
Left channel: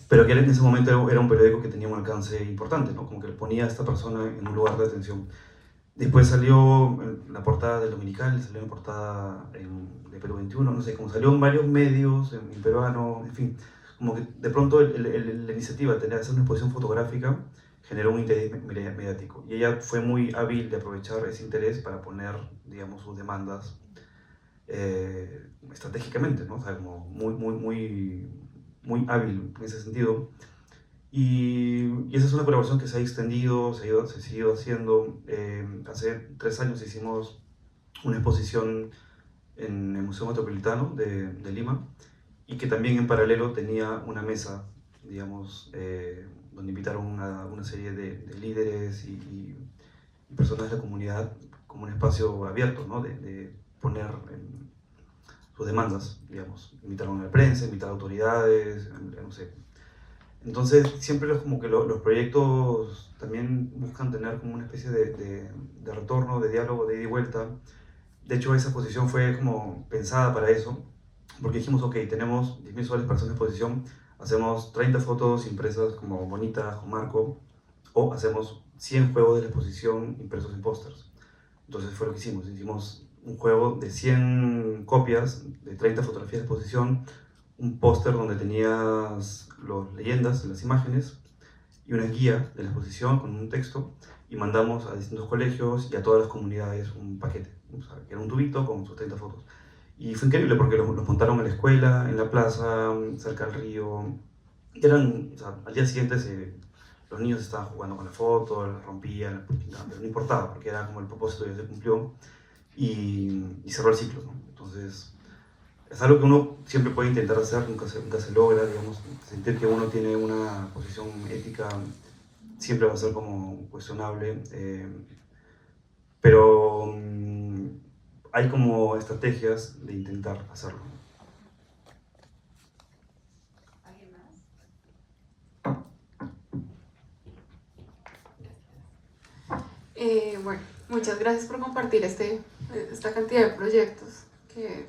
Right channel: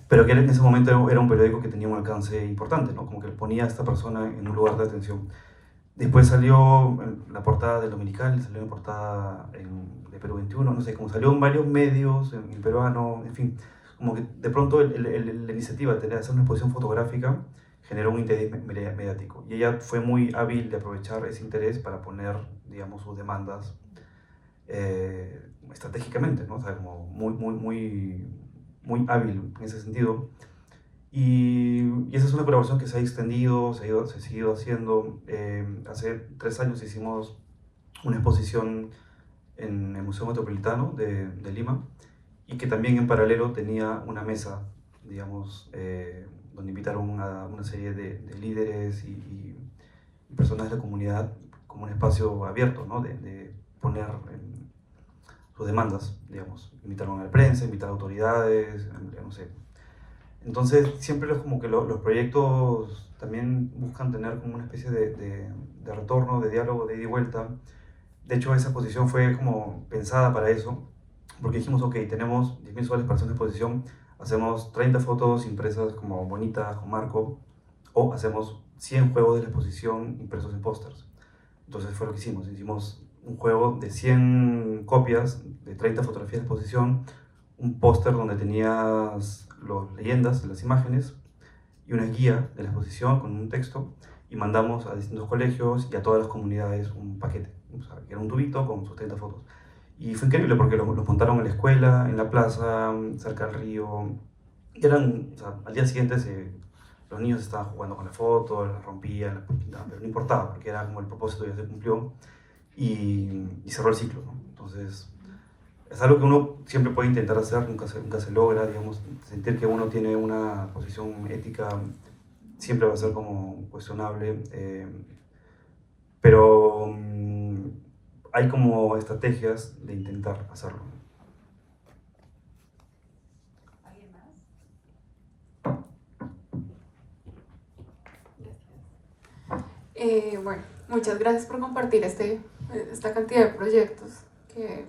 pero que en ese momento era un periódico que tenía un alcance importante, ¿no? Como que ponía a esta persona en un lugar de atención. Después salió en la portada del Dominical, salió en portada de Perú 21, no sé, como salió en varios medios, en peruano, en fin, como que de pronto la iniciativa de hacer una exposición fotográfica generó un interés mediático, y ella fue muy hábil de aprovechar ese interés para poner, digamos, sus demandas estratégicamente, ¿no? O sea, como muy hábil en ese sentido. Y esa es una colaboración que se ha extendido, se ha seguido haciendo. Hace 3 años hicimos una exposición en el Museo Metropolitano de Lima, y que también en paralelo tenía una mesa, digamos, donde invitaron a una serie de líderes y personas de la comunidad, como un espacio abierto, ¿no?, de poner sus demandas, digamos. Invitaron a la prensa, invitaron a autoridades, no sé. Entonces, siempre es como que los proyectos también buscan tener como una especie de retorno, de diálogo, de ida y vuelta. De hecho, esa exposición fue como pensada para eso, porque dijimos, ok, tenemos 10.000 soles para hacer una exposición, hacemos 30 fotos impresas como bonitas, con marco, o hacemos 100 juegos de la exposición impresos en pósters. Entonces fue lo que hicimos. Hicimos un juego de 100 copias, de 30 fotografías de exposición, un póster donde tenías las leyendas de las imágenes y una guía de la exposición con un texto, y mandamos a distintos colegios y a todas las comunidades un paquete, o sea, que era un tubito con sus 30 fotos. Y fue increíble porque los montaron en la escuela, en la plaza, cerca del río. Y eran, o sea, al día siguiente los niños estaban jugando con la foto, las rompían, pero no importaba, porque era como el propósito ya se cumplió, y cerró el ciclo, ¿no? Entonces, es algo que uno siempre puede intentar hacer, nunca se logra, digamos. Sentir que uno tiene una posición ética siempre va a ser como cuestionable, pero hay como estrategias de intentar hacerlo. ¿Alguien más? Bueno, muchas gracias por compartir esta cantidad de proyectos que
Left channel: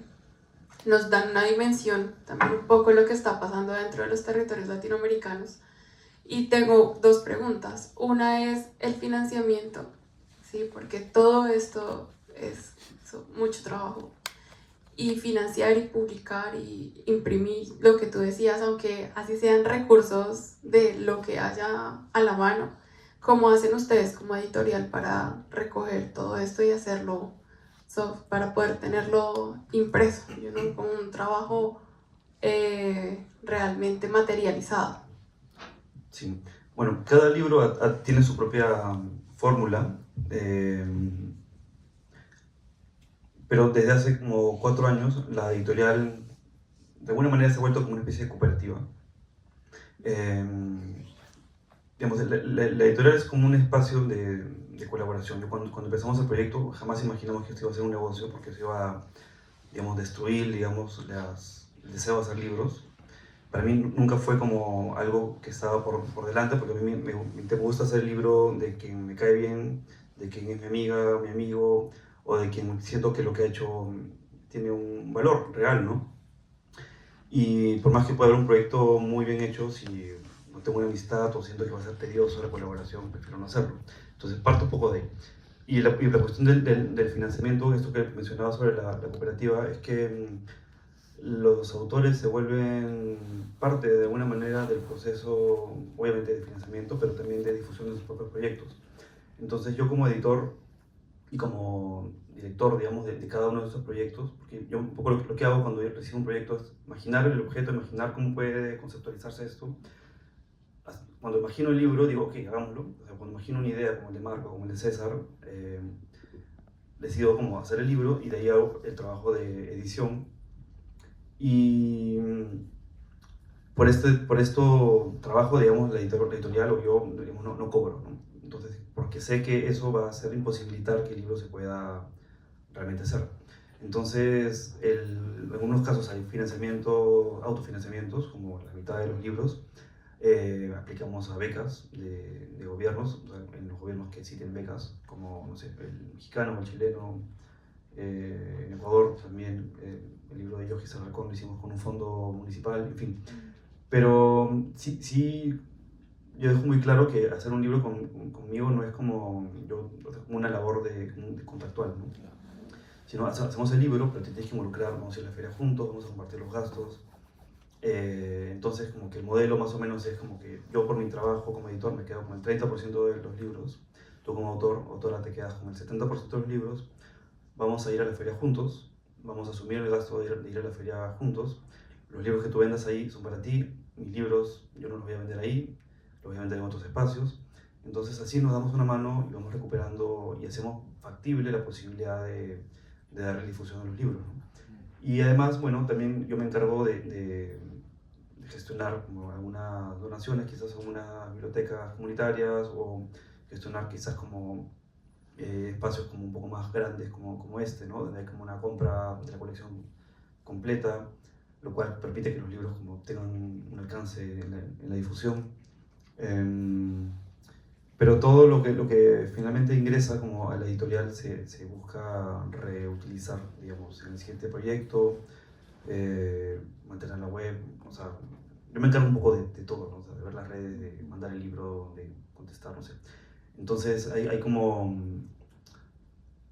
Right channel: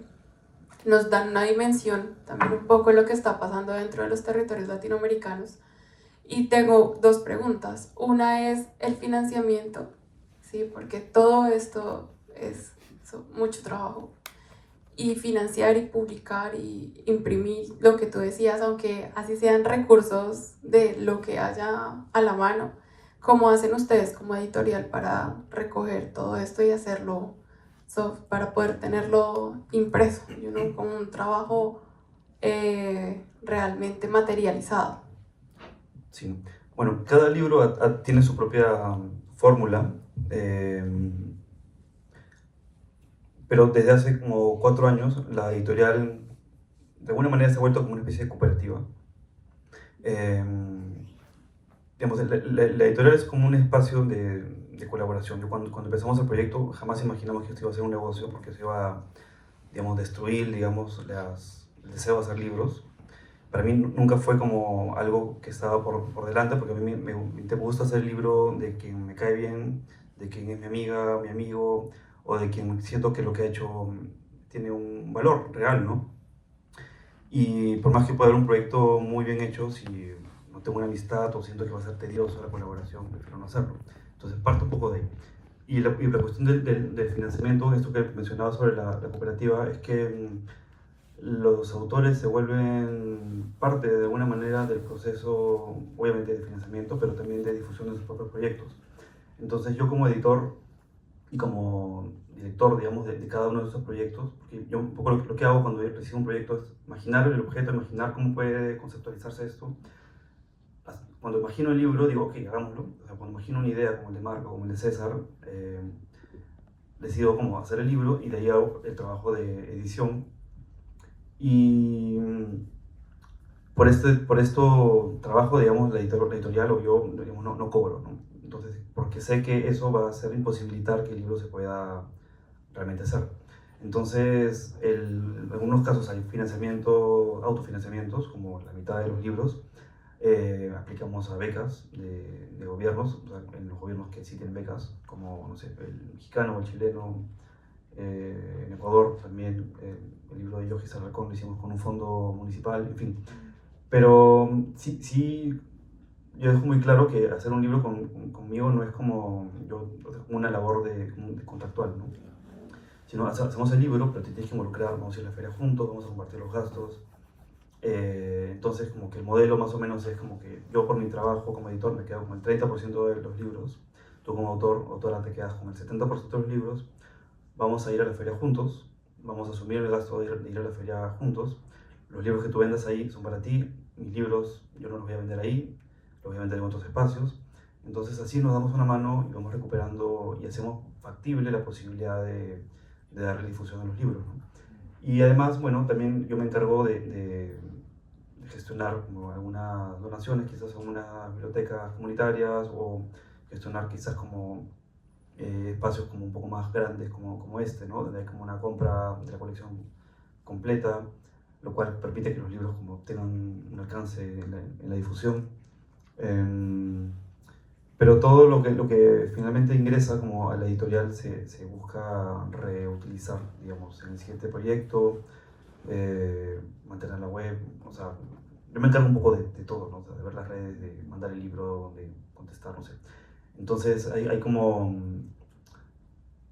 nos dan una dimensión también un poco de lo que está pasando dentro de los territorios latinoamericanos. Y tengo 2 preguntas. Una es el financiamiento, ¿sí? Porque todo esto es mucho trabajo. Y financiar y publicar y imprimir lo que tú decías, aunque así sean recursos de lo que haya a la mano. ¿Cómo hacen ustedes como editorial para recoger todo esto y hacerlo para poder tenerlo impreso, ¿no?, como un trabajo realmente materializado? Sí. Bueno, cada libro tiene su propia fórmula, pero desde hace como 4 años la editorial de alguna manera se ha vuelto como una especie de cooperativa. Digamos, la editorial es como un espacio de colaboración. Cuando empezamos el proyecto jamás imaginamos que esto iba a ser un negocio, porque se iba a, digamos, destruir, digamos, el deseo de hacer libros. Para mí nunca fue como algo que estaba por delante, porque a mí me gusta hacer el libro de quien me cae bien, de quien es mi amiga, mi amigo, o de quien siento que lo que ha hecho tiene un valor real, ¿no? Y por más que pueda haber un proyecto muy bien hecho, si no tengo una amistad o siento que va a ser tedioso la colaboración, prefiero no hacerlo. Entonces parto un poco de ahí. Y la cuestión del financiamiento, esto que mencionaba sobre la cooperativa, es que los autores se vuelven parte de alguna manera del proceso, obviamente de financiamiento, pero también de difusión de sus propios proyectos. Entonces yo como editor y como director, digamos, de cada uno de esos proyectos, porque yo un poco lo que hago cuando yo recibo un proyecto es imaginar el objeto, imaginar cómo puede conceptualizarse esto. Cuando imagino el libro, digo, ok, hagámoslo. O sea, cuando imagino una idea como el de Marco, como el de César, decido cómo hacer el libro y de ahí hago el trabajo de edición. Y por esto trabajo, digamos, la editorial o yo, digamos, no cobro, ¿no? Entonces, porque sé que eso va a hacer imposibilitar que el libro se pueda realmente hacer. Entonces, en algunos casos hay financiamiento, autofinanciamientos, como la mitad de los libros. Aplicamos a becas de gobiernos, o sea, en los gobiernos que sí tienen becas, como, no sé, el mexicano o el chileno. En Ecuador también el libro de Yogi Sarracón lo hicimos con un fondo municipal, en fin. Pero sí, yo dejo muy claro que hacer un libro conmigo no es como una labor de contractual, ¿no? Sino hacemos el libro, pero te tienes que involucrar, vamos a ir a la feria juntos, vamos a compartir los gastos. Entonces como que el modelo más o menos es como que yo por mi trabajo como editor me quedo con el 30% de los libros, tú como autora te quedas con el 70% de los libros, vamos a ir a la feria juntos, vamos a asumir el gasto de ir a la feria juntos, los libros que tú vendas ahí son para ti, mis libros yo no los voy a vender ahí, los voy a vender en otros espacios, entonces así nos damos una mano y vamos recuperando y hacemos factible la posibilidad de darle difusión a los libros, ¿no? Y además, bueno, también yo me encargo de gestionar como algunas donaciones, quizás a unas bibliotecas comunitarias, o gestionar quizás como espacios como un poco más grandes como este, ¿no? Donde hay como una compra de la colección completa, lo cual permite que los libros como tengan un alcance en la difusión. Pero todo lo que finalmente ingresa como a la editorial se busca reutilizar, digamos, en el siguiente proyecto, mantener la web, o sea, yo me encargo un poco de todo, ¿no? O sea, de ver las redes, de mandar el libro, de contestar, no sé. Entonces hay como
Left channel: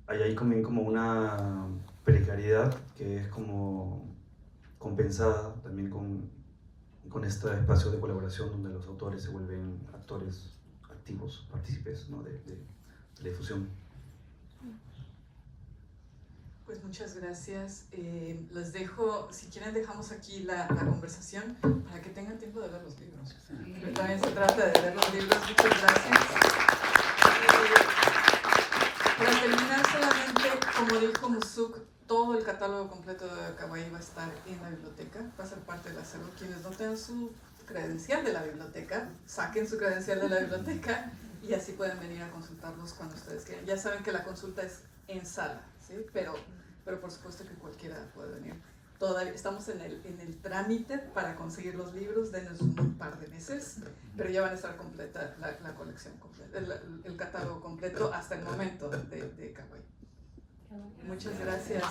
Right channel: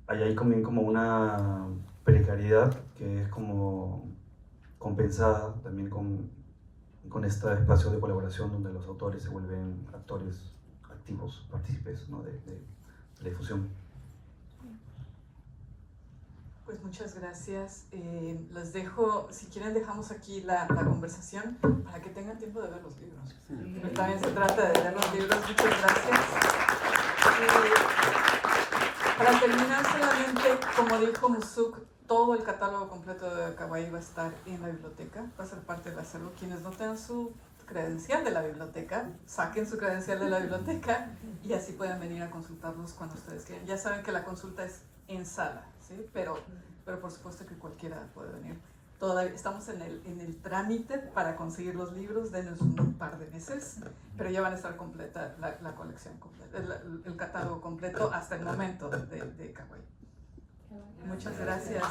una precariedad que es como compensada también con este espacio de colaboración donde los autores se vuelven actores activos, partícipes, ¿no? de la difusión. Pues muchas gracias. Les dejo, si quieren dejamos aquí la conversación para que tengan tiempo de ver los libros. Pero también se trata de ver los libros. Muchas gracias. Para terminar, solamente, como dijo Musuk, todo el catálogo completo de Kawaii va a estar en la biblioteca, va a ser parte del acervo. Quienes no tengan su credencial de la biblioteca, saquen su credencial de la biblioteca y así pueden venir a consultarlos cuando ustedes quieran. Ya saben que la consulta es en sala, ¿sí? Pero por supuesto que cualquiera puede venir. Todavía estamos en el trámite para conseguir los libros, denos un par de meses, pero ya van a estar completa la colección completa, el catálogo completo hasta el momento de Kawaii. Muchas gracias.